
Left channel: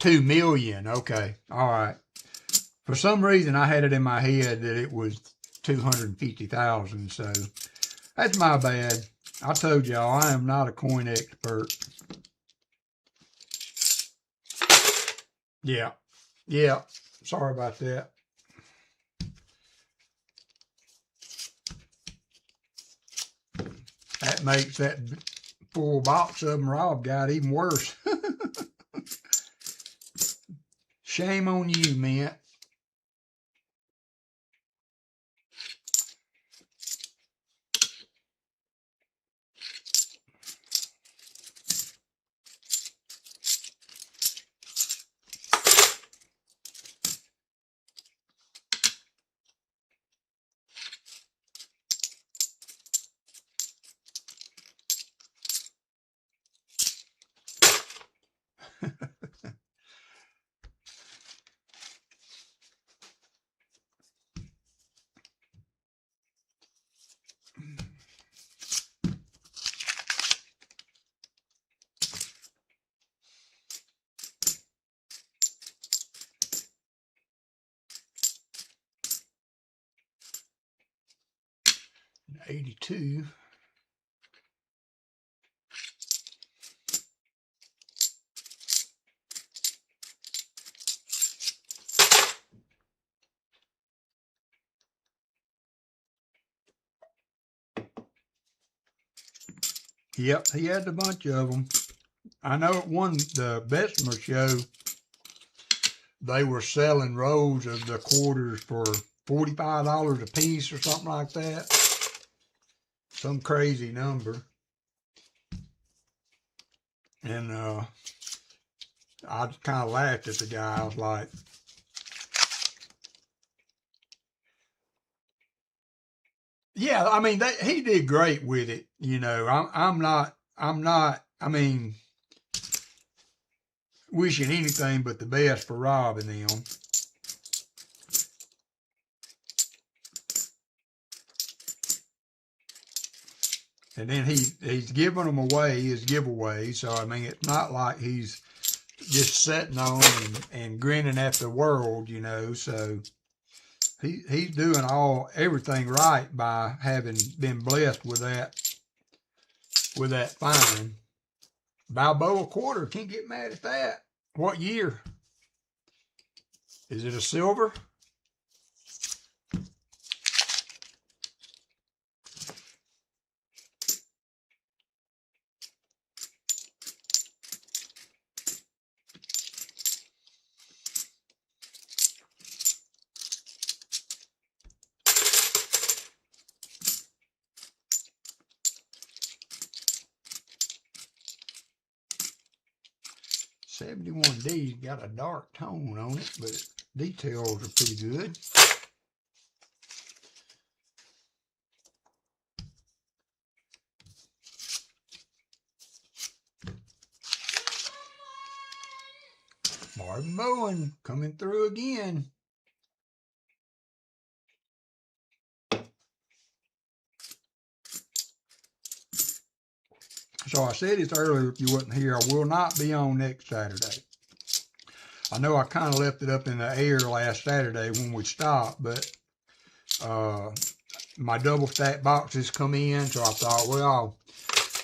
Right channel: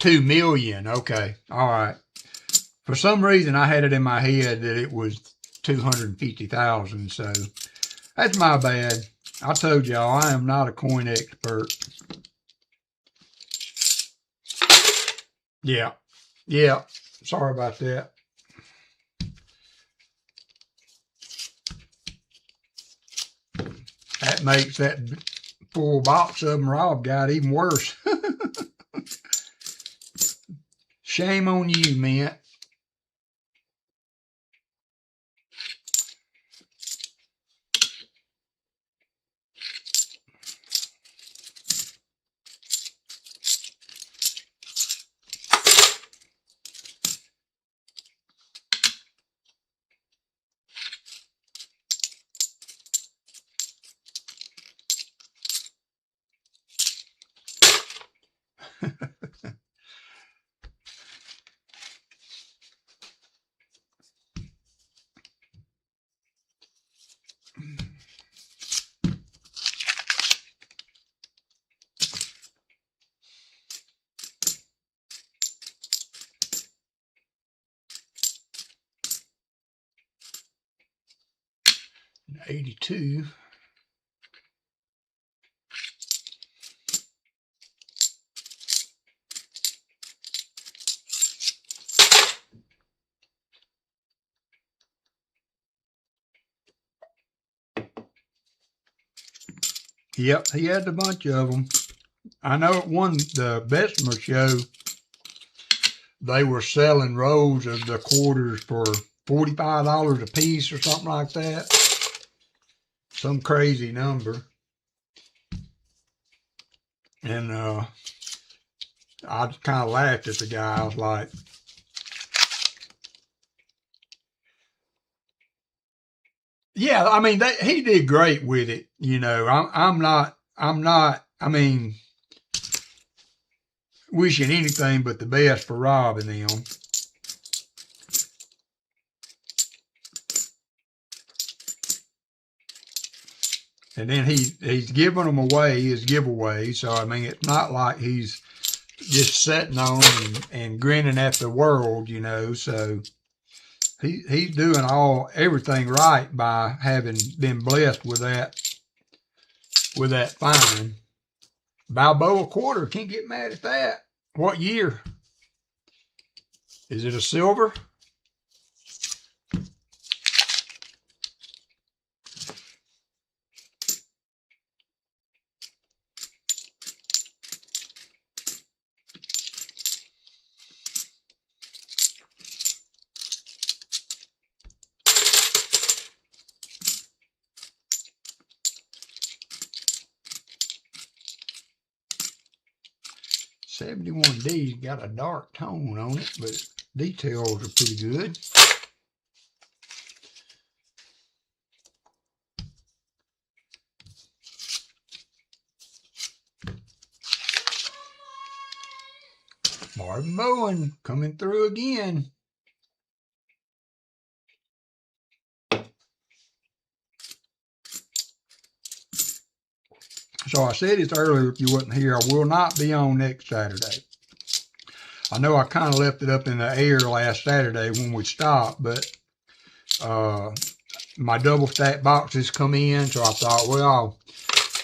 $2 million. Okay. All right. For some reason, I had it in my head that it was 250,000. So that's my bad. I told y'all I am not a coin expert. Yeah. Yeah. Sorry about that. That makes that full box of them Rob got even worse. Shame on you, man. $82. Yep, he had a bunch of them. I know at the Bessemer show, they were selling rolls of the quarters for $45 a piece or something like that. Some crazy number. And I kind of laughed at the guy. I was like, yeah, I mean, he did great with it. You know, I'm not, I mean, wishing anything but the best for Rob and them. And then he's giving them away as giveaways. So, I mean, it's not like he's just sitting on and grinning at the world, you know. So he's doing everything right by having been blessed with that find. Balboa quarter, can't get mad at that. What year? Is it a silver? 71D's got a dark tone on it, but details are pretty good. Marvin Bowen coming through again. So I said it earlier, if you wasn't here, I will not be on next Saturday. I know I kind of left it up in the air last Saturday when we stopped, but my double stack boxes come in, so I thought, well, I'll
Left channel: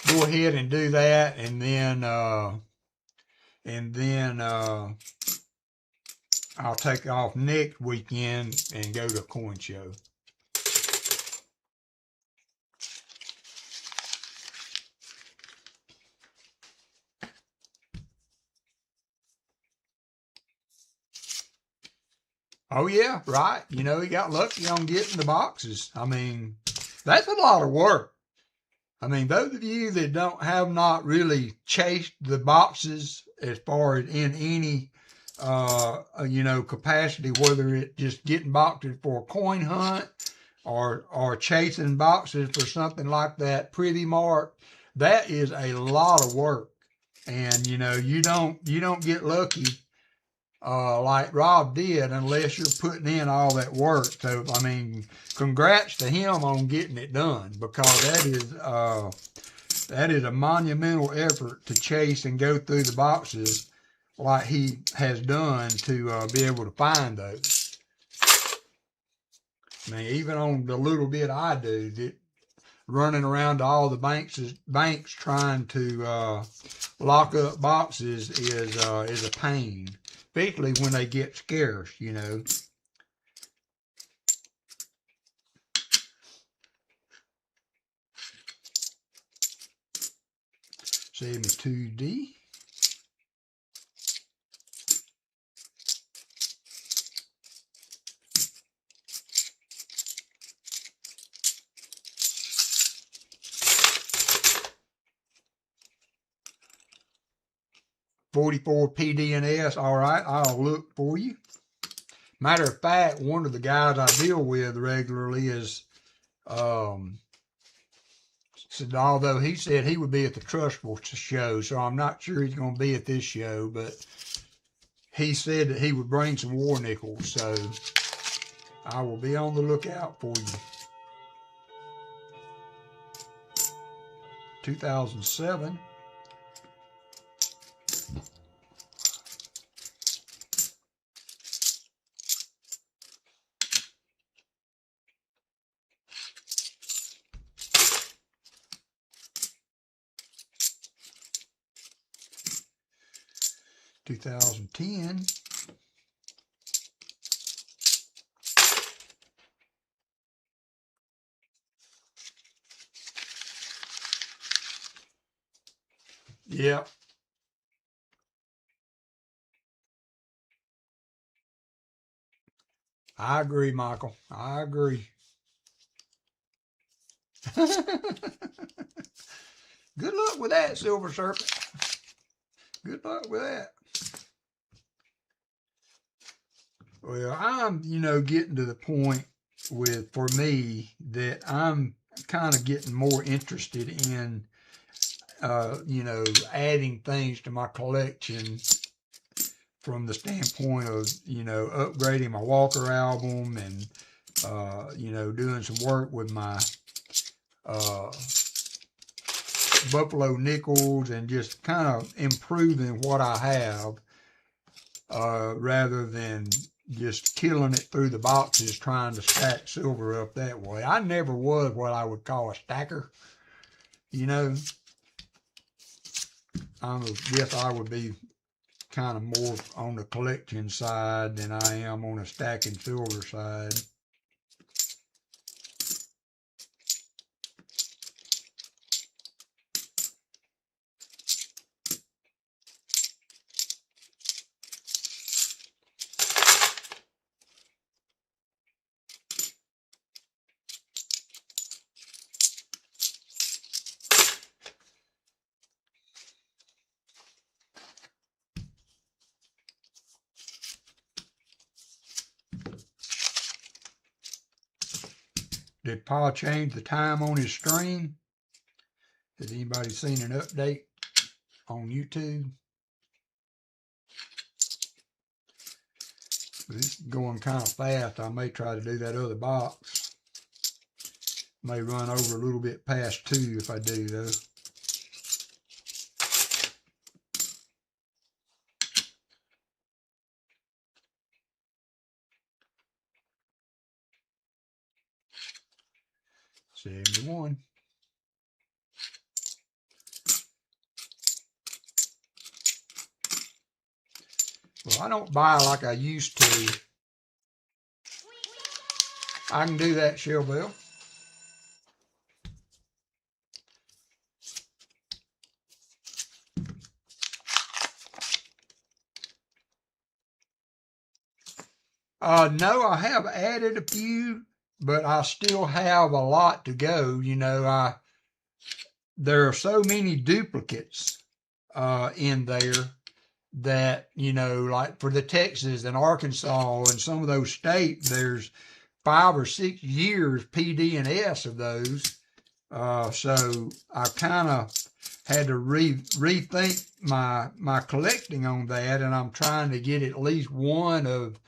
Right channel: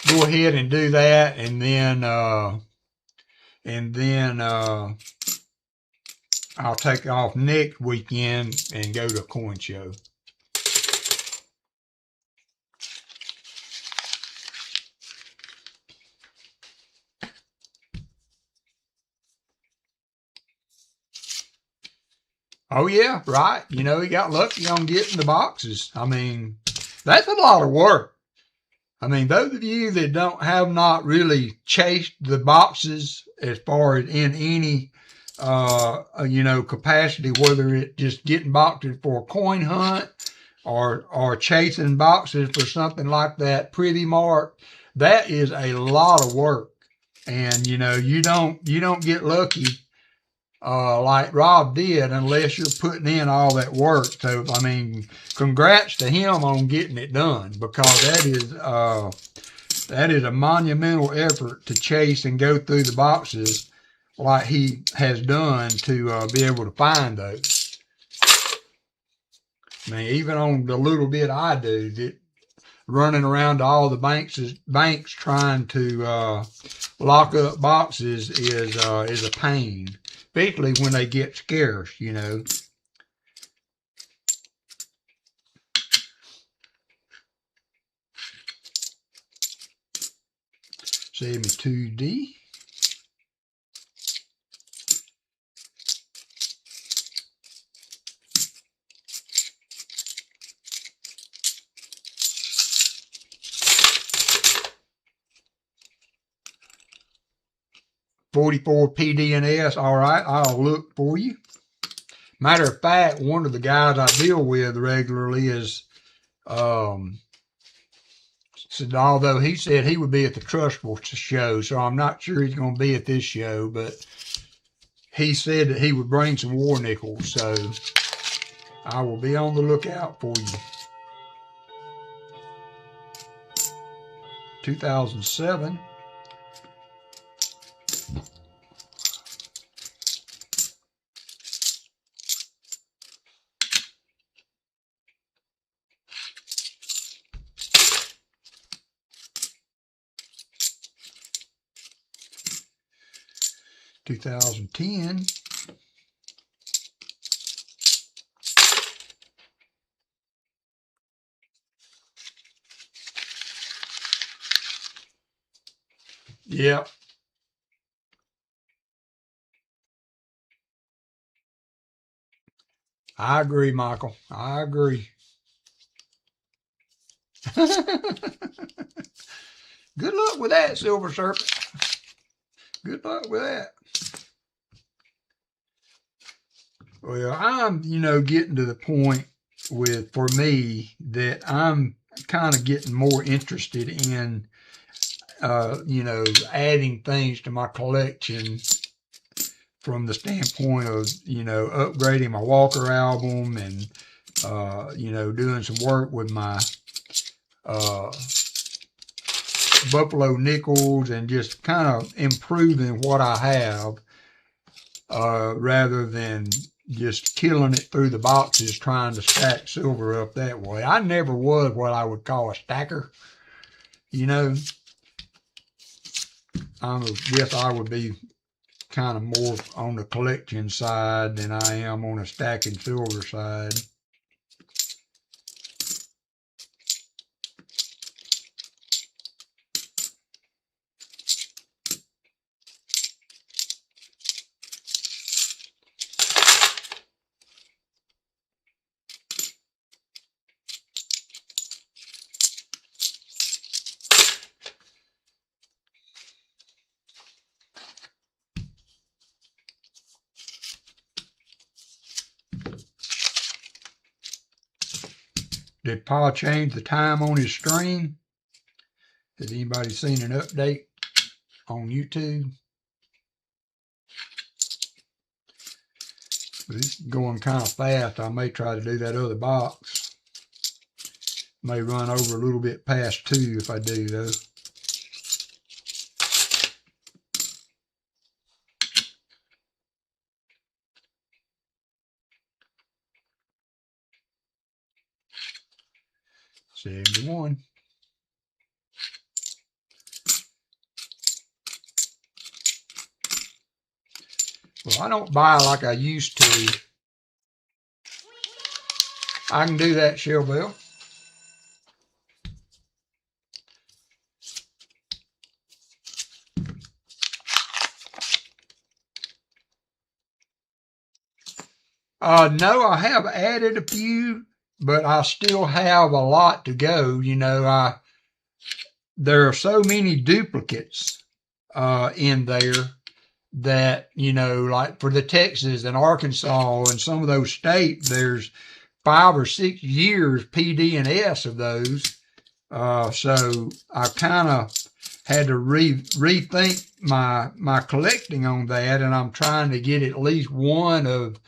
go ahead and do that, and then I'll take off next weekend and go to a coin show. Oh yeah, right. You know, he got lucky on getting the boxes. I mean, that's a lot of work. I mean, those of you that have not really chased the boxes as far as in any, capacity, whether it's just getting boxes for a coin hunt or chasing boxes for something like that Privy Mart, that is a lot of work. And, you don't get lucky like Rob did unless you're putting in all that work. So, I mean, congrats to him on getting it done, because that is a monumental effort to chase and go through the boxes like he has done to be able to find those. I mean, even on the little bit I do, running around to all the banks trying to lock up boxes is a pain, especially when they get scarce, 72D. $44 PDNS. All right, I'll look for you. Matter of fact, one of the guys I deal with regularly is, said, although he said he would be at the Trustful show, so I'm not sure he's going to be at this show, but he said that he would bring some war nickels, so I will be on the lookout for you. 2007. $2010. Yep. I agree, Michael. I agree. Good luck with that, Silver Serpent. Good luck with that. Well, I'm, getting to the point for me that I'm kind of getting more interested in, adding things to my collection from the standpoint of, upgrading my Walker album and, doing some work with my Buffalo nickels and just kind of improving what I have rather than just killing it through the boxes trying to stack silver up that way. I never was what I would call a stacker. I guess I would be kind of more on the collection side than I am on the stacking silver side. Did Pa change the time on his stream? Has anybody seen an update on YouTube? But it's going kind of fast. I may try to do that other box. May run over a little bit past 2 if I do, though. $71. Well, I don't buy like I used to. I can do that, Shell Bell. No, I have added a few, but I still have a lot to go. You know, there are so many duplicates in there that, you know, like for the Texas and Arkansas and some of those states, there's 5 or 6 years PD and S of those. So I kind of had to rethink my collecting on that, and I'm trying to get at least one of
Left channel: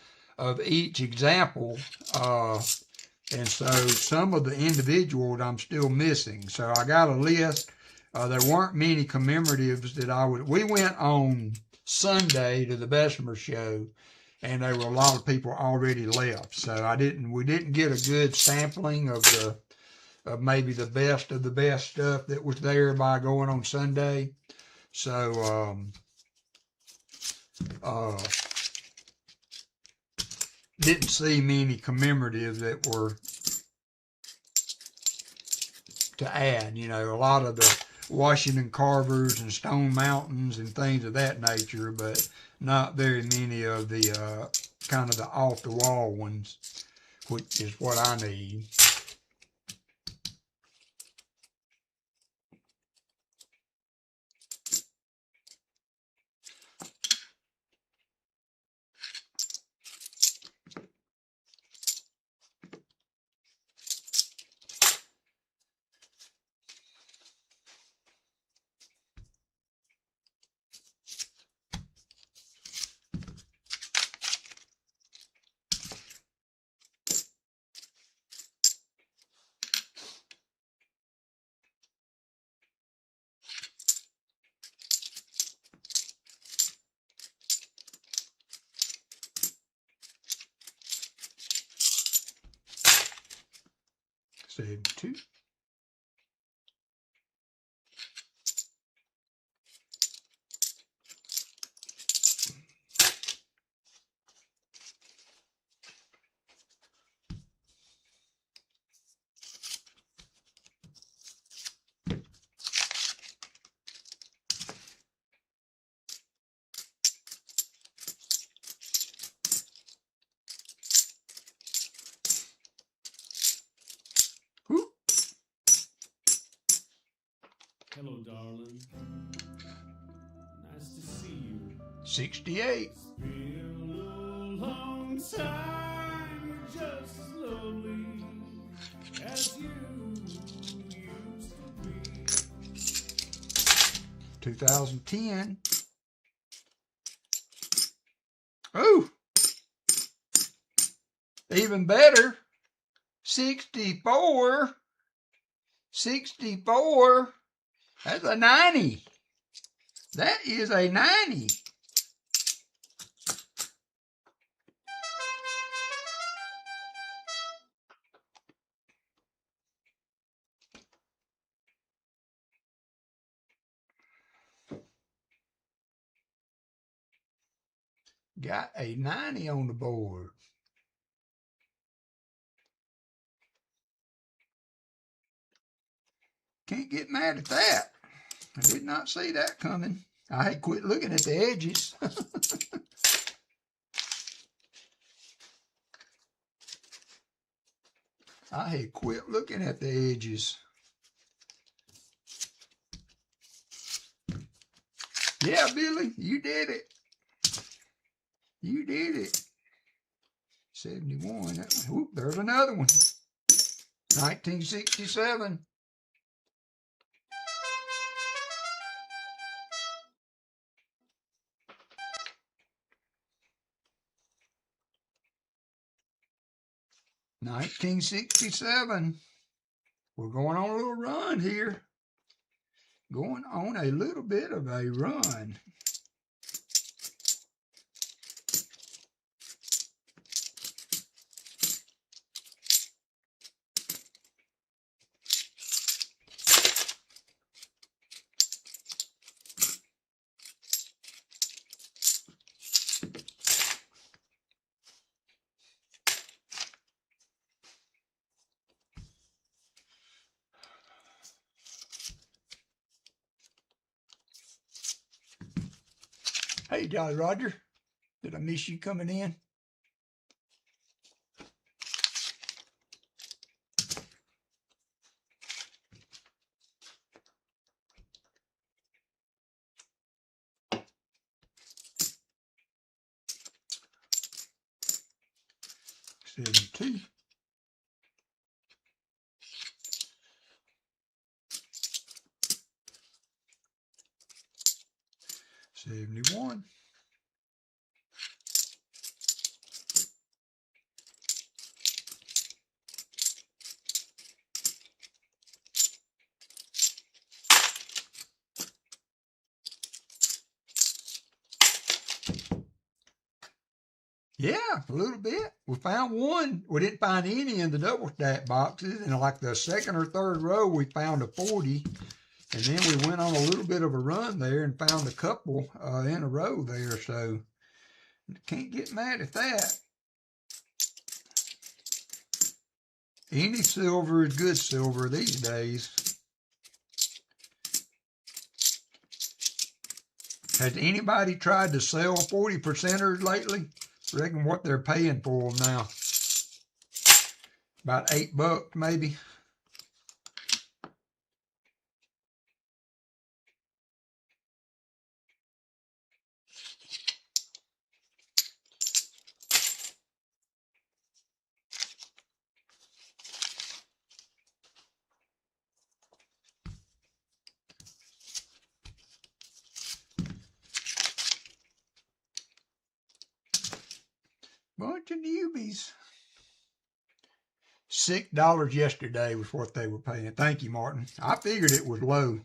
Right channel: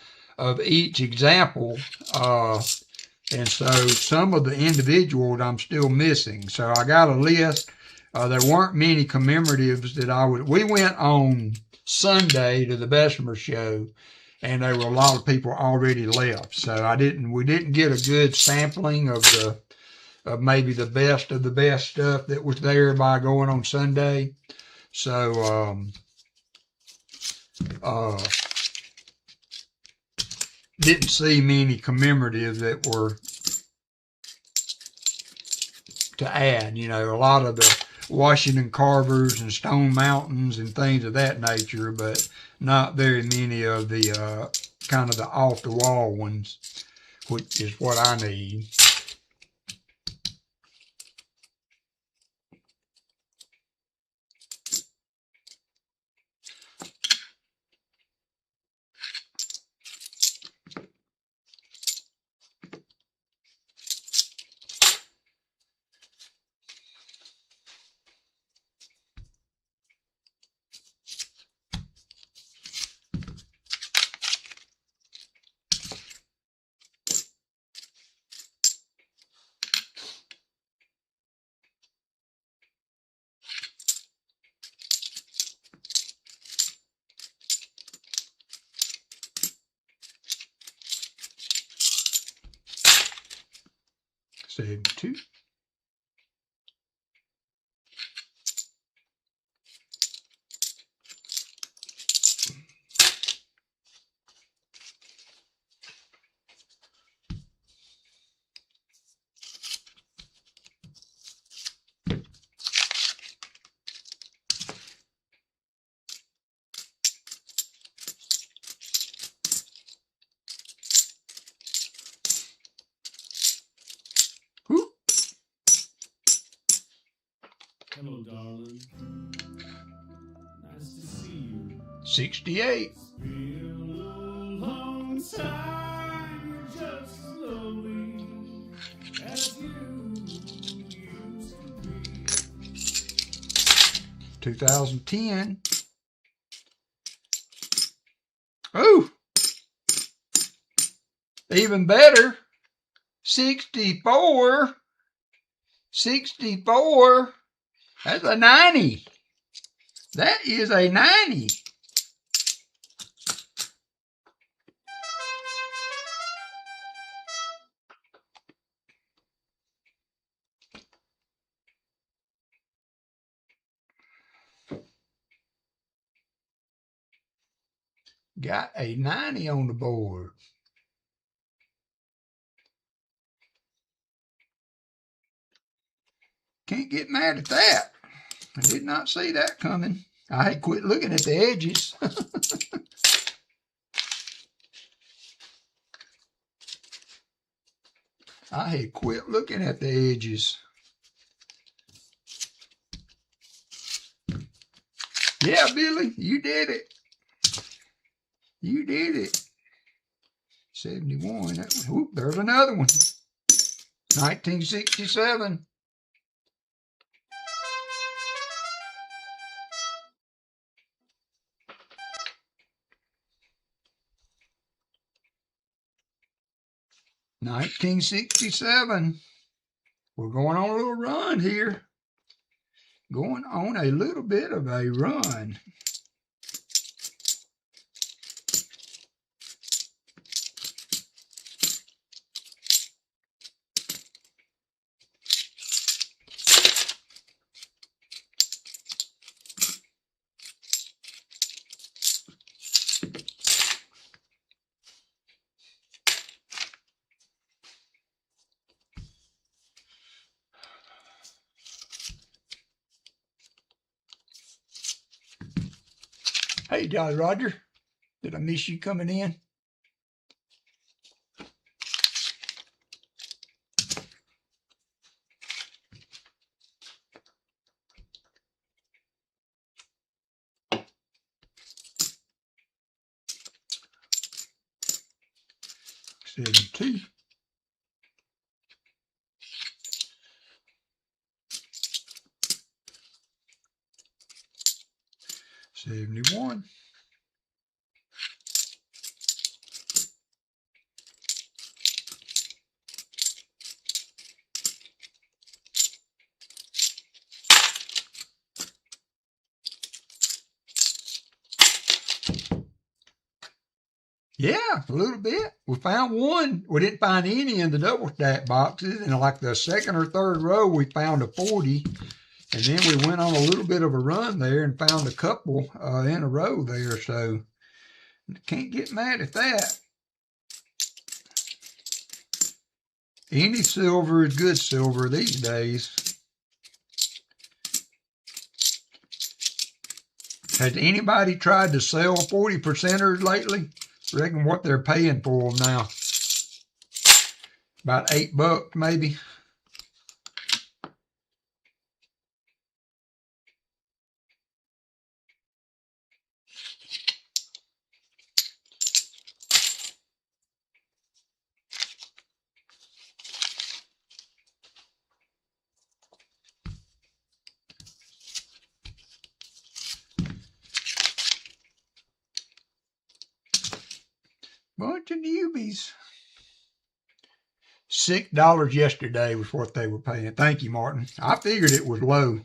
each example. And so some of the individuals I'm still missing. So I got a list. There weren't many commemoratives that we went on Sunday to the Bessemer show, and there were a lot of people already left. So we didn't get a good sampling of maybe the best of the best stuff that was there by going on Sunday. So, didn't see many commemoratives that were to add. You know, a lot of the Washington Carvers and Stone Mountains and things of that nature, but not very many of the kind of the off-the-wall ones, which is what I need. Save 2. Hello, darling. Nice to see you. 68. It's been a little long time. You're just as lovely as you used to be. 2010. Oh, even better. 64. 64. That's a 90. That is a 90. Got a 90 on the board. Can't get mad at that. I did not see that coming. I had quit looking at the edges. I had quit looking at the edges. Yeah, Billy, you did it. You did it. 71. That one. Whoop, there's another one. 1967. $19.67. We're going on a little run here. Going on a little bit of a run. Hey, Jolly Roger. Did I miss you coming in? $72. $71. Yeah, a little bit. We found one. We didn't find any in the double stack boxes. In like the second or third row, we found a 40. And then we went on a little bit of a run there and found a couple in a row there. So can't get mad at that. Any silver is good silver these days. Has anybody tried to sell 40%ers lately? Reckon what they're paying for them now. About $8 maybe. Bunch of newbies. $6 yesterday was what they were paying. Thank you, Martin. I figured it was low.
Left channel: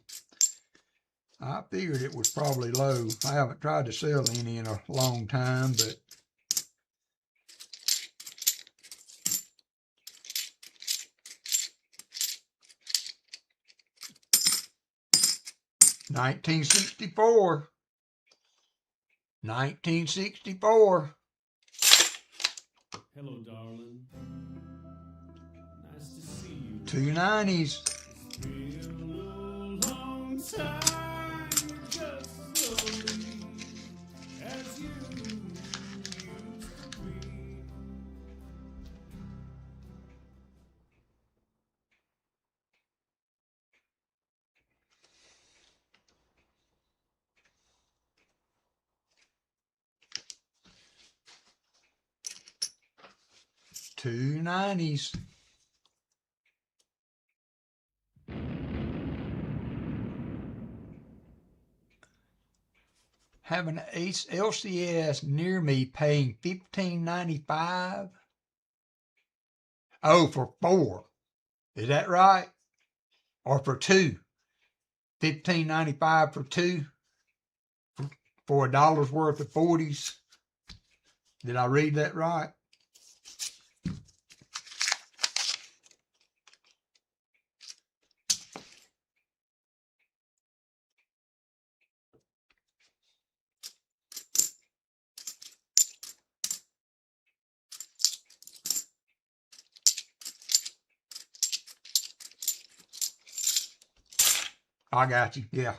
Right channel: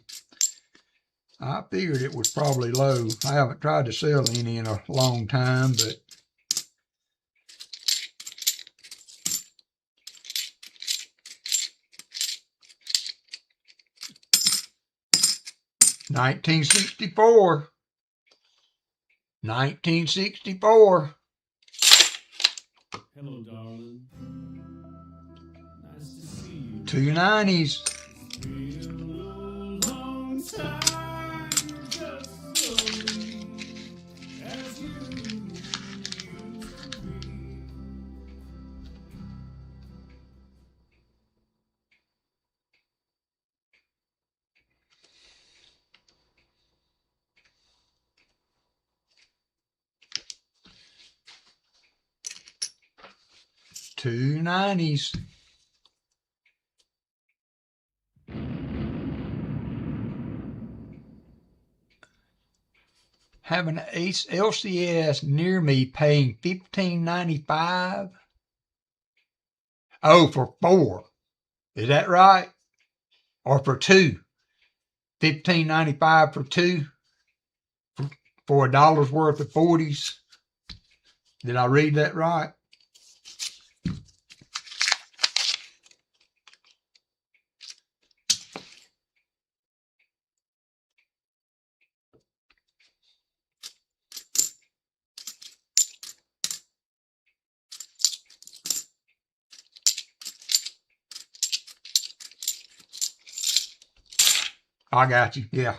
I figured it was probably low. I haven't tried to sell any in a long time, but $19.64. $19.64. Hello, darling. Nice to see you. Two 90s. It's been a long time, just as lonely as you used to be. Two 90s. Have an LCS near me paying $15.95. Oh, for 4. Is that right? Or for 2? $15.95 for 2? For $1 worth of 40s? Did I read that right? I got you, yeah.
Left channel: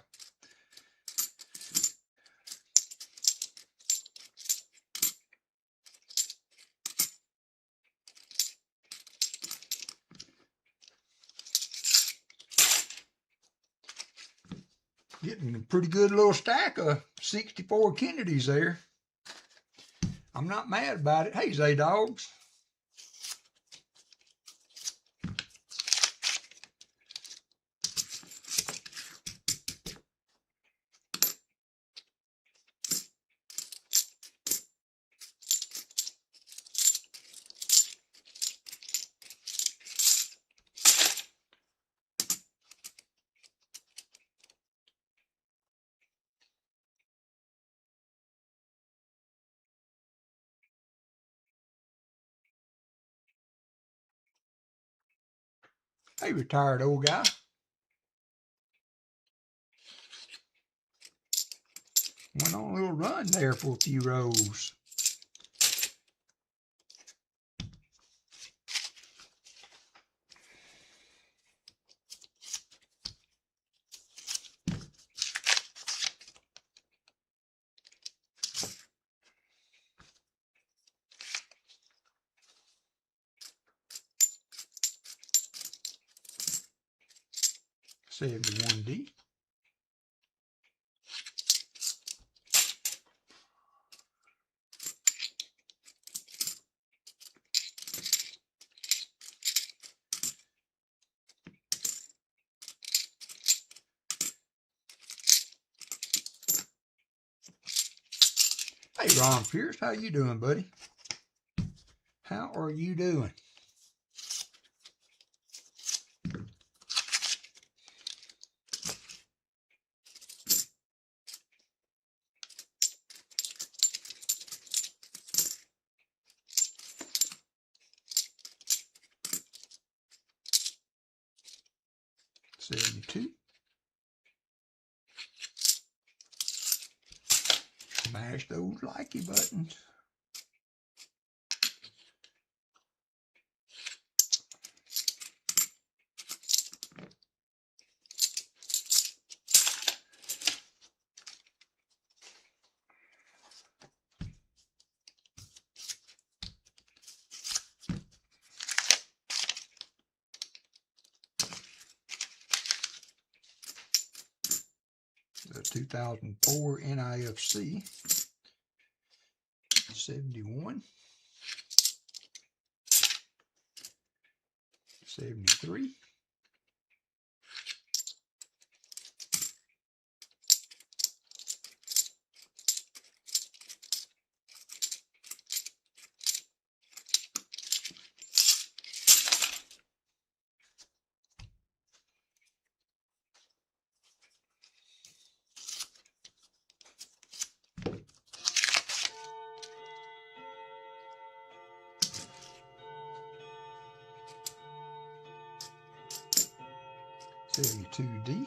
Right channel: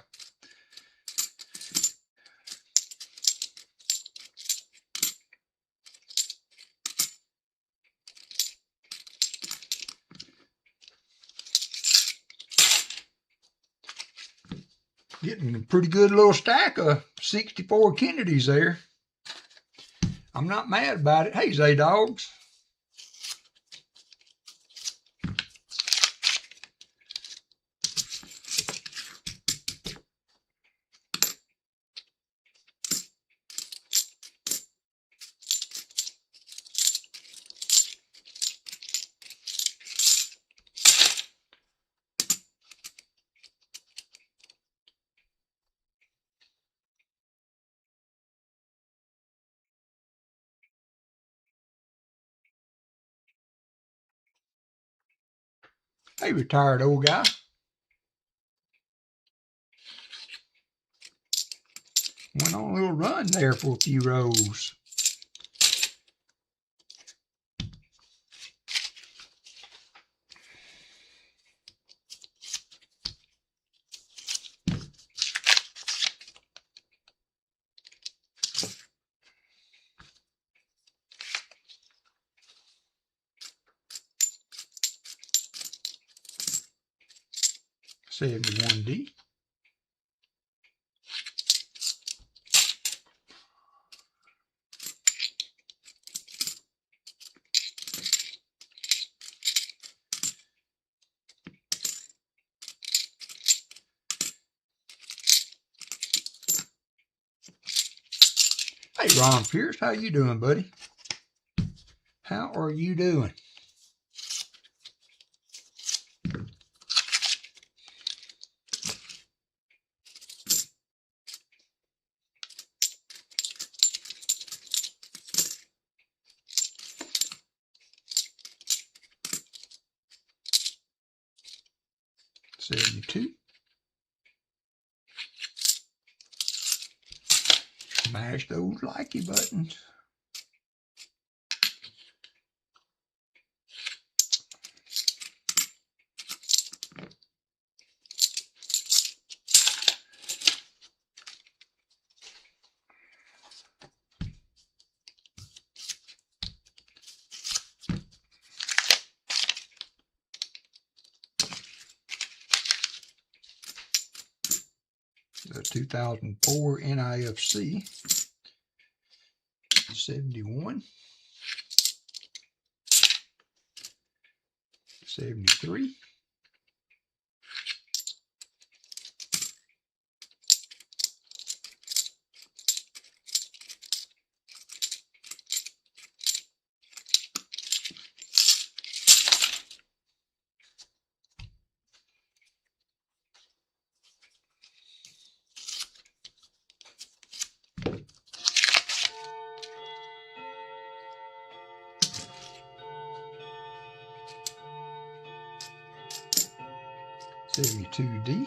Getting a pretty good little stack of 64 Kennedys there. I'm not mad about it. Hey, Zay Dogs. Hey, retired old guy. Went on a little run there for a few rows. $71D. Hey, Ron Pierce, how you doing, buddy? How are you doing? $72. Smash those likey buttons. The 2004 NIFC, 71, 73, $72D,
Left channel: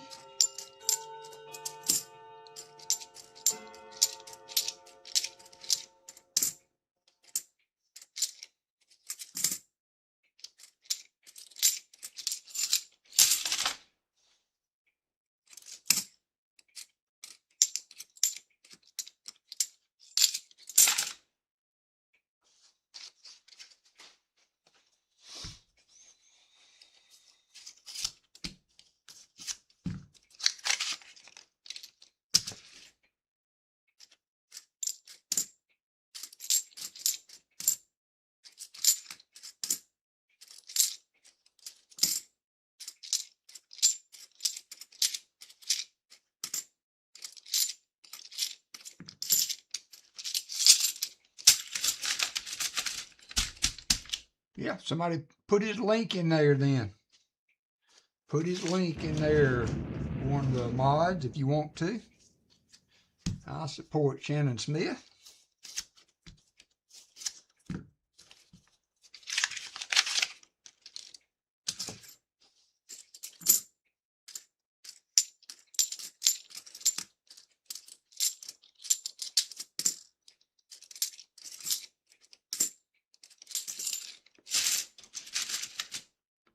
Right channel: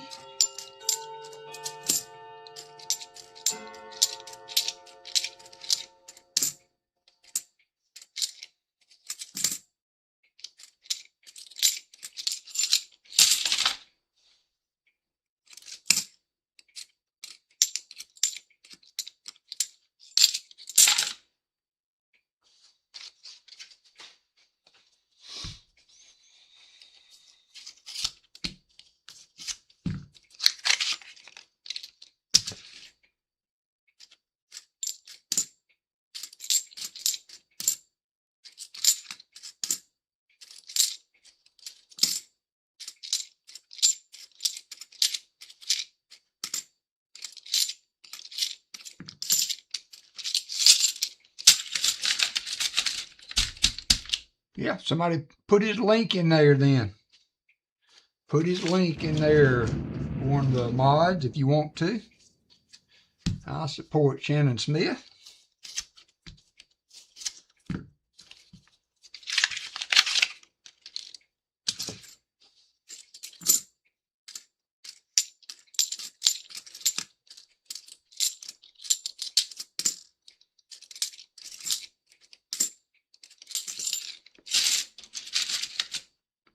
Yeah, somebody put his link in there then. Put his link in there, one of the mods, if you want to. I support Shannon Smith.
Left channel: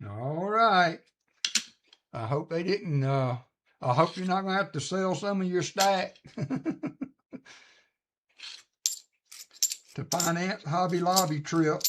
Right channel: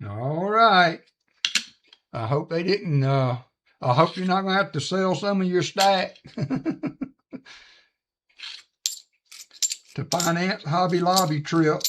All right. I hope they didn't, I hope you're not going to have to sell some of your stack to finance Hobby Lobby trip.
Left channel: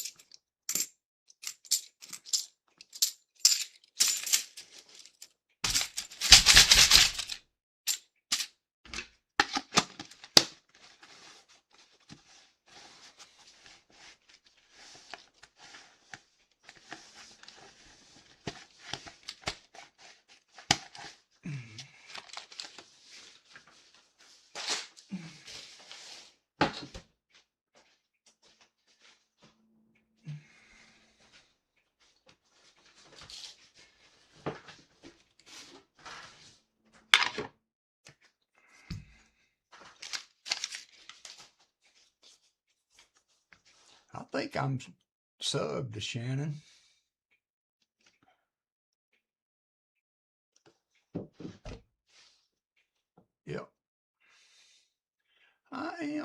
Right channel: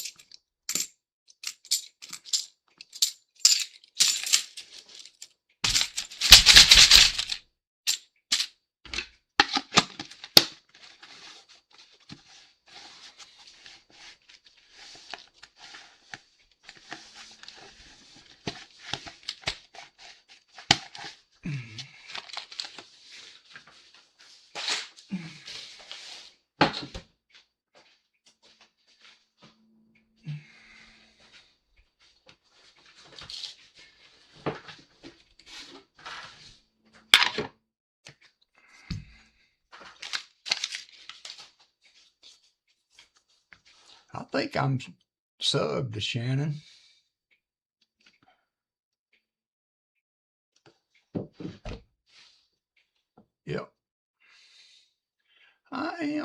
I think I'm subbed to Shannon.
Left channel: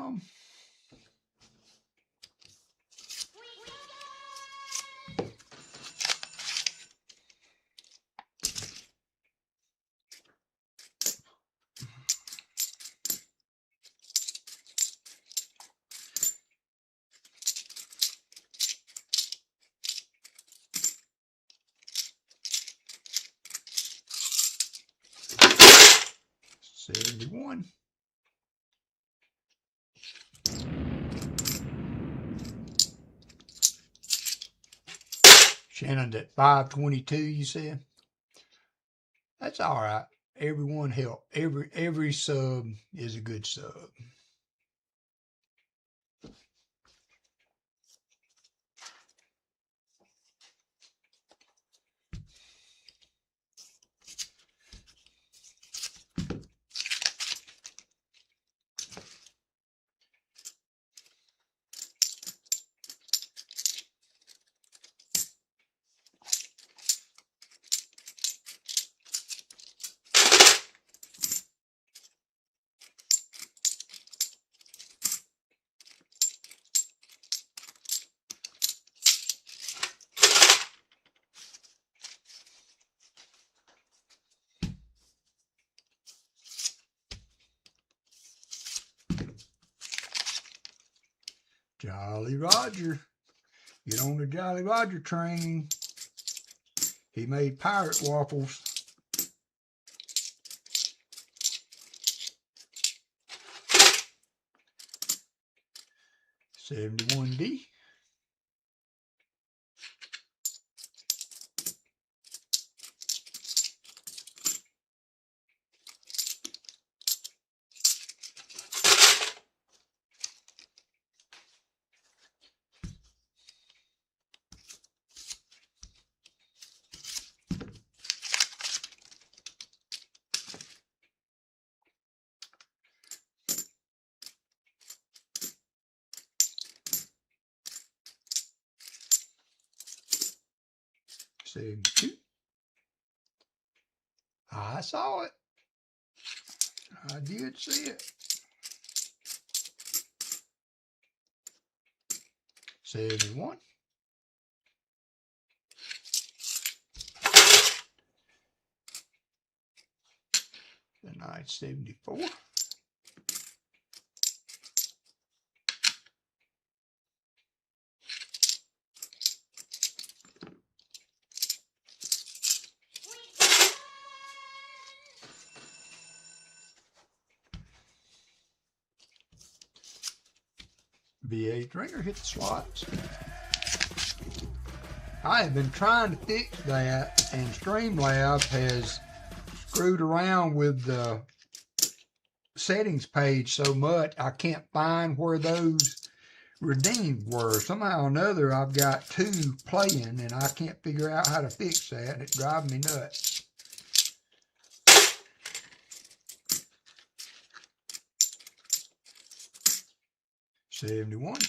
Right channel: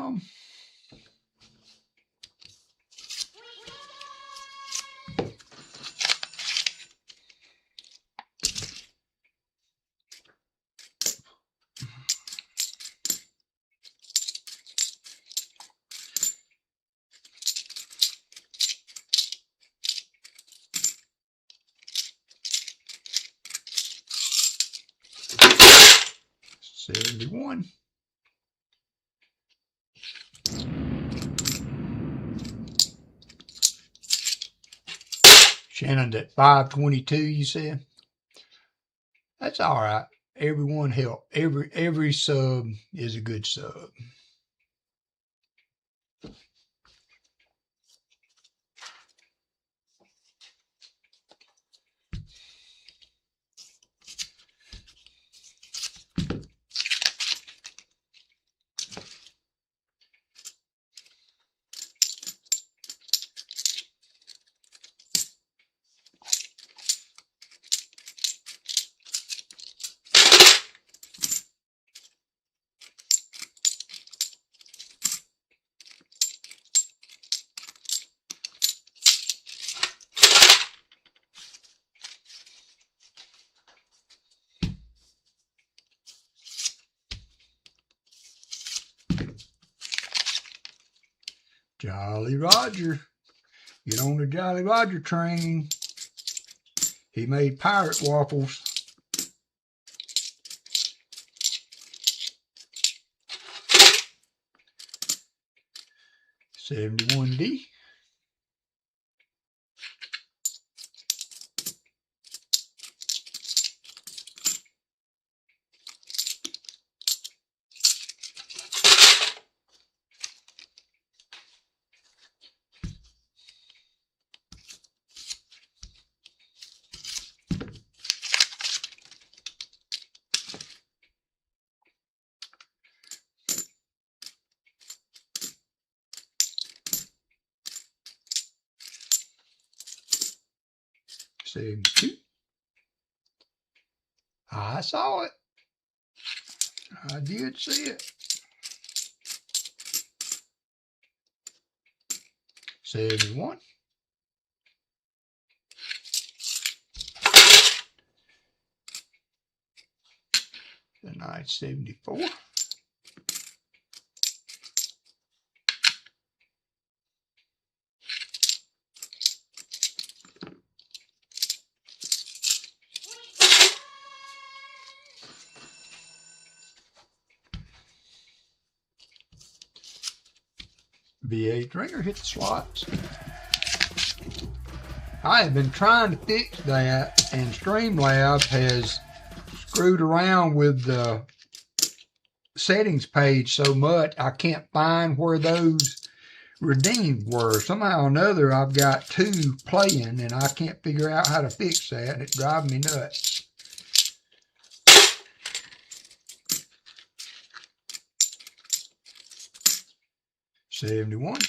down. $71. Shannon at 522, you said? That's all right. Everyone help. Every sub is a good sub. Jolly Roger. Get on the Jolly Roger train. He made pirate waffles. $71. $72. I saw it. I did see it. $71. Tonight, $74. V8 ringer hit the slots. I have been trying to fix that, and Streamlabs has screwed around with the settings page so much I can't find where those redeemed were. Somehow or another I've got two playing and I can't figure out how to fix that. It drives me nuts. $71.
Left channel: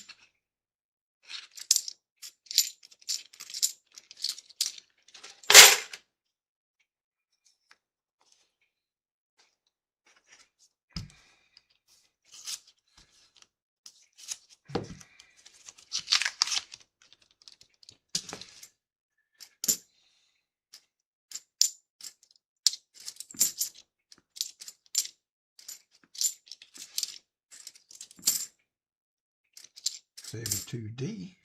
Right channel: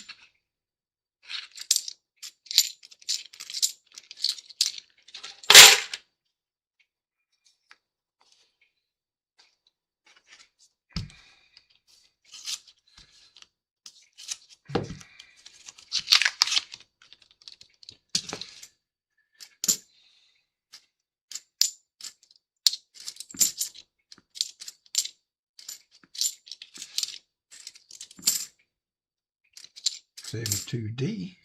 $72D.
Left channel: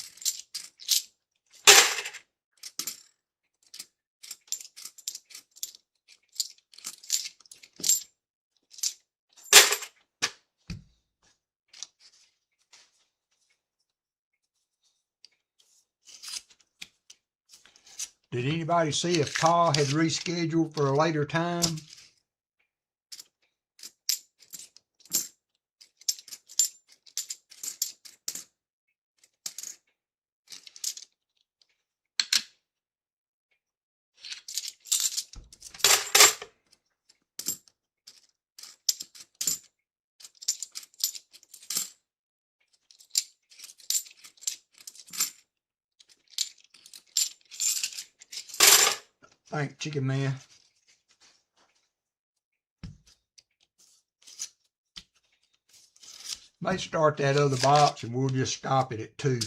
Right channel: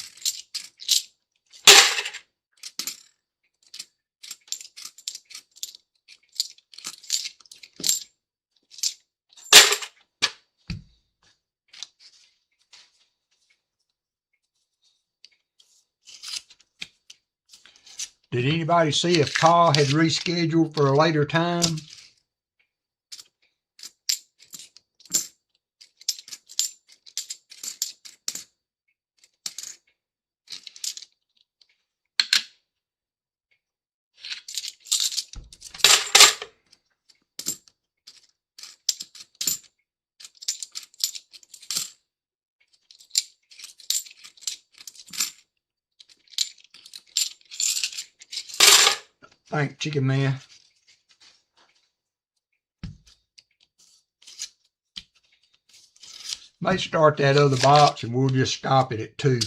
Did anybody see if Paul had rescheduled for a later time? Thanks, Chicken Man. May start that other box and we'll just stop it at 2.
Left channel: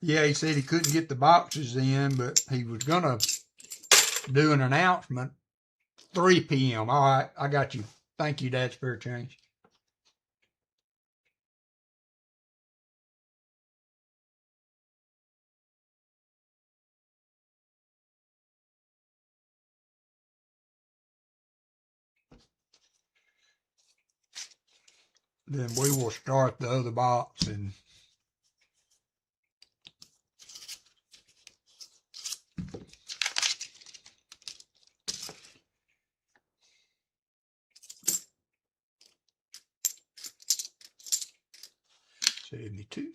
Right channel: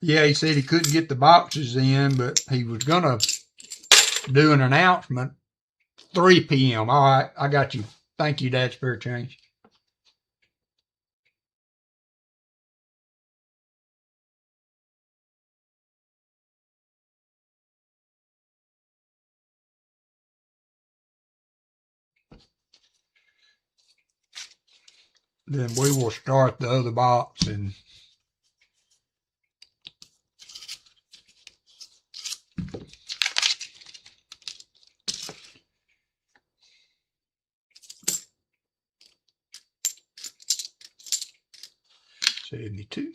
Yeah, he said he couldn't get the boxes in, but he was gonna do an announcement 3 p.m. All right, I got you. Thank you, Dad. Spare change. Then we will start the other box and $72.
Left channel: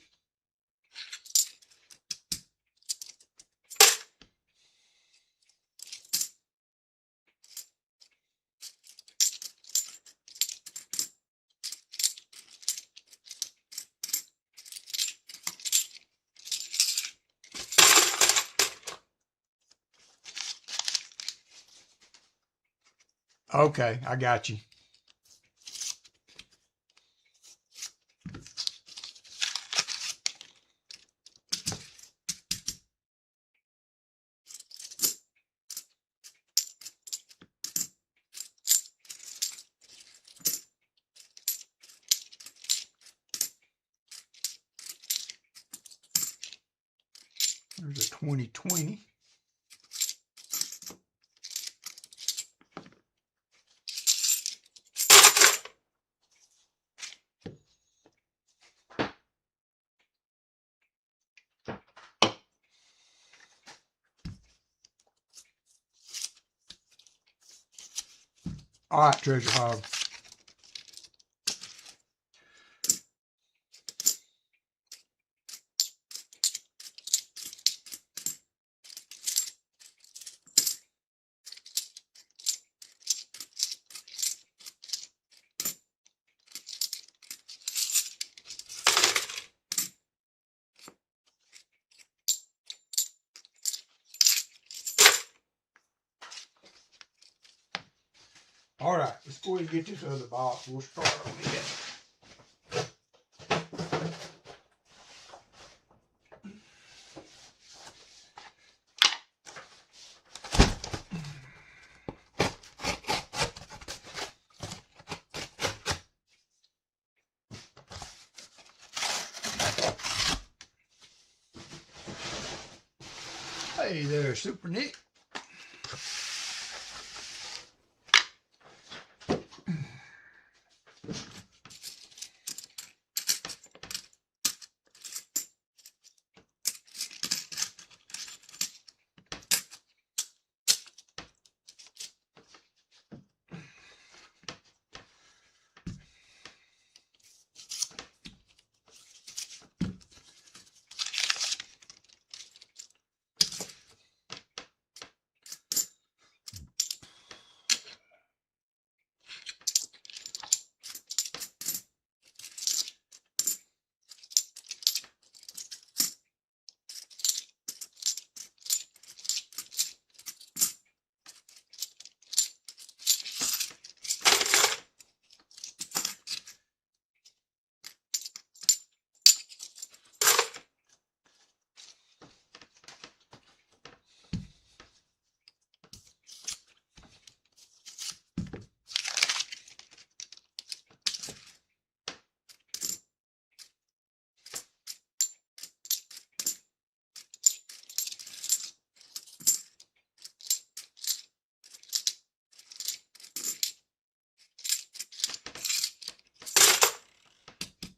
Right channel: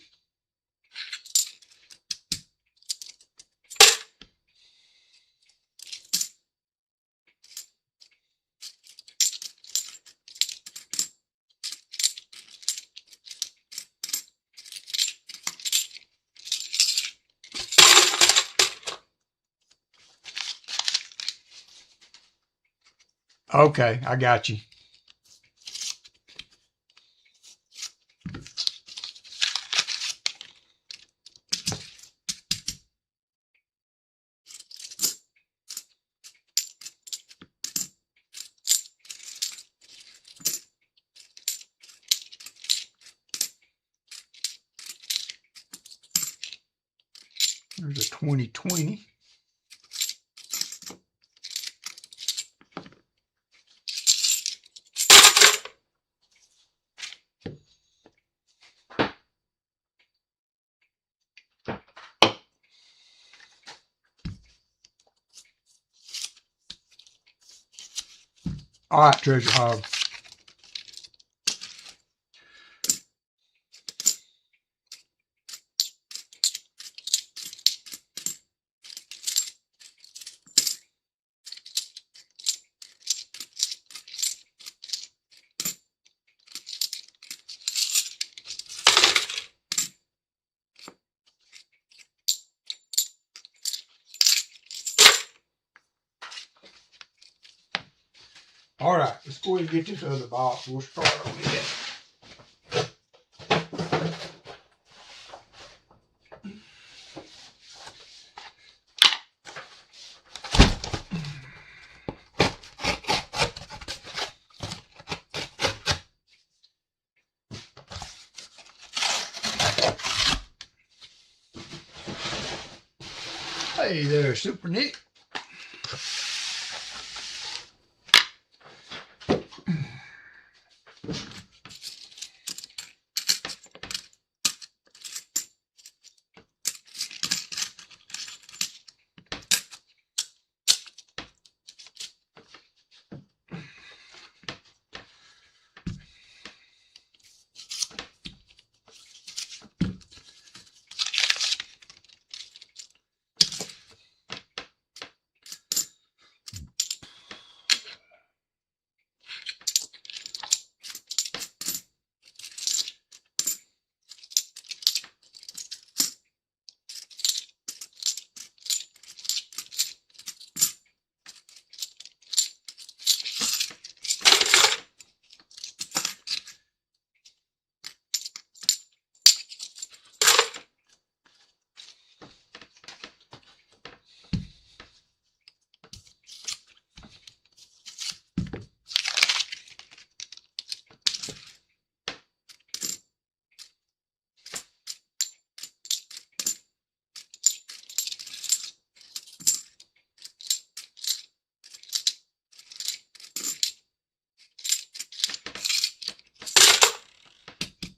Okay, I got you. There's a 2020. All right, Treasure Hog. All right, let's go ahead and get this other box. We'll start on it. Hey there, Super Nick.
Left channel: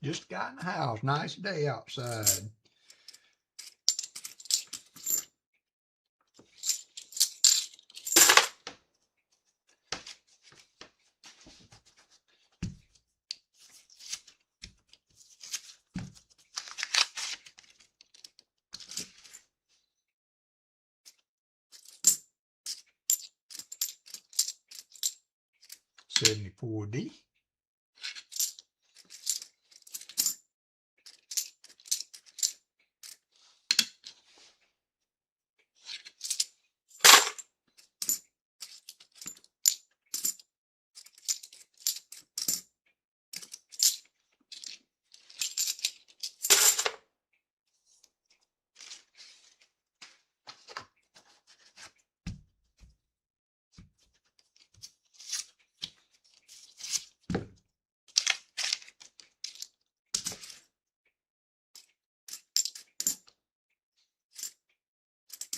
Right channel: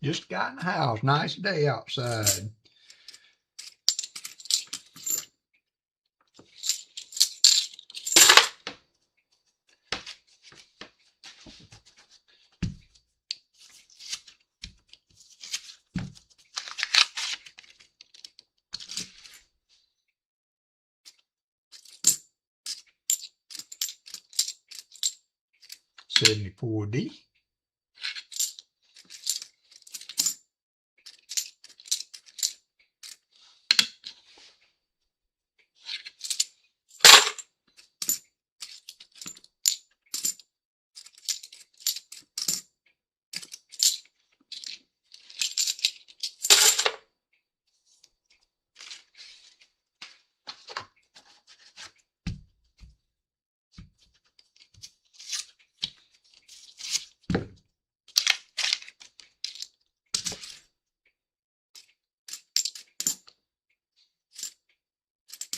Just got in the house. Nice day outside. $74D.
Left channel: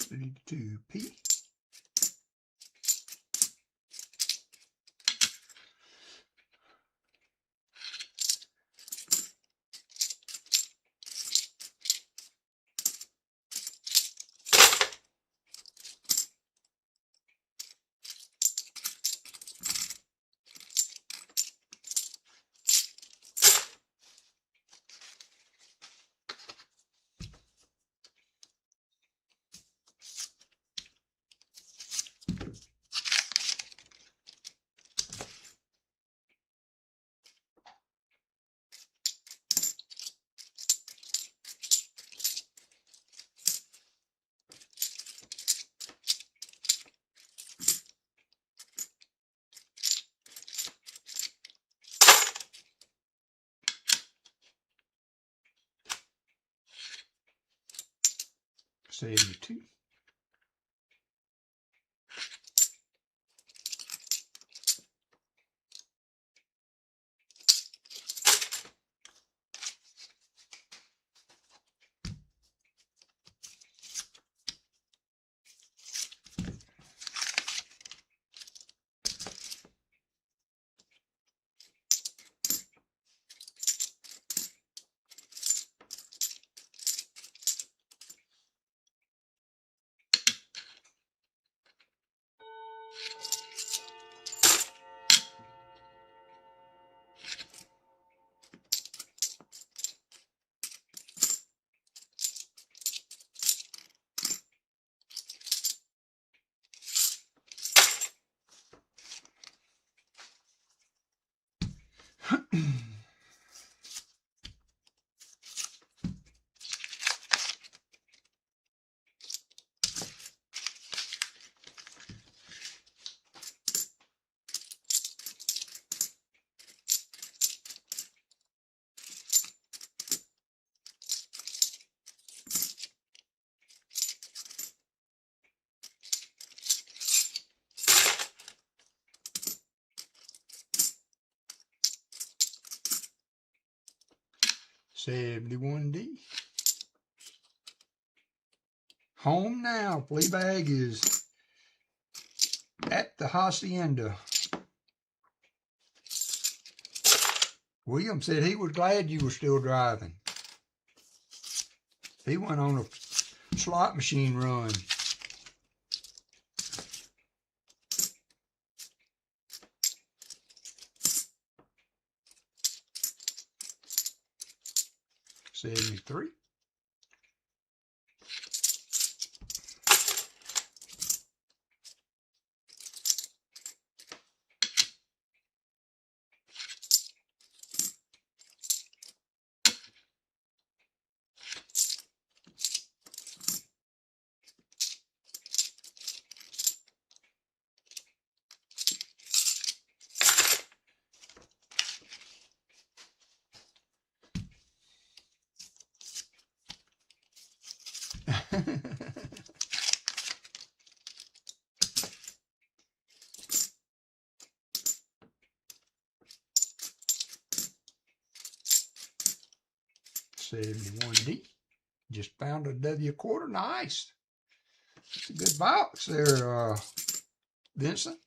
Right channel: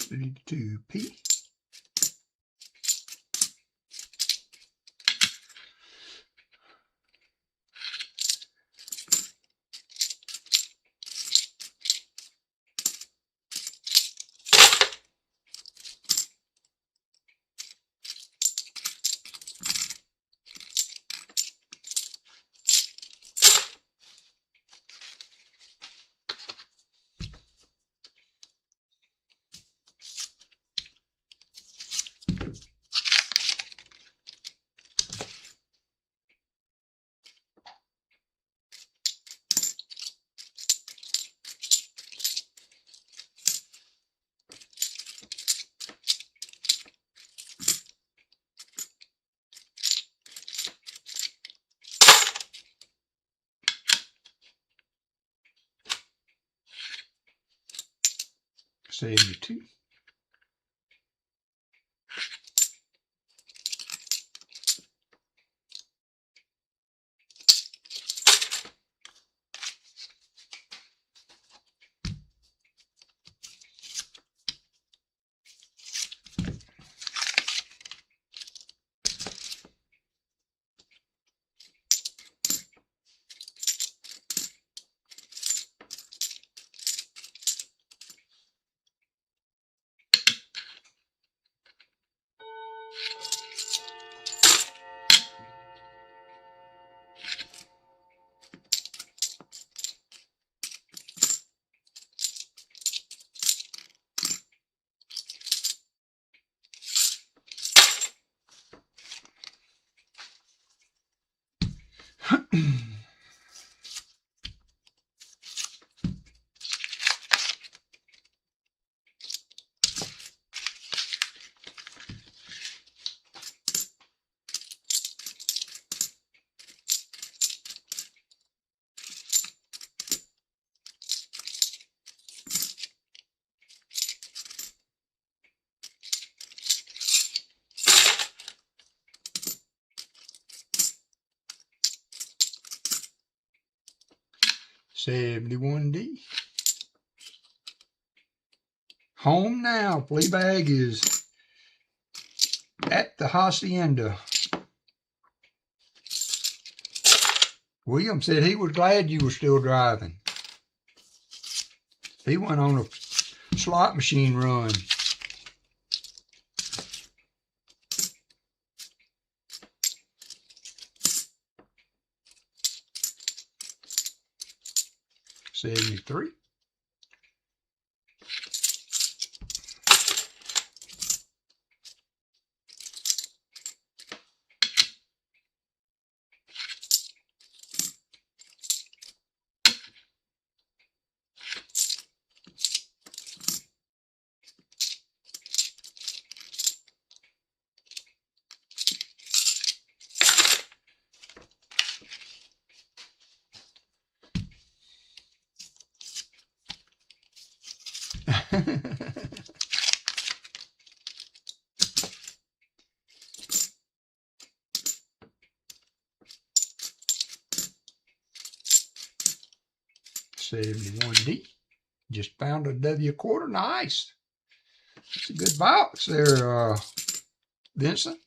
32P. Save the 2. $71D. Home now. Fleabag is at the hacienda. William said he was glad you were still driving. He went on a slot machine run. $73. $71D. Just found a W quarter. Nice. It's a good box there, Vincent.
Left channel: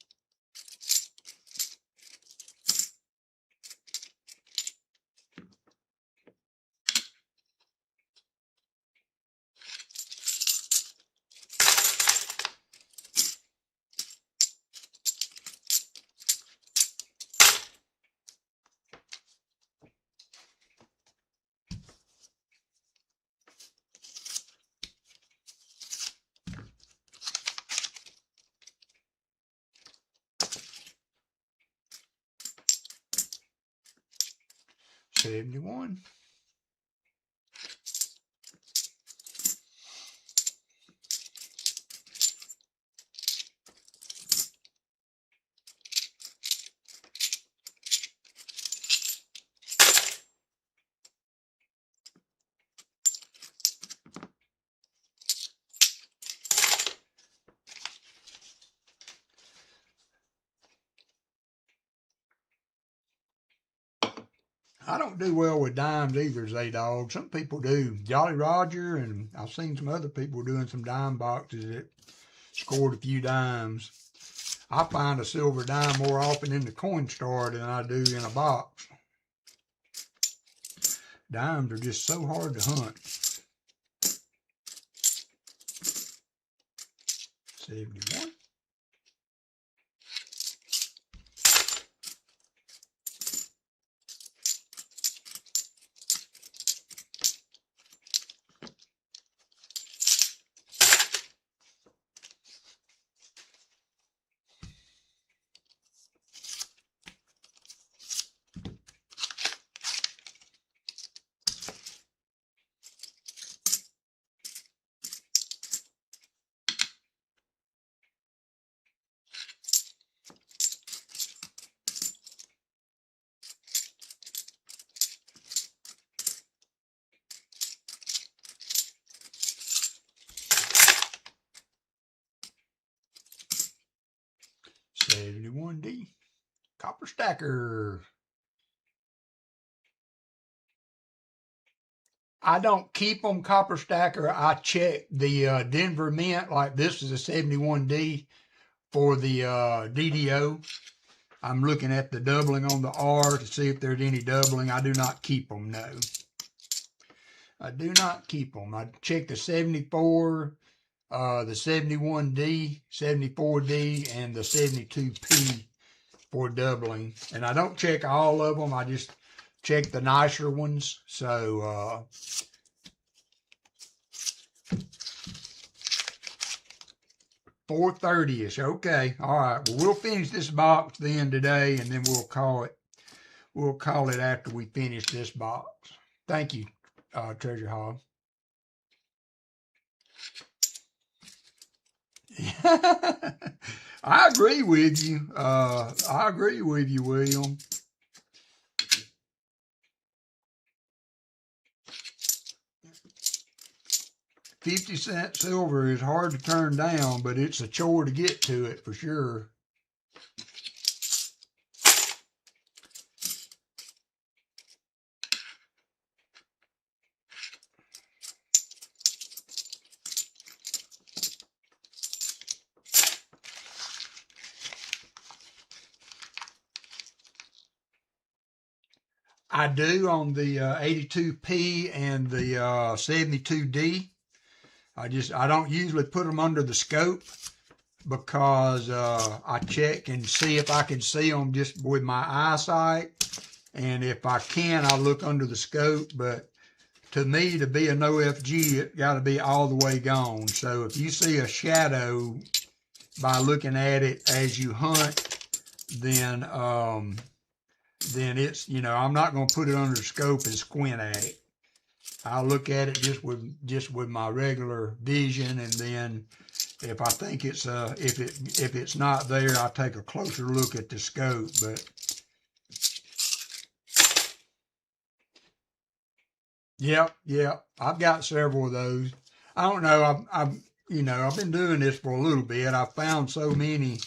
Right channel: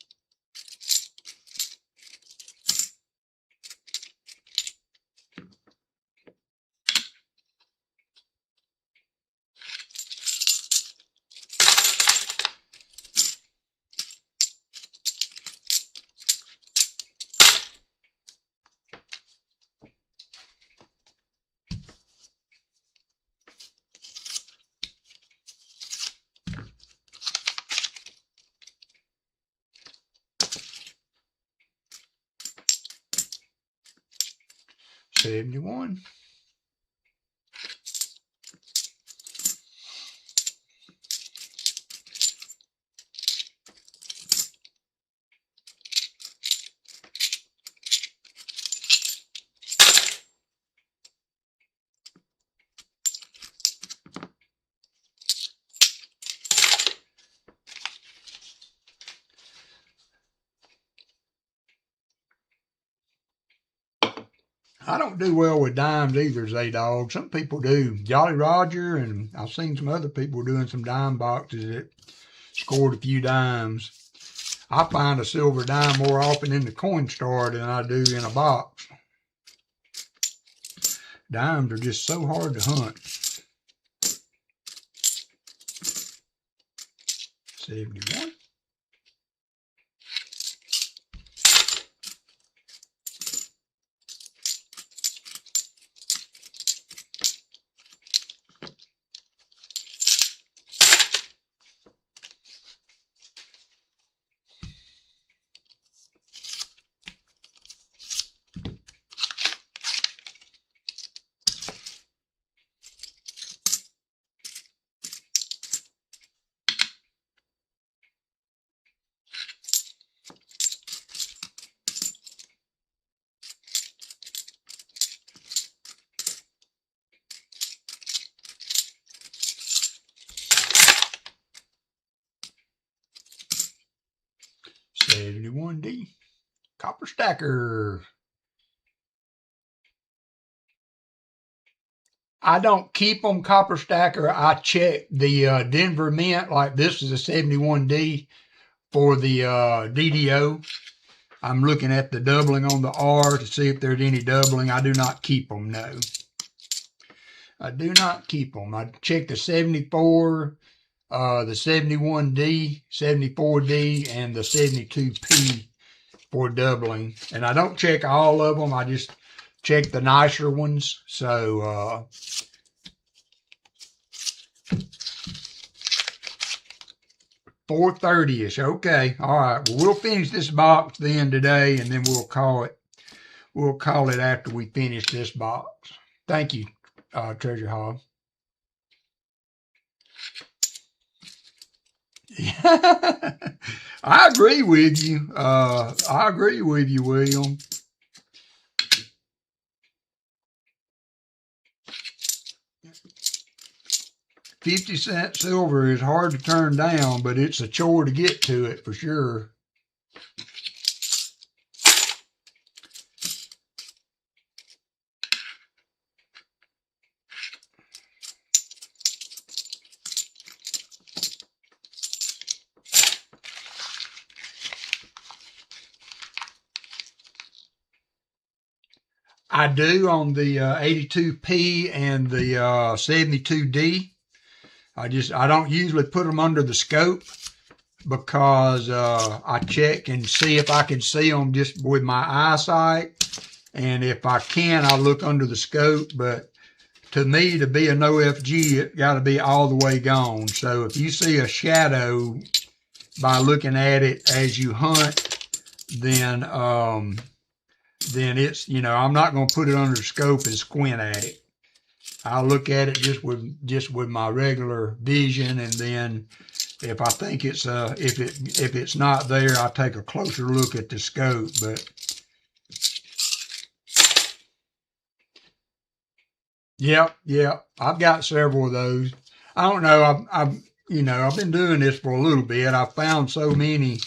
$71. I don't do well with dimes either, Z-Dog. Some people do. Jolly Roger, and I've seen some other people doing some dime boxes that scored a few dimes. I find a silver dime more often in the coin store than I do in a box. Dimes are just so hard to hunt. 71. $71D. Copper stacker. I don't keep them copper stacker. I check the Denver Mint, like this is a 71D for the DDO. I'm looking at the doubling on the R to see if there's any doubling. I do not keep them, no. I do not keep them. I check the 74, the 71D, 74D, and the 72P for doubling. And I don't check all of them. I just check the nicer ones. So, 430-ish. Okay. All right. Well, we'll finish this box then today, and then we'll call it after we finish this box. Thank you, Treasure Hog. I agree with you. I agree with you, William. $0.50 silver is hard to turn down, but it's a chore to get to it for sure. I do on the 82P and the 72D. I don't usually put them under the scope because I check and see if I can see them just with my eyesight. And if I can, I look under the scope. But to me, to be a no FG, it got to be all the way gone. So if you see a shadow by looking at it as you hunt, then it's, I'm not going to put it under the scope and squint at it. I'll look at it just with my regular vision, and then if I think it's if it's not there, I'll take a closer look at the scope. But yeah, I've got several of those. I don't know. I've been doing this for a little bit. I've found so many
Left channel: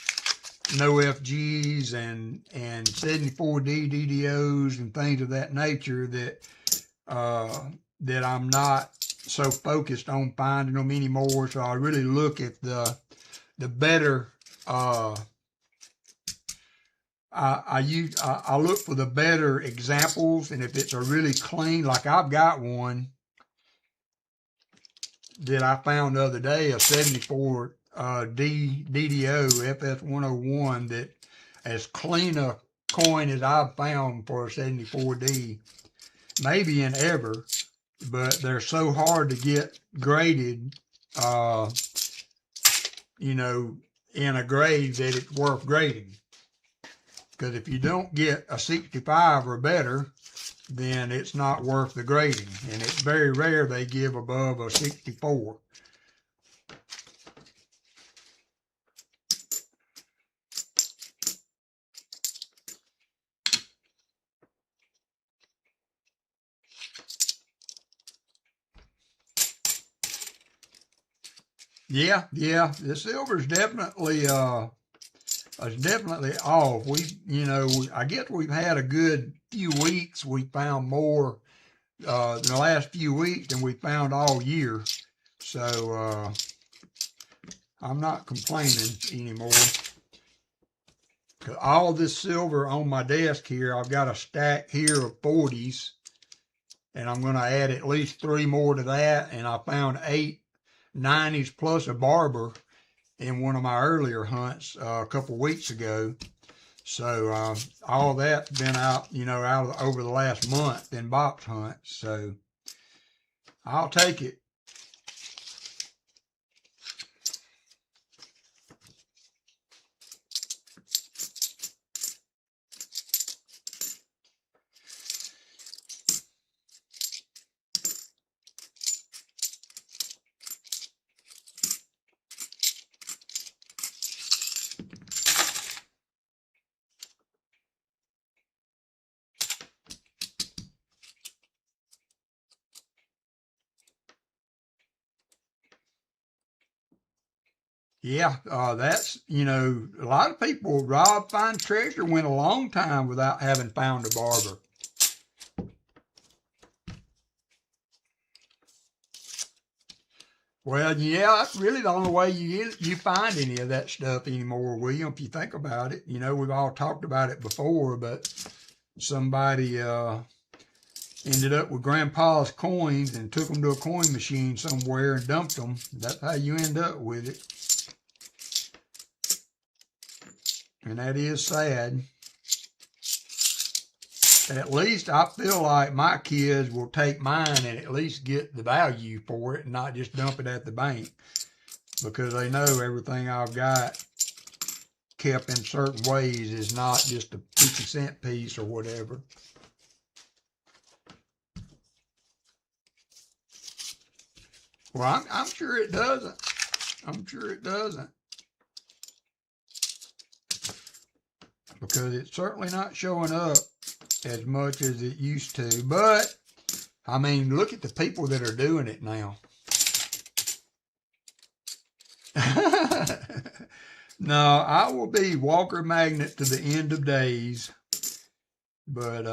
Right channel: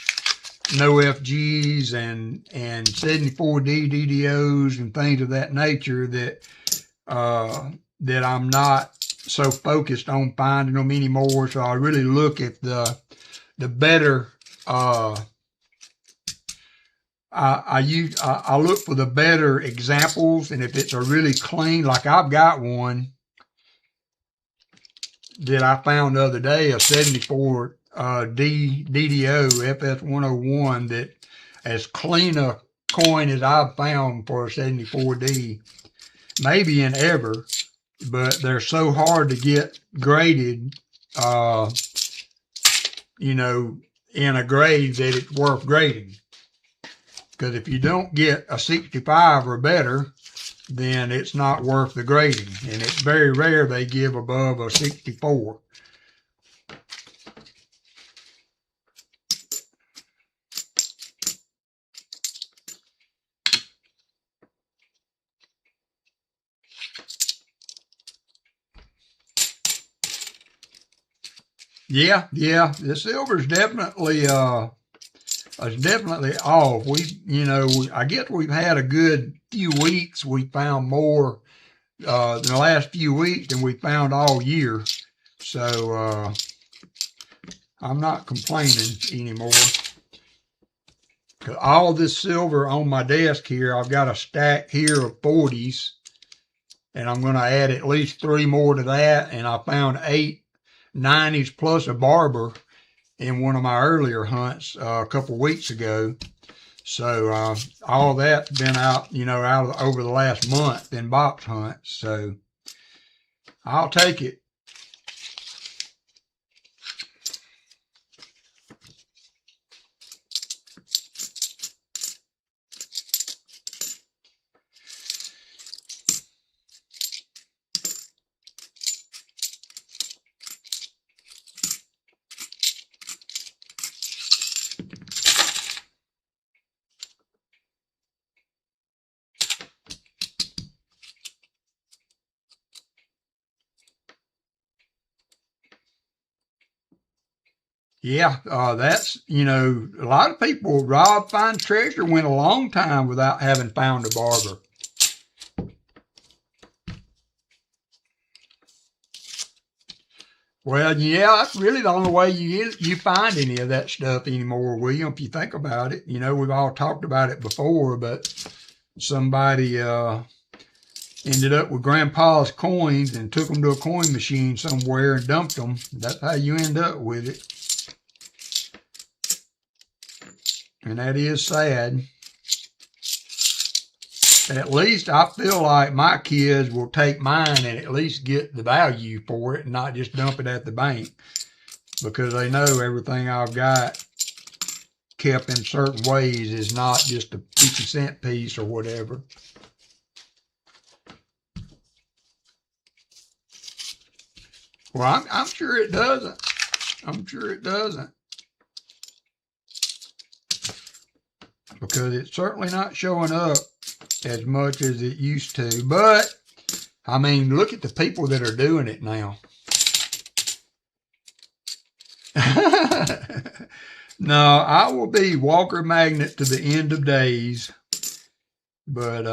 no FGs and 74D DDOs and things of that nature that I'm not so focused on finding them anymore. So I really look at the better. I look for the better examples, and if it's a really clean, like I've got one that I found the other day, a 74 DDO FS101, that as clean a coin as I've found for a 74D, maybe in ever, but they're so hard to get graded, in a grade that it's worth grading. Because if you don't get a 65 or better, then it's not worth the grading. And it's very rare they give above a 64. Yeah, the silver's definitely is definitely off. I guess we've had a good few weeks. We found more in the last few weeks than we found all year. So I'm not complaining anymore. All this silver on my desk here, I've got a stack here of 40s, and I'm going to add at least 3 more to that. And I found 8 90s plus a barber in one of my earlier hunts a couple weeks ago. So all that's been out, over the last month in box hunts. So I'll take it. Yeah, that's, a lot of people rob, find treasure, went a long time without having found a barber. Well, yeah, that's really the only way you find any of that stuff anymore, William, if you think about it. We've all talked about it before, but somebody ended up with Grandpa's coins and took them to a coin machine somewhere and dumped them. That's how you end up with it. And that is sad. At least I feel like my kids will take mine and at least get the value for it and not just dump it at the bank, because they know everything I've got kept in certain ways is not just a 50-cent piece or whatever. Well, I'm sure it doesn't. I'm sure it doesn't. Because it's certainly not showing up as much as it used to. But, I mean, look at the people that are doing it now. No, I will be WalkerMagnet to the end of days. But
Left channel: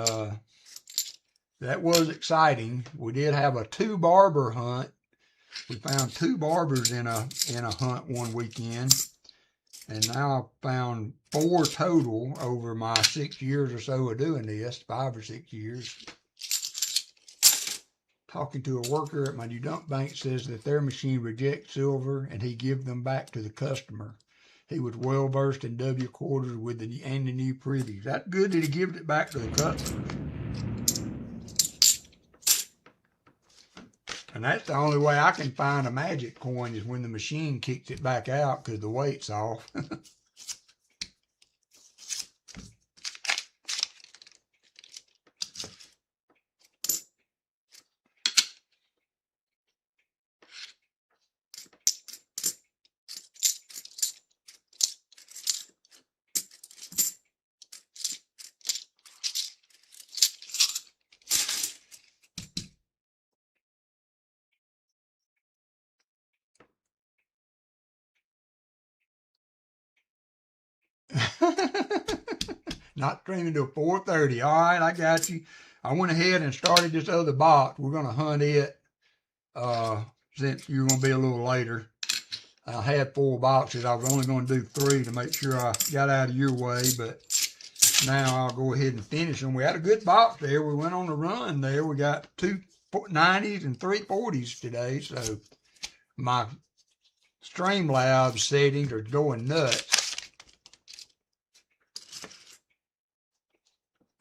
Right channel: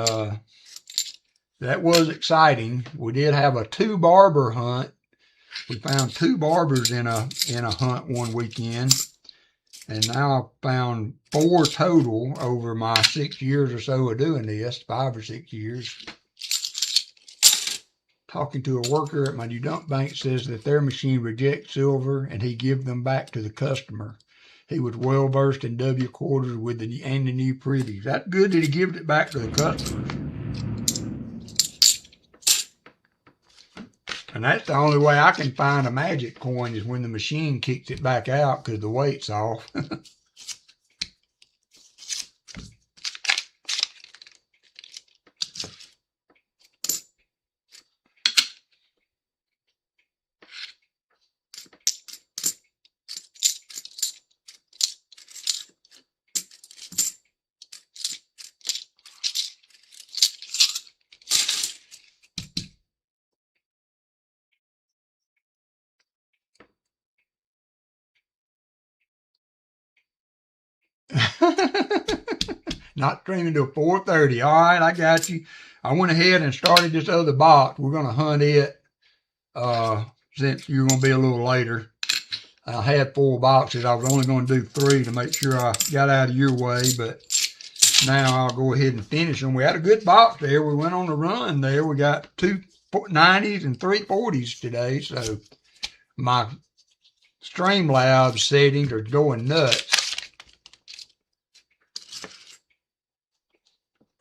that was exciting. We did have a 2-barber hunt. We found 2 barbers in a hunt one weekend. And now I've found 4 total over my 6 years or so of doing this, 5 or 6 years. Talking to a worker at my new dump bank says that their machine rejects silver and he gives them back to the customer. He was well versed in W quarters with the new pretties. That's good that he gives it back to the customer. And that's the only way I can find a magic coin is when the machine kicks it back out because the weight's off. Not streaming till 4:30. All right, I got you. I went ahead and started this other box. We're going to hunt it since you're going to be a little later. I had 4 boxes. I was only going to do 3 to make sure I got out of your way, but now I'll go ahead and finish them. We had a good box there. We went on a run there. We got 2 90s and 3 40s today, so my Streamlabs settings are going nuts.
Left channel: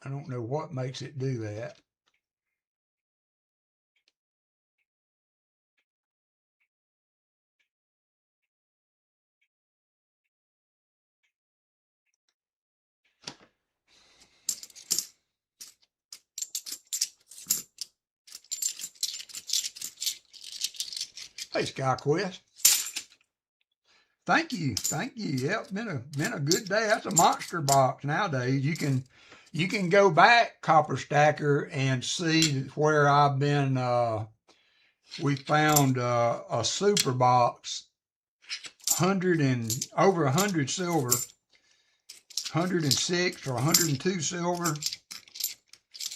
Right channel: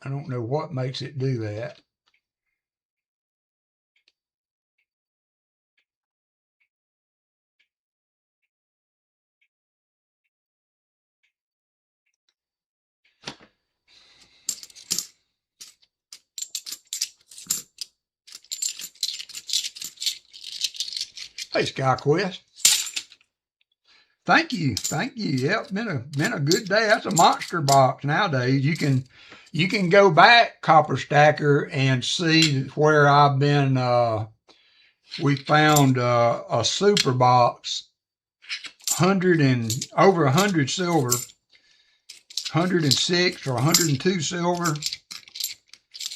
I don't know what makes it do that. Hey, SkyQuest. Thank you. Yep, been a good day. That's a monster box nowadays. You can go back, Copper Stacker, and see where I've been. We found a super box, over 100 silver, 106 or 102 silver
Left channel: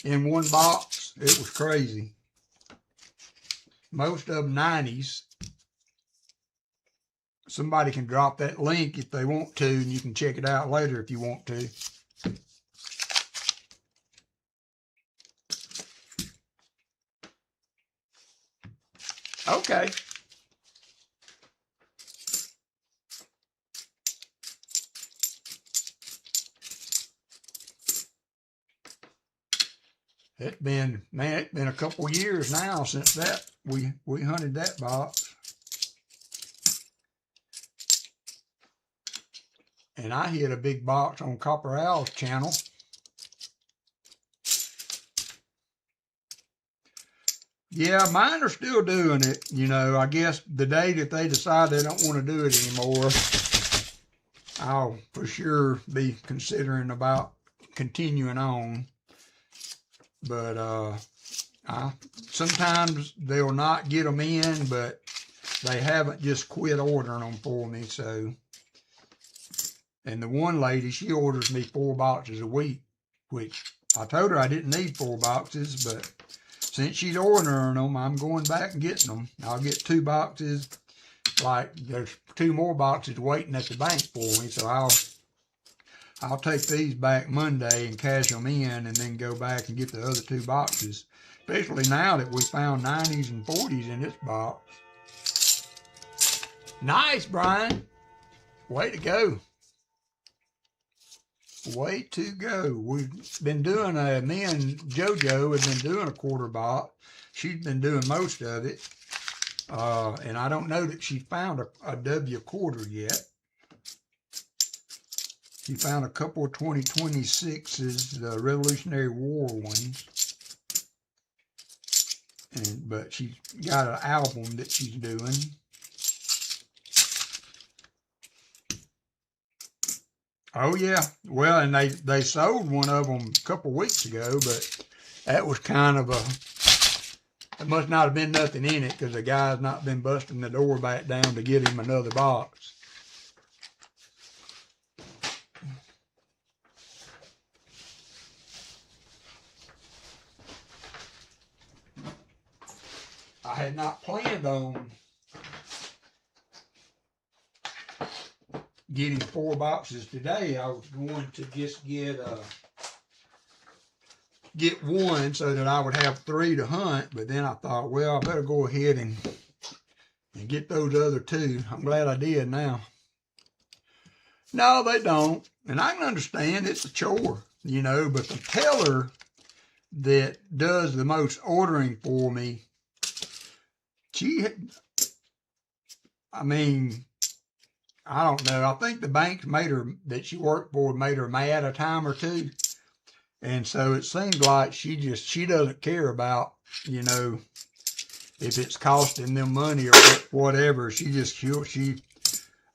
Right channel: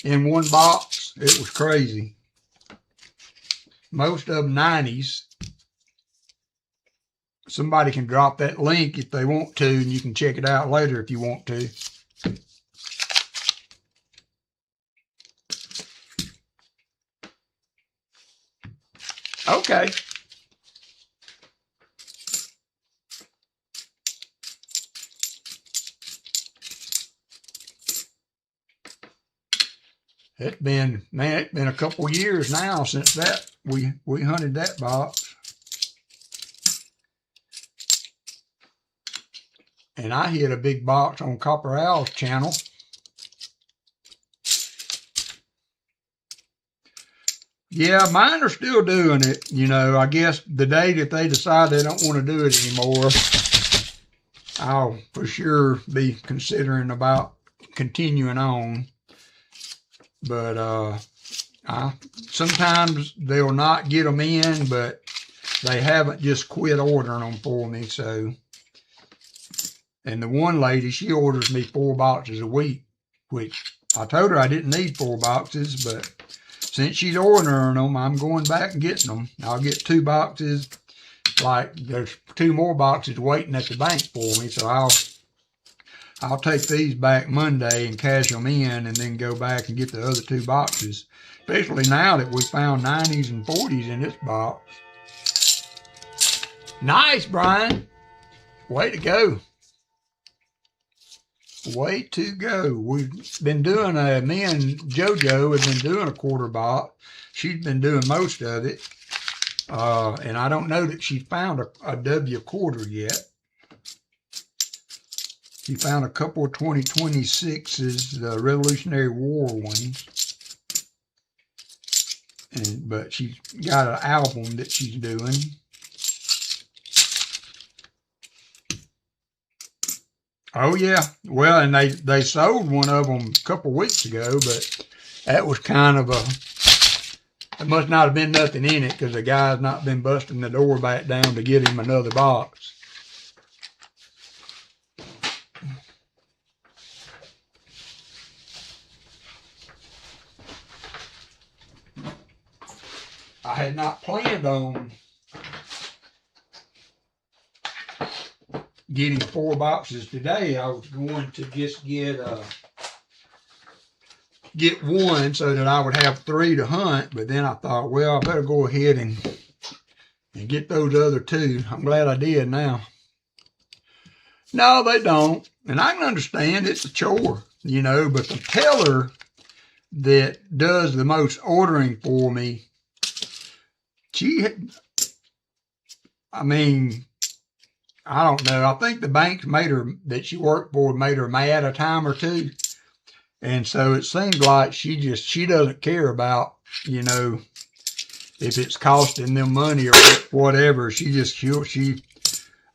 in one box. It was crazy. Most of them 90s. Somebody can drop that link if they want to, and you can check it out later if you want to. Okay. It's been a couple years now since that we hunted that box. And I hit a big box on Copper Owl's channel. Yeah, mine are still doing it. You know, I guess the day that they decide they don't want to do it anymore, I'll for sure be considering about continuing on. But sometimes they'll not get them in, but they haven't just quit ordering them for me. So, and the one lady, she orders me 4 boxes a week, which I told her I didn't need 4 boxes, but since she's ordering them, I'm going back and getting them. I'll get 2 boxes. Like there's 2 more boxes waiting at the bank for me, so I'll take these back Monday and cash them in, and then go back and get the other 2 boxes. Especially now that we found 90s and 40s in this box. Nice, Brian. Way to go. Way to go. We've been doing me and JoJo have been doing a quarter box. She's been doing most of it. And I don't know that she found a W quarter yet. She found a couple of 2026s, the Revolutionary War ones. But she's got an album that she's doing. Oh yeah, well, and they sold one of them a couple weeks ago, but that was kind of it must not have been nothing in it, because the guy's not been busting the door back down to get him another box. I had not planned on getting 4 boxes today. I was going to just get one so that I would have 3 to hunt, but then I thought, well, I better go ahead and get those other 2. I'm glad I did now. No, they don't. And I can understand it's a chore, you know, but the teller that does the most ordering for me, I don't know. I think the banks that she worked for made her mad a time or 2. And so it seems like she doesn't care about, you know, if it's costing them money or whatever.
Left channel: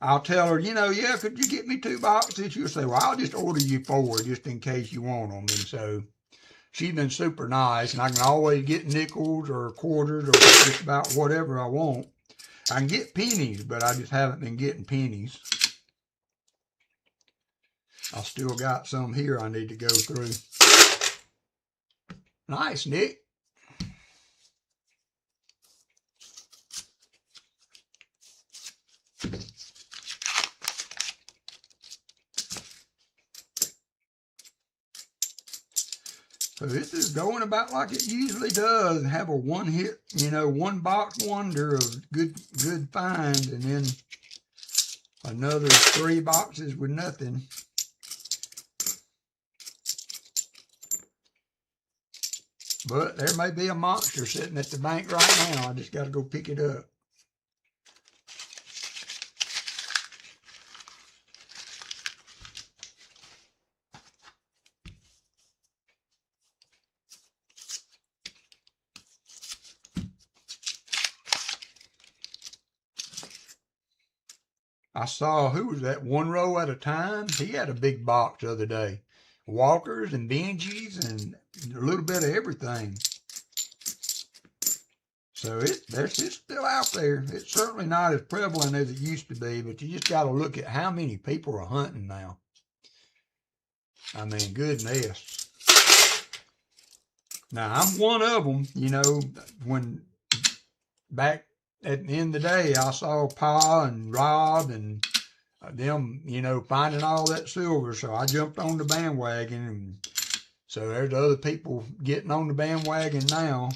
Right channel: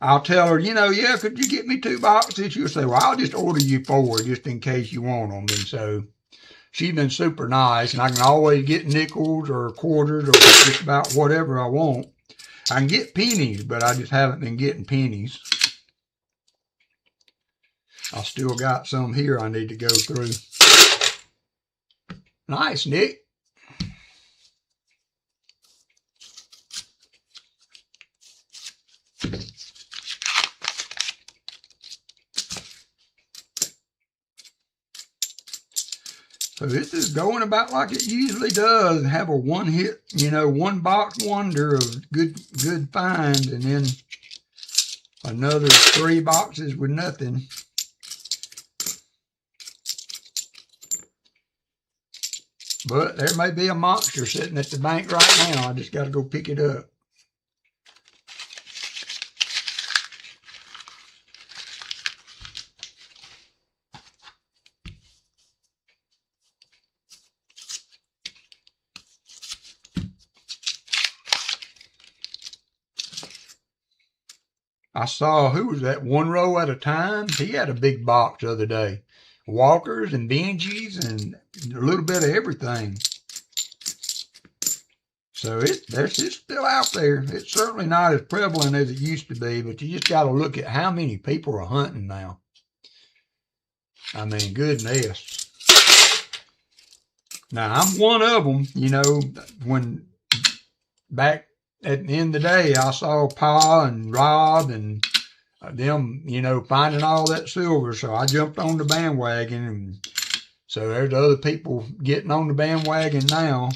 I'll tell her, you know, yeah, could you get me 2 boxes? She'll say, well, I'll just order you 4 just in case you want them. And so she's been super nice, and I can always get nickels or quarters or just about whatever I want. I can get pennies, but I just haven't been getting pennies. I still got some here I need to go through. Nice, Nick. So this is going about like it usually does. Have a one-hit, you know, 1 box wonder of good finds, and then another 3 boxes with nothing. But there may be a monster sitting at the bank right now. I just got to go pick it up. I saw, who was that, One Row at a Time? He had a big box the other day. Walkers and Benjis and a little bit of everything. So it's still out there. It's certainly not as prevalent as it used to be, but you just got to look at how many people are hunting now. I mean, goodness. Now, I'm one of them, you know, when back at the end of the day, I saw Pa and Rob and them, you know, finding all that silver. So I jumped on the bandwagon. And so there's other people getting on the bandwagon now.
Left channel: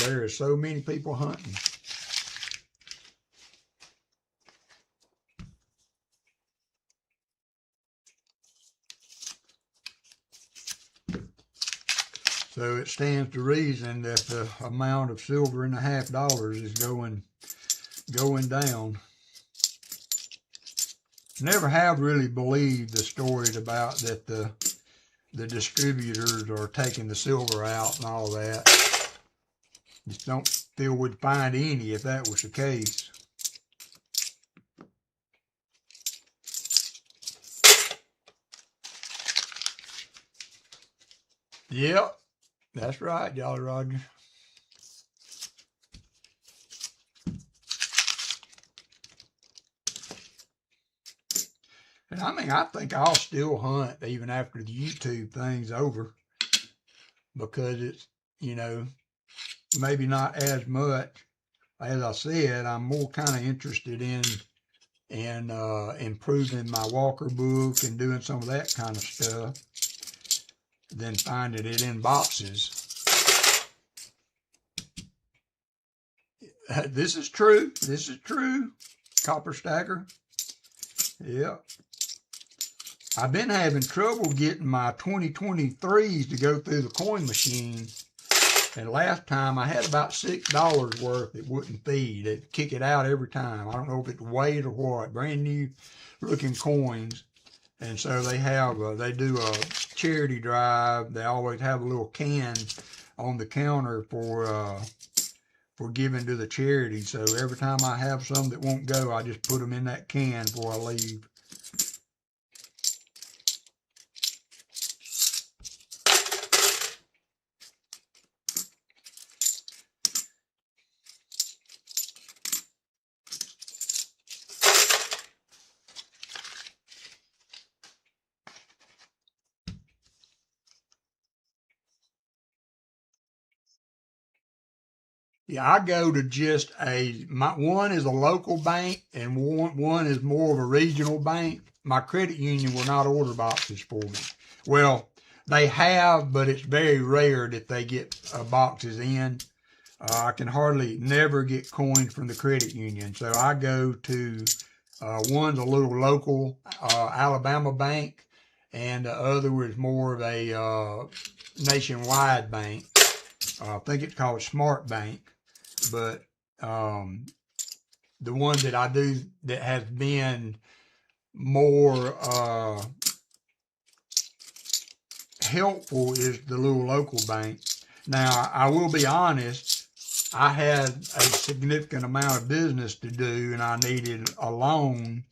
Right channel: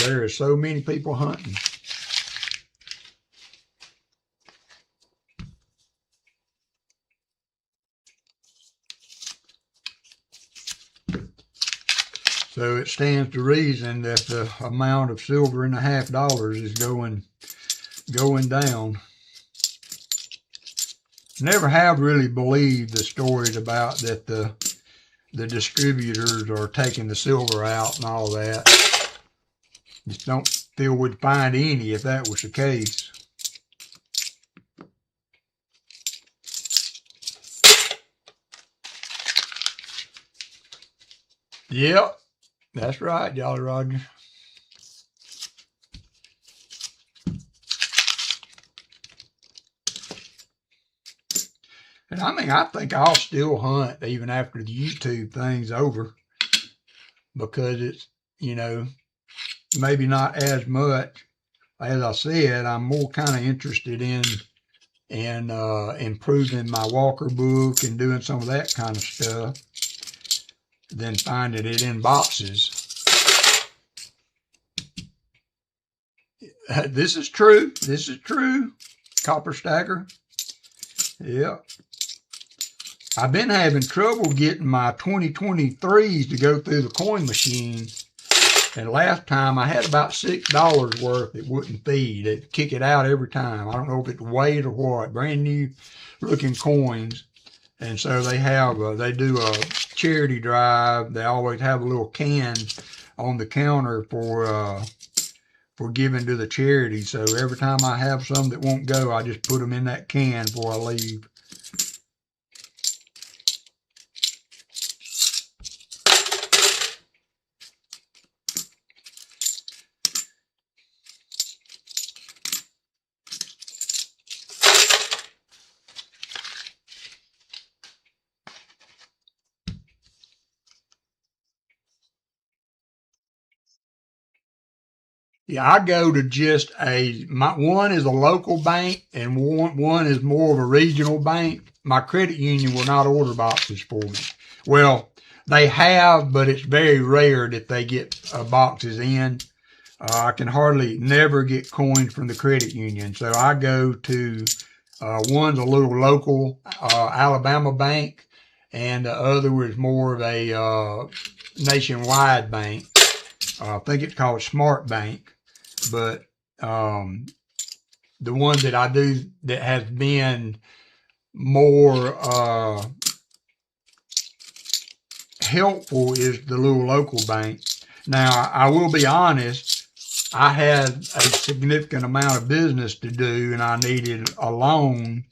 There are so many people hunting. So it stands to reason that the amount of silver in the $50 is going down. Never have really believed the stories about that the distributors are taking the silver out and all that. Just don't feel we'd find any if that was the case. Yep, that's right, Jolly Roger. And I mean, I think I'll still hunt even after the YouTube thing's over, because it's, you know, maybe not as much. As I said, I'm more kind of interested in improving my Walker book and doing some of that kind of stuff than finding it in boxes. This is true. This is true. Copper Stacker. Yeah. I've been having trouble getting my 2023s to go through the coin machine. And last time I had about $6 worth it wouldn't feed. It'd kick it out every time. I don't know if it's weight or what. Brand new looking coins. And so they have, they do a charity drive. They always have a little can on the counter for giving to the charity. So every time I have some that won't go, I just put them in that can before I leave. Yeah, I go to just one is a local bank and one is more of a regional bank. My credit union will not order boxes for me. Well, they have, but it's very rare that they get boxes in. I can never get coins from the credit union. So I go to, one's a little local Alabama bank, and the other is more of a nationwide bank. I think it's called Smart Bank. But the one that I do that has been more helpful is the little local bank. Now, I will be honest, I had a significant amount of business to do and I needed a loan.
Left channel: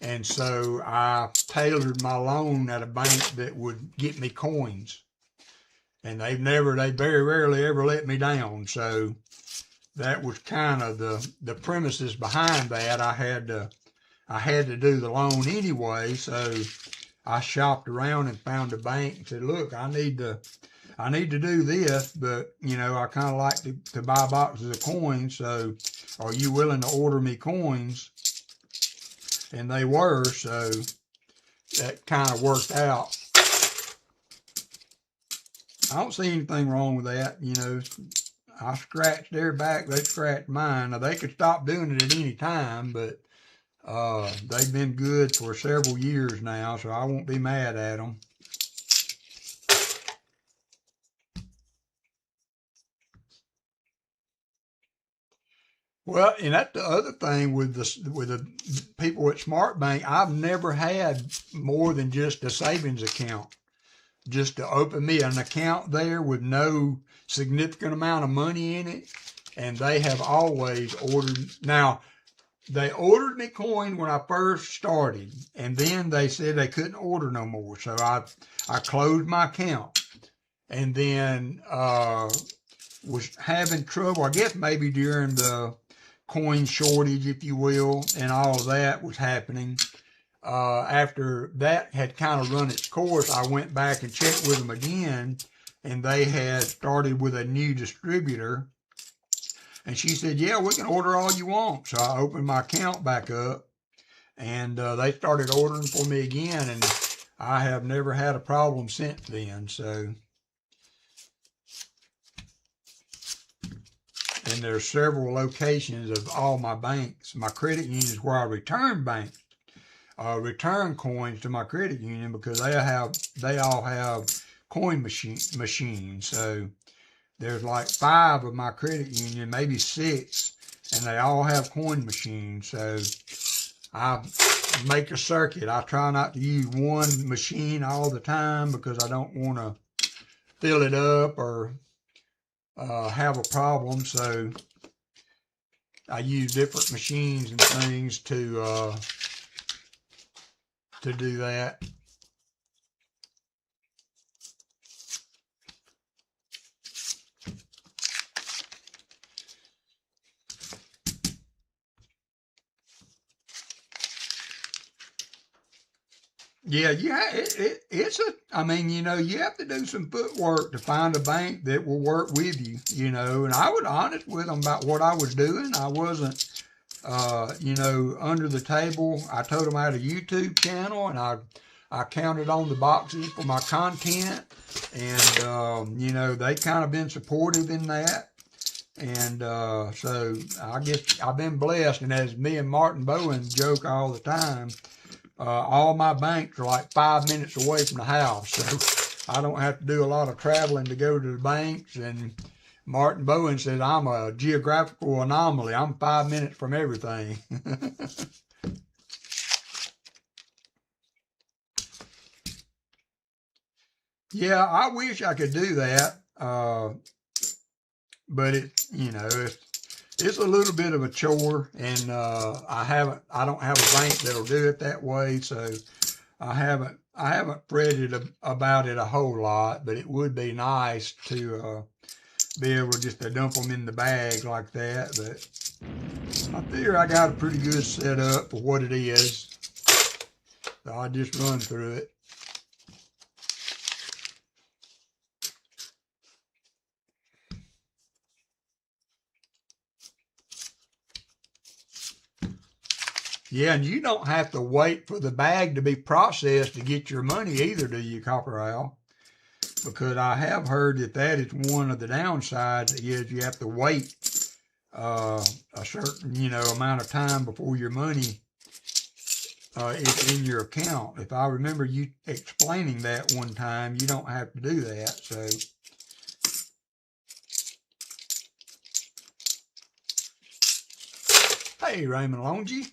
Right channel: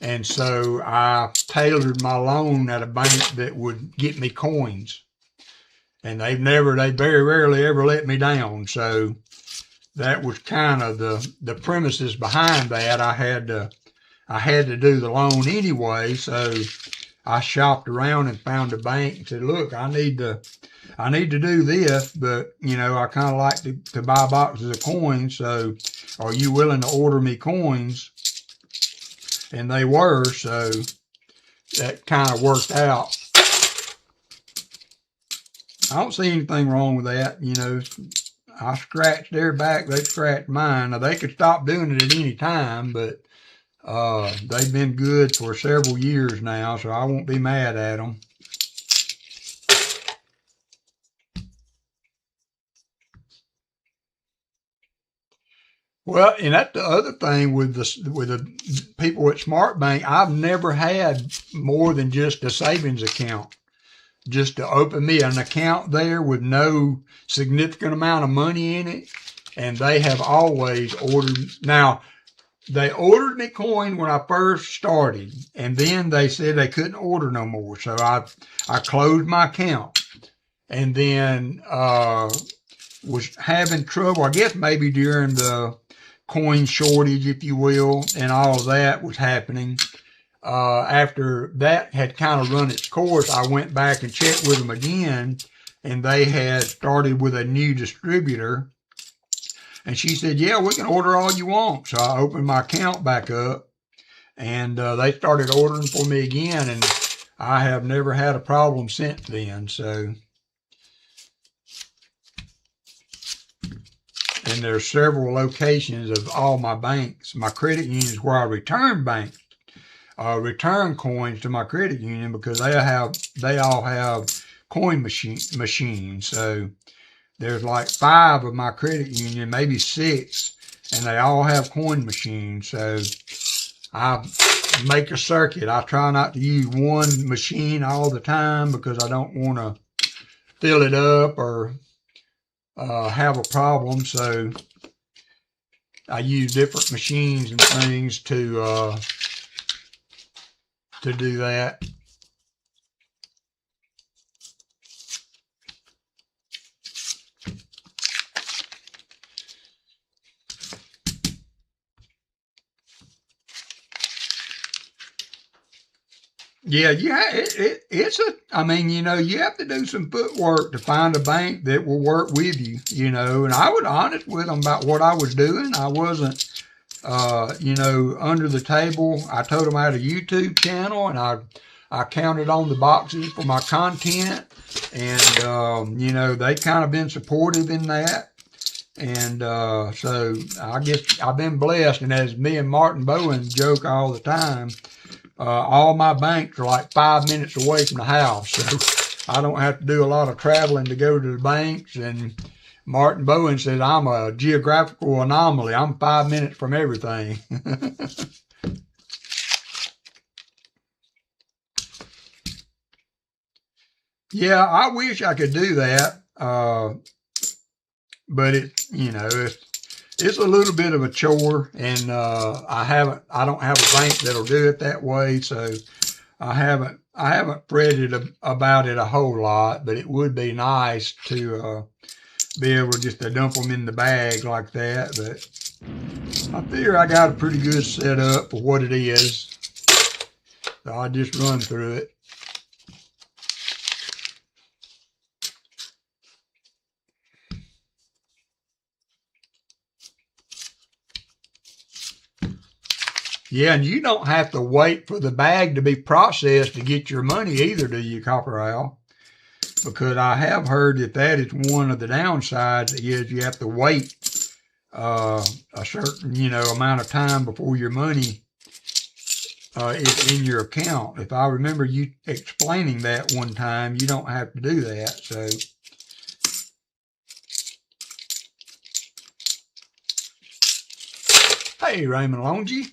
And so I tailored my loan at a bank that would get me coins. And they very rarely ever let me down. So that was kind of the premises behind that. I had to do the loan anyway, so I shopped around and found a bank and said, "Look, I need to do this, but you know, I kind of like to buy boxes of coins. So, are you willing to order me coins?" And they were, so that kind of worked out. I don't see anything wrong with that, you know. I scratched their back, they scratched mine. Now, they could stop doing it at any time, but they've been good for several years now, so I won't be mad at them. Well, and that's the other thing with the people at Smart Bank. I've never had more than just a savings account. Just to open me an account there with no significant amount of money in it. And they have always ordered. Now, they ordered me coin when I first started. And then they said they couldn't order no more. So I closed my account. And then was having trouble, I guess maybe during the coin shortage, if you will, and all of that was happening. after that had kind of run its course, I went back and checked with them again, and they had started with a new distributor. And she said, yeah, we can order all you want. So I opened my account back up, and they started ordering for me again, and I have never had a problem since then. So, and there's several locations of all my banks. My credit union is where I return return coins to my credit union, because they all have coin machines. So there's like 5 of my credit union, maybe 6, and they all have coin machines. So I make a circuit. I try not to use one machine all the time, because I don't want to fill it up or have a problem. So I use different machines and things to do that. Yeah, I mean, you have to do some footwork to find a bank that will work with you, and I was honest with them about what I was doing. I wasn't, under the table. I told them I had a YouTube channel, and I counted on the boxes for my content, and, they kind of been supportive in that. And so I guess I've been blessed. And as me and Martin Bowen joke all the time, all my banks are like 5 minutes away from the house, so I don't have to do a lot of traveling to go to the banks. And Martin Bowen says I'm a geographical anomaly. I'm 5 minutes from everything. Yeah, I wish I could do that, but it's a little bit of a chore, and I don't have a bank that'll do it that way, so I haven't fretted about it a whole lot. But it would be nice to be able to just dump them in the bag like that. But I figure I got a pretty good setup for what it is, so I just run through it. Yeah, and you don't have to wait for the bag to be processed to get your money either, do you, Copper Owl? Because I have heard that is one of the downsides, is you have to wait a certain, amount of time before your money is in your account. If I remember you explaining that one time, you don't have to do that. So hey, Raymond Longy.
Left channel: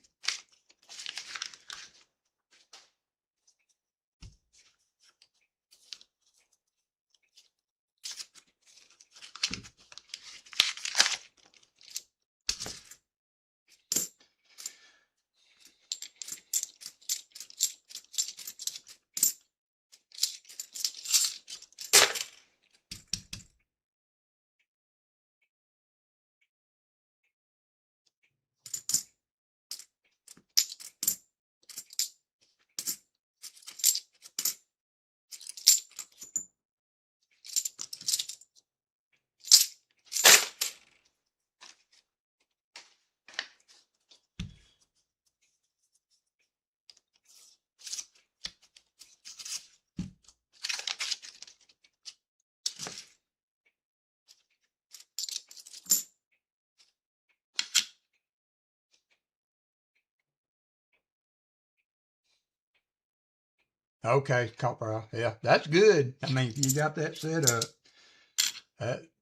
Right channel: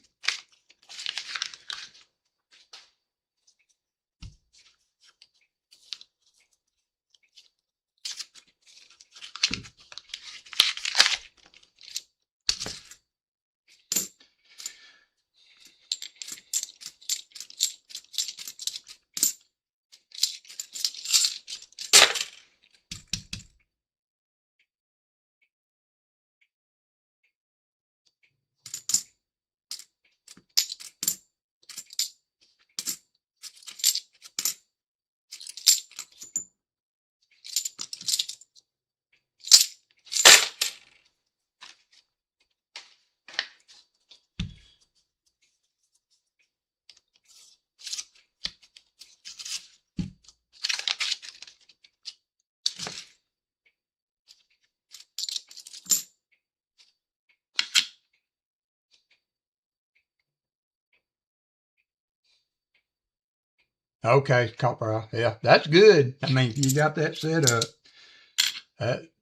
Okay, Copper. Yeah, that's good. I mean, if you got that set up,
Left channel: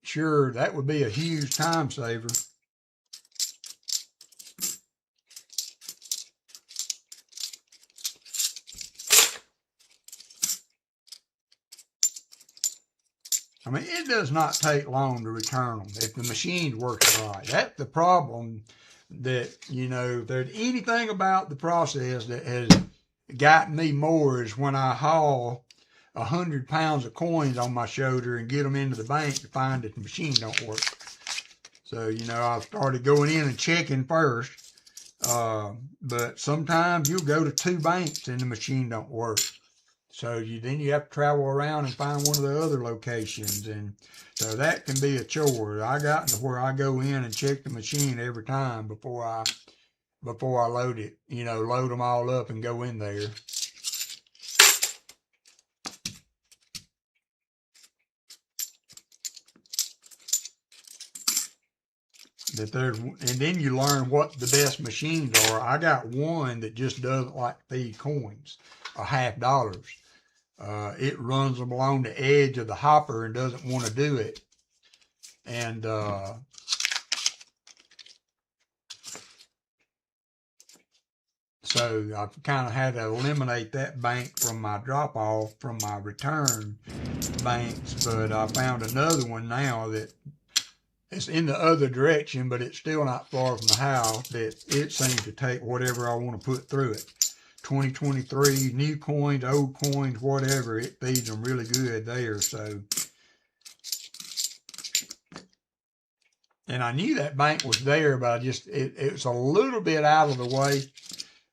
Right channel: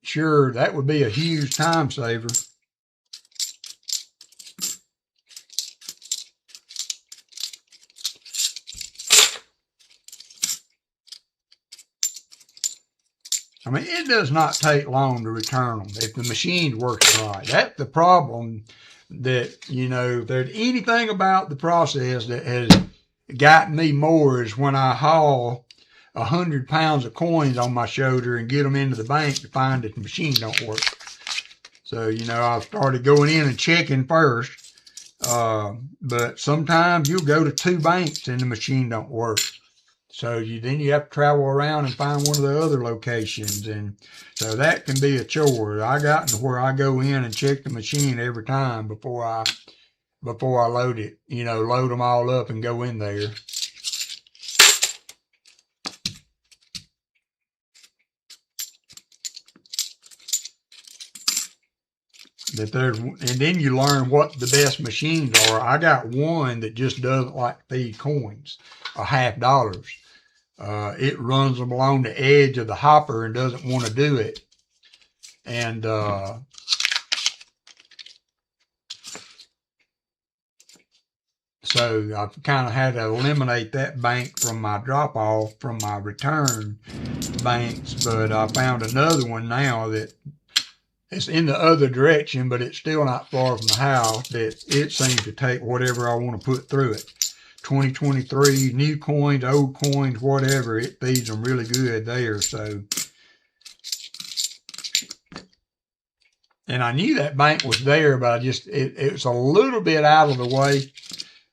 sure, that would be a huge time saver. I mean, it does not take long to return them if the machine's working right. That's the problem. That, if there's anything about the process that has gotten me more, is when I haul 100 pounds of coins on my shoulder and get them into the bank to find that the machine don't work. So, I've started going in and checking first But sometimes you'll go to 2 banks and the machine don't work. So then you have to travel around and find one of the other locations. And so that can be a chore. I got to where I go in and check the machine every time before I load it, load them all up and go in there. And then you learn what the best machines are. I got one that just doesn't like to feed coins or $half. It runs them along the edge of the hopper and doesn't want to do it. And so I've kind of had to eliminate that bank from my drop-off, from my return banks. But I found another one now that it's in the other direction, but it's still not far from the house, that it seems to take whatever I want to put through it. 2023, new coins, old coins, whatever, it feeds them really good there. So, and I knew that bank was there, but it was a little bit out of the way.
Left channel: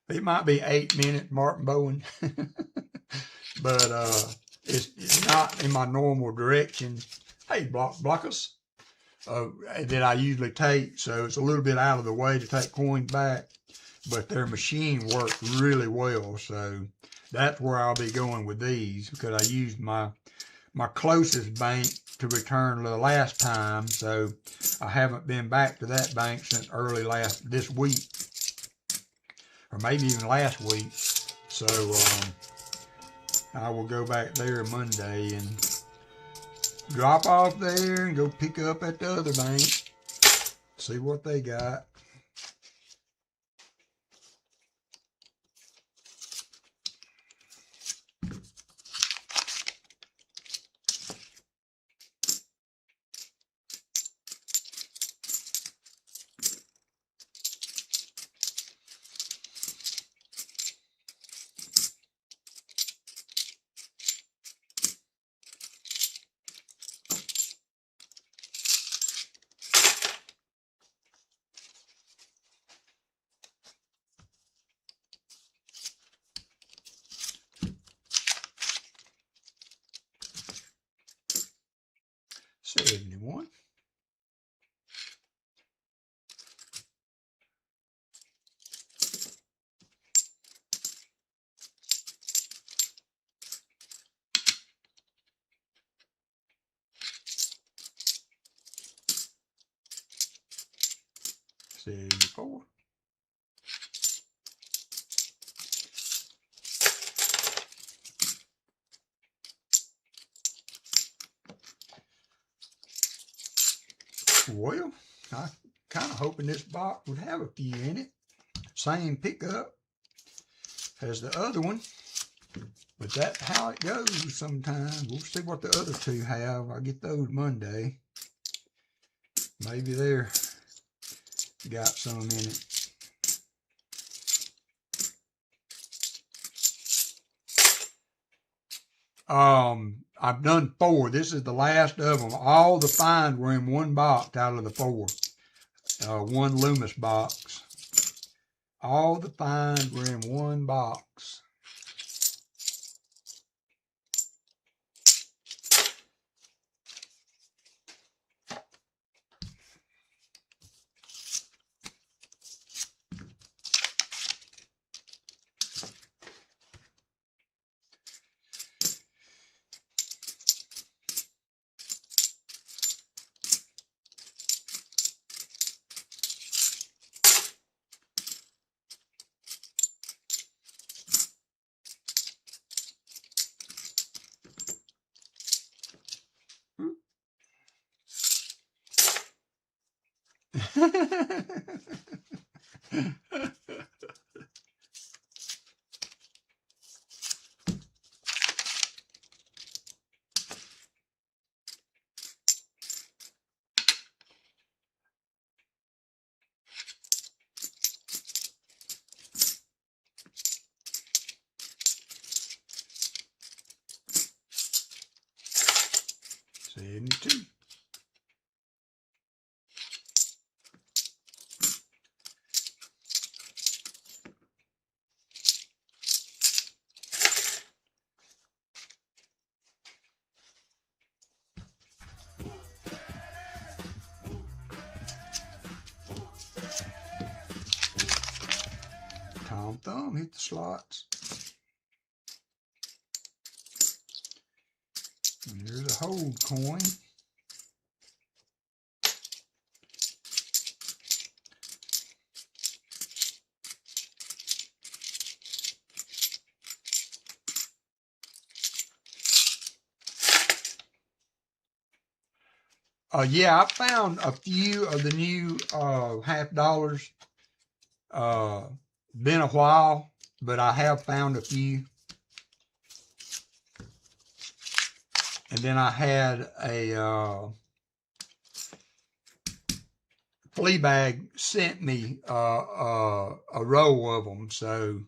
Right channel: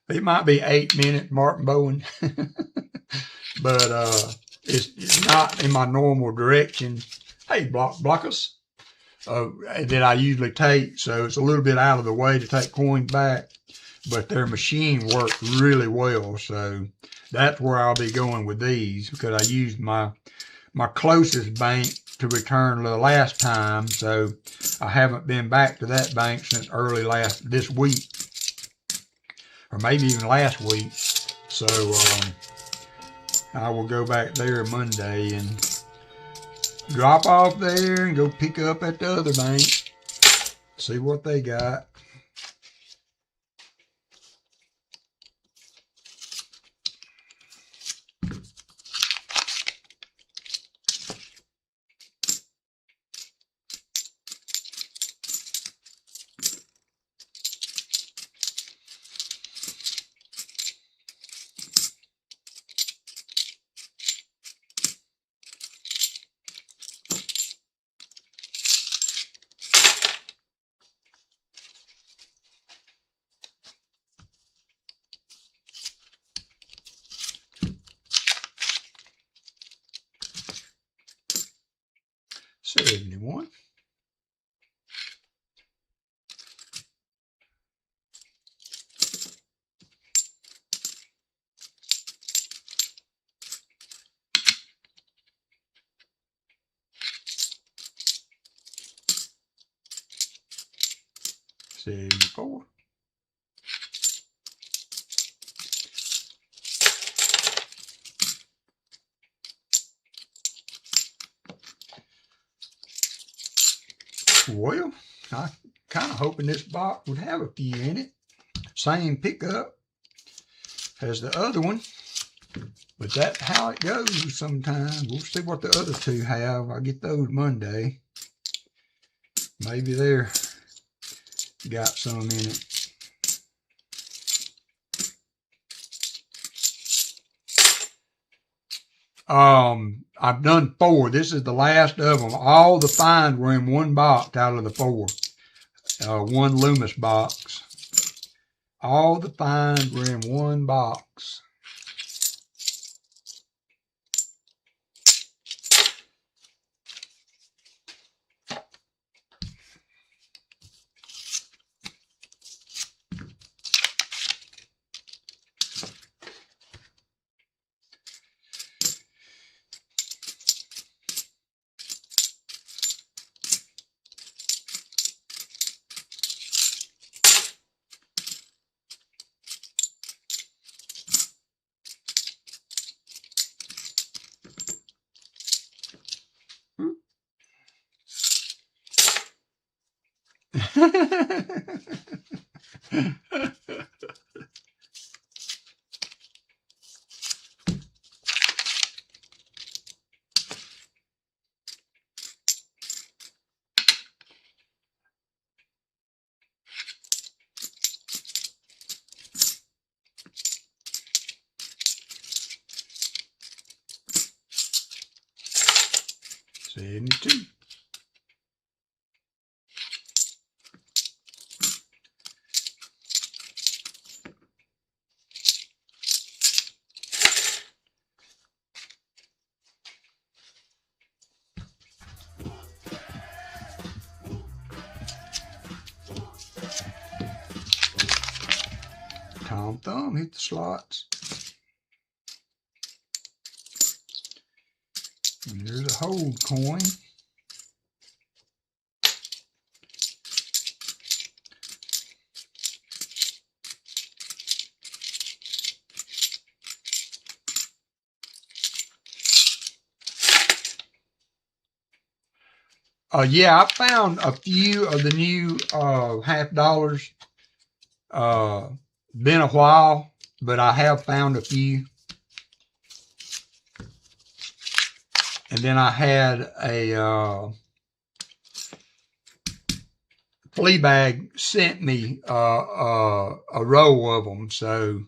It might be 8 minutes, Martin Bowen, but it's not in my normal direction. Hey, blockers. That I usually take, so it's a little bit out of the way to take coins back, but their machine works really well, so that's where I'll be going with these, because I used my closest bank to return the last time, so I haven't been back to that bank since early this week, or maybe even last week. So I will go back there Monday and drop off there and go pick up at the other bank, see what they got. $71. $74. Well, I kind of hoping this box would have a few in it. Same pickup as the other one, but that's how it goes sometimes. We'll see what the other 2 have. I'll get those Monday. Maybe they're got some in it. I've done 4. This is the last of them. All the finds were in one box out of the 4. One Loomis box. All the finds were in one box. $72. Tom Thumb hit the slots. And there's a hold coin. Yeah, I found a few of the new $50. Been a while, but I have found a few. And then I had a flea bag sent me a row of them, so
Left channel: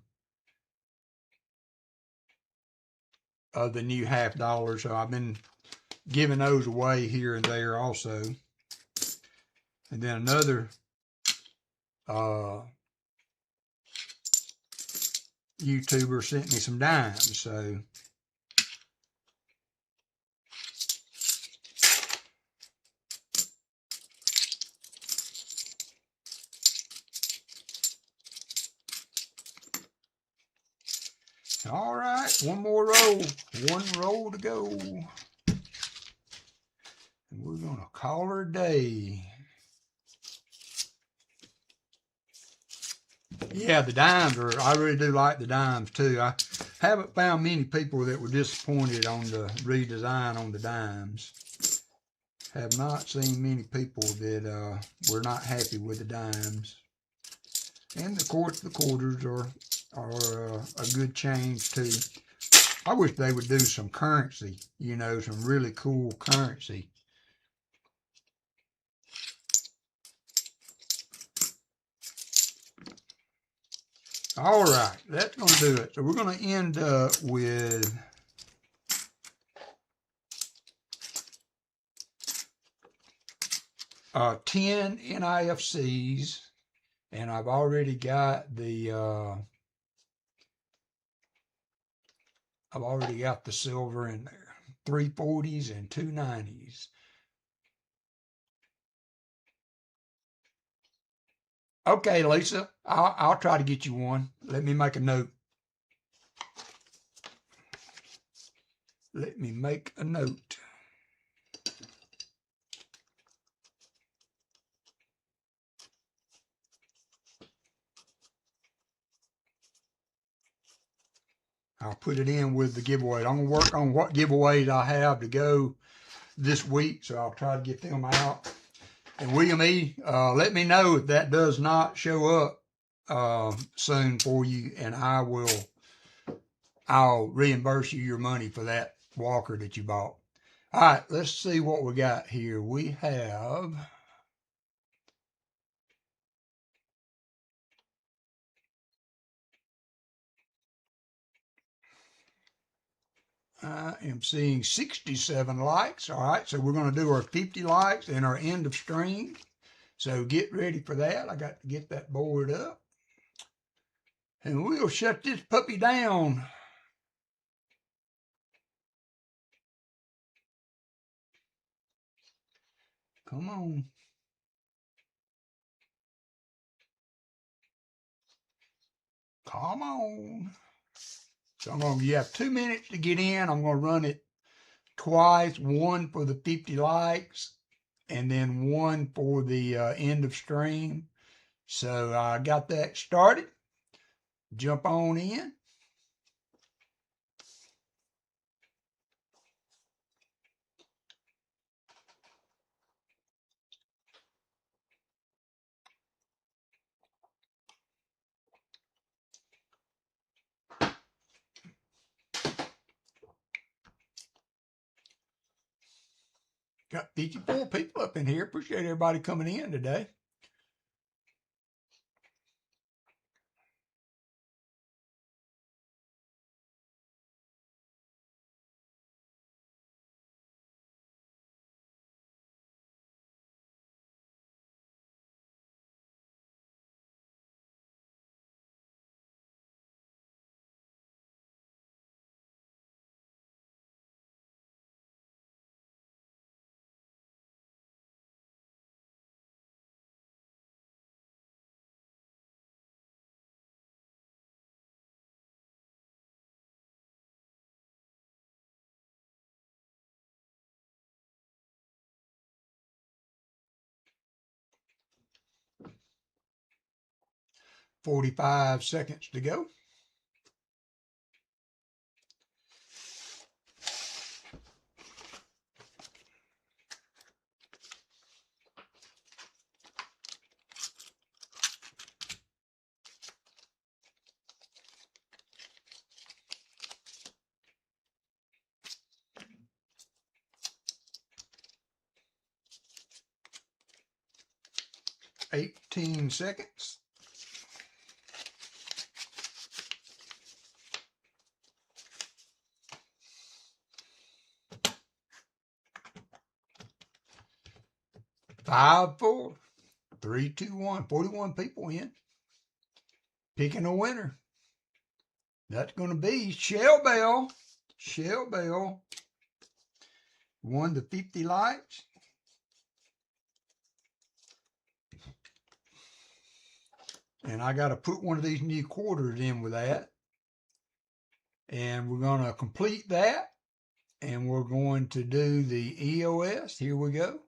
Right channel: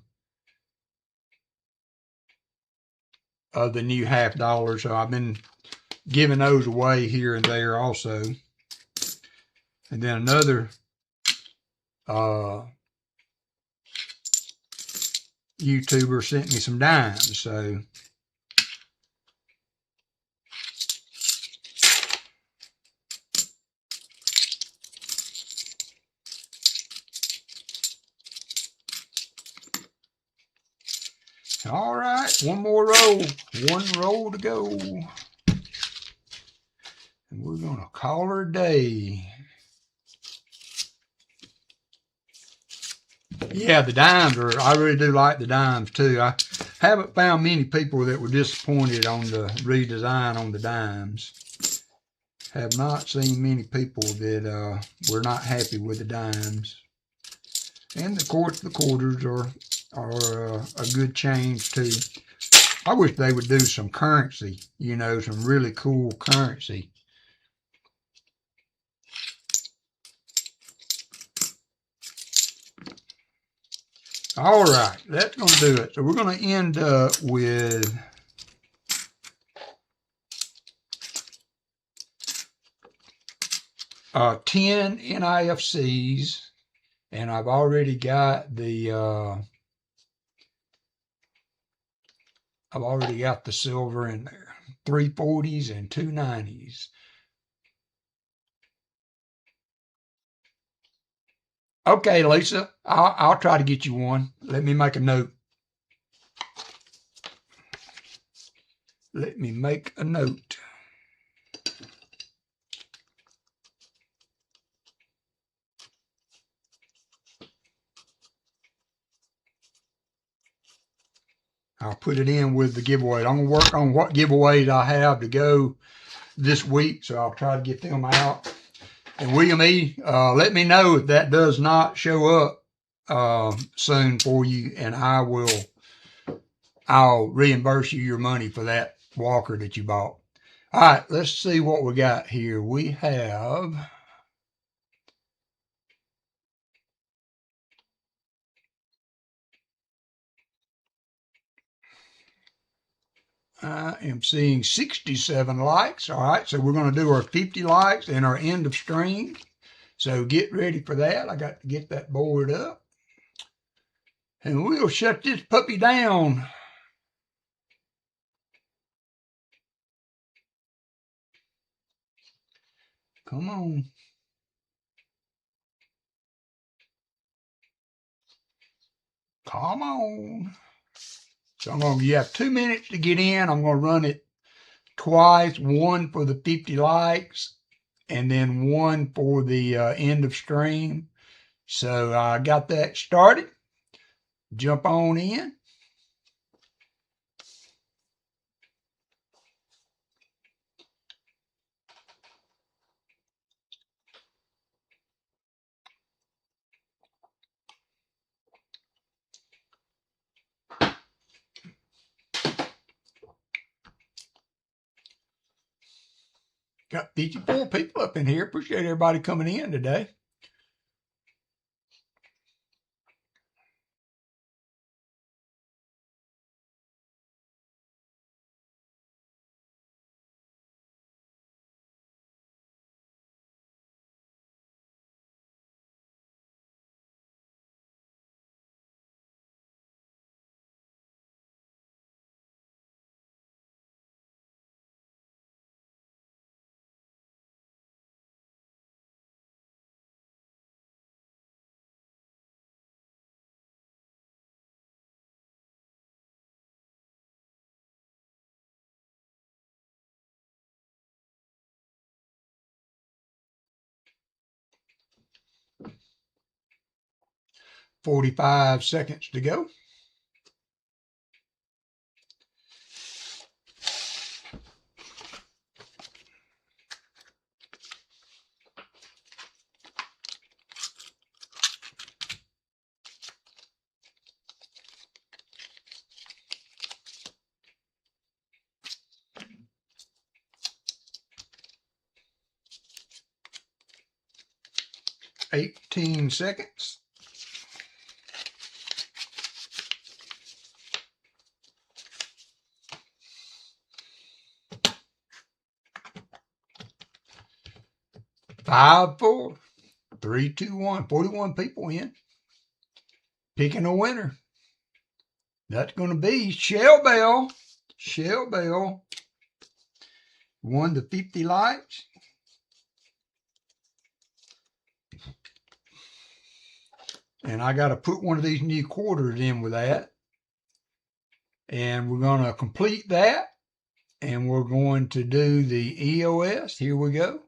of the new $50. So I've been giving those away here and there also. And then another YouTuber sent me some dimes, so all right, one more roll, one roll to go. And we're gonna call her a day. Yeah, the dimes are, I really do like the dimes too. I haven't found many people that were disappointed on the redesign on the dimes. Have not seen many people that were not happy with the dimes. And of course the quarters are a good change too. I wish they would do some currency, you know, some really cool currency. All right, that's going to do it. So we're going to end up with ten NIFCs, and I've already got the silver in there. 340s and 290s. Okay, Lisa, I'll try to get you one. Let me make a note. Let me make a note. I'll put it in with the giveaway. I'm going to work on what giveaways I have to go this week, so I'll try to get them out. And William E., let me know if that does not show up soon for you, and I'll reimburse you your money for that walker that you bought. All right, let's see what we got here. We have I am seeing 67 likes. All right, so we're going to do our 50 likes and our end of stream. So get ready for that. I got to get that board up. And we'll shut this puppy down. Come on. Come on. So you have 2 minutes to get in. I'm going to run it twice, one for the 50 likes and then one for the end of stream. So I got that started. Jump on in. Got 54 people up in here. Appreciate everybody coming in today. 45 seconds to go. $18 seconds. Five, 4, 3, 2, 1. 41 people in. Picking a winner. That's going to be Shell Bell. Shell Bell won the 50 likes. And I got to put one of these new quarters in with that. And we're going to complete that. And we're going to do the EOS. Here we go.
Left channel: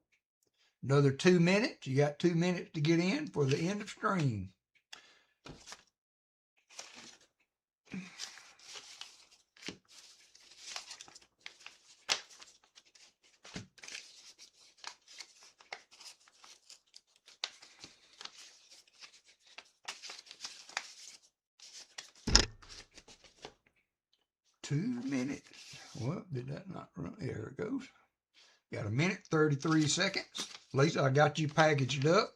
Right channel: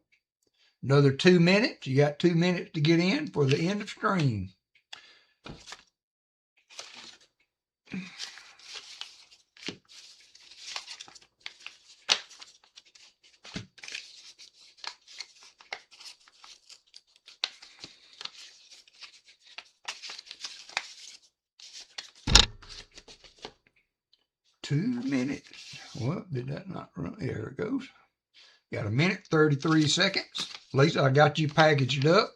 Another 2 minutes. You got 2 minutes to get in for the end of stream. Two minutes. Well, did that not run? There it goes. Got a minute, 33 seconds. Lisa, I got you packaged up.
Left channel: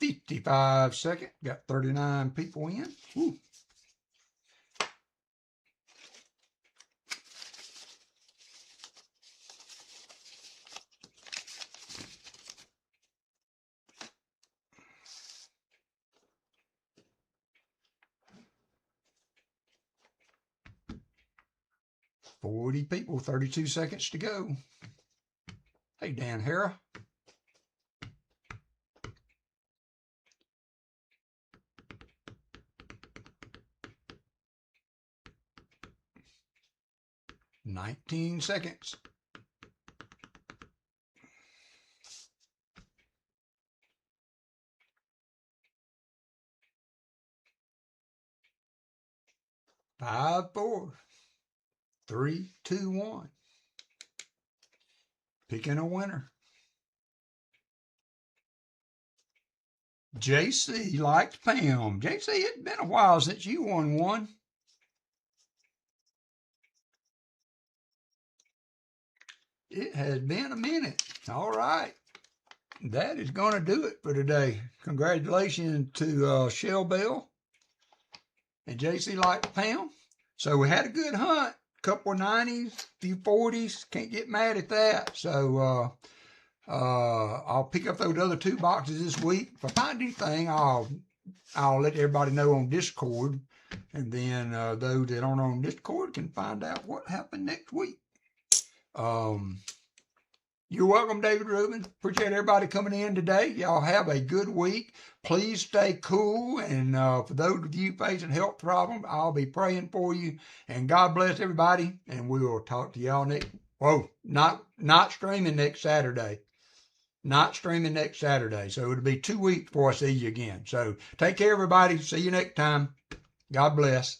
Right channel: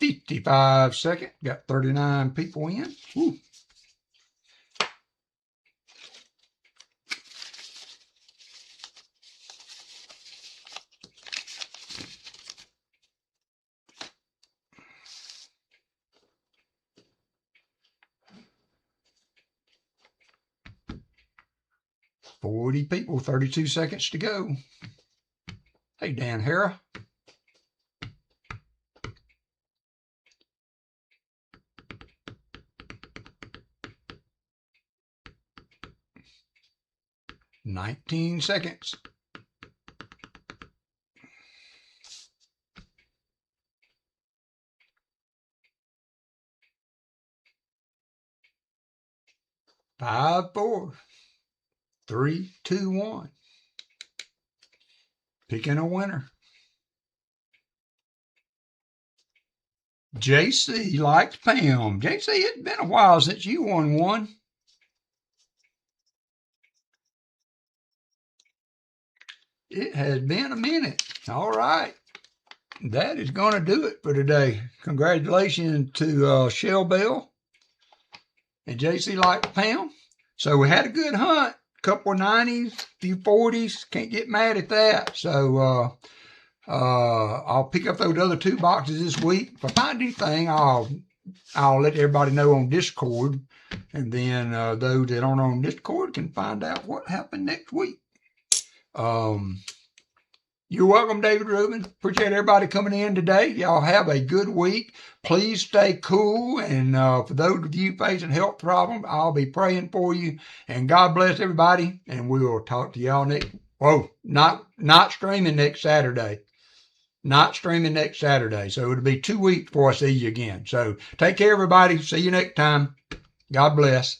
$55 seconds. Got 39 people in. Woo. $40 people, 32 seconds to go. Hey, Dan Hara. $19 seconds. Five, 4, 3, 2, 1. Picking a winner. JC likes Pam. JC, it's been a while since you won one. It has been a minute. All right. That is going to do it for today. Congratulations to Shell Bell and JC likes Pam. So we had a good hunt. A couple of 90s, a few 40s. Can't get mad at that. So I'll pick up those other 2 boxes this week. If I find anything, I'll let everybody know on Discord. And then those that aren't on Discord can find out what happened next week. You're welcome, David Rubin. Appreciate everybody coming in today. Y'all have a good week. Please stay cool. And for those of you facing health problems, I'll be praying for you. And God bless everybody. And we will talk to y'all next. Whoa, not streaming next Saturday. Not streaming next Saturday. So it'll be 2 weeks before I see you again. So take care, everybody. See you next time. God bless.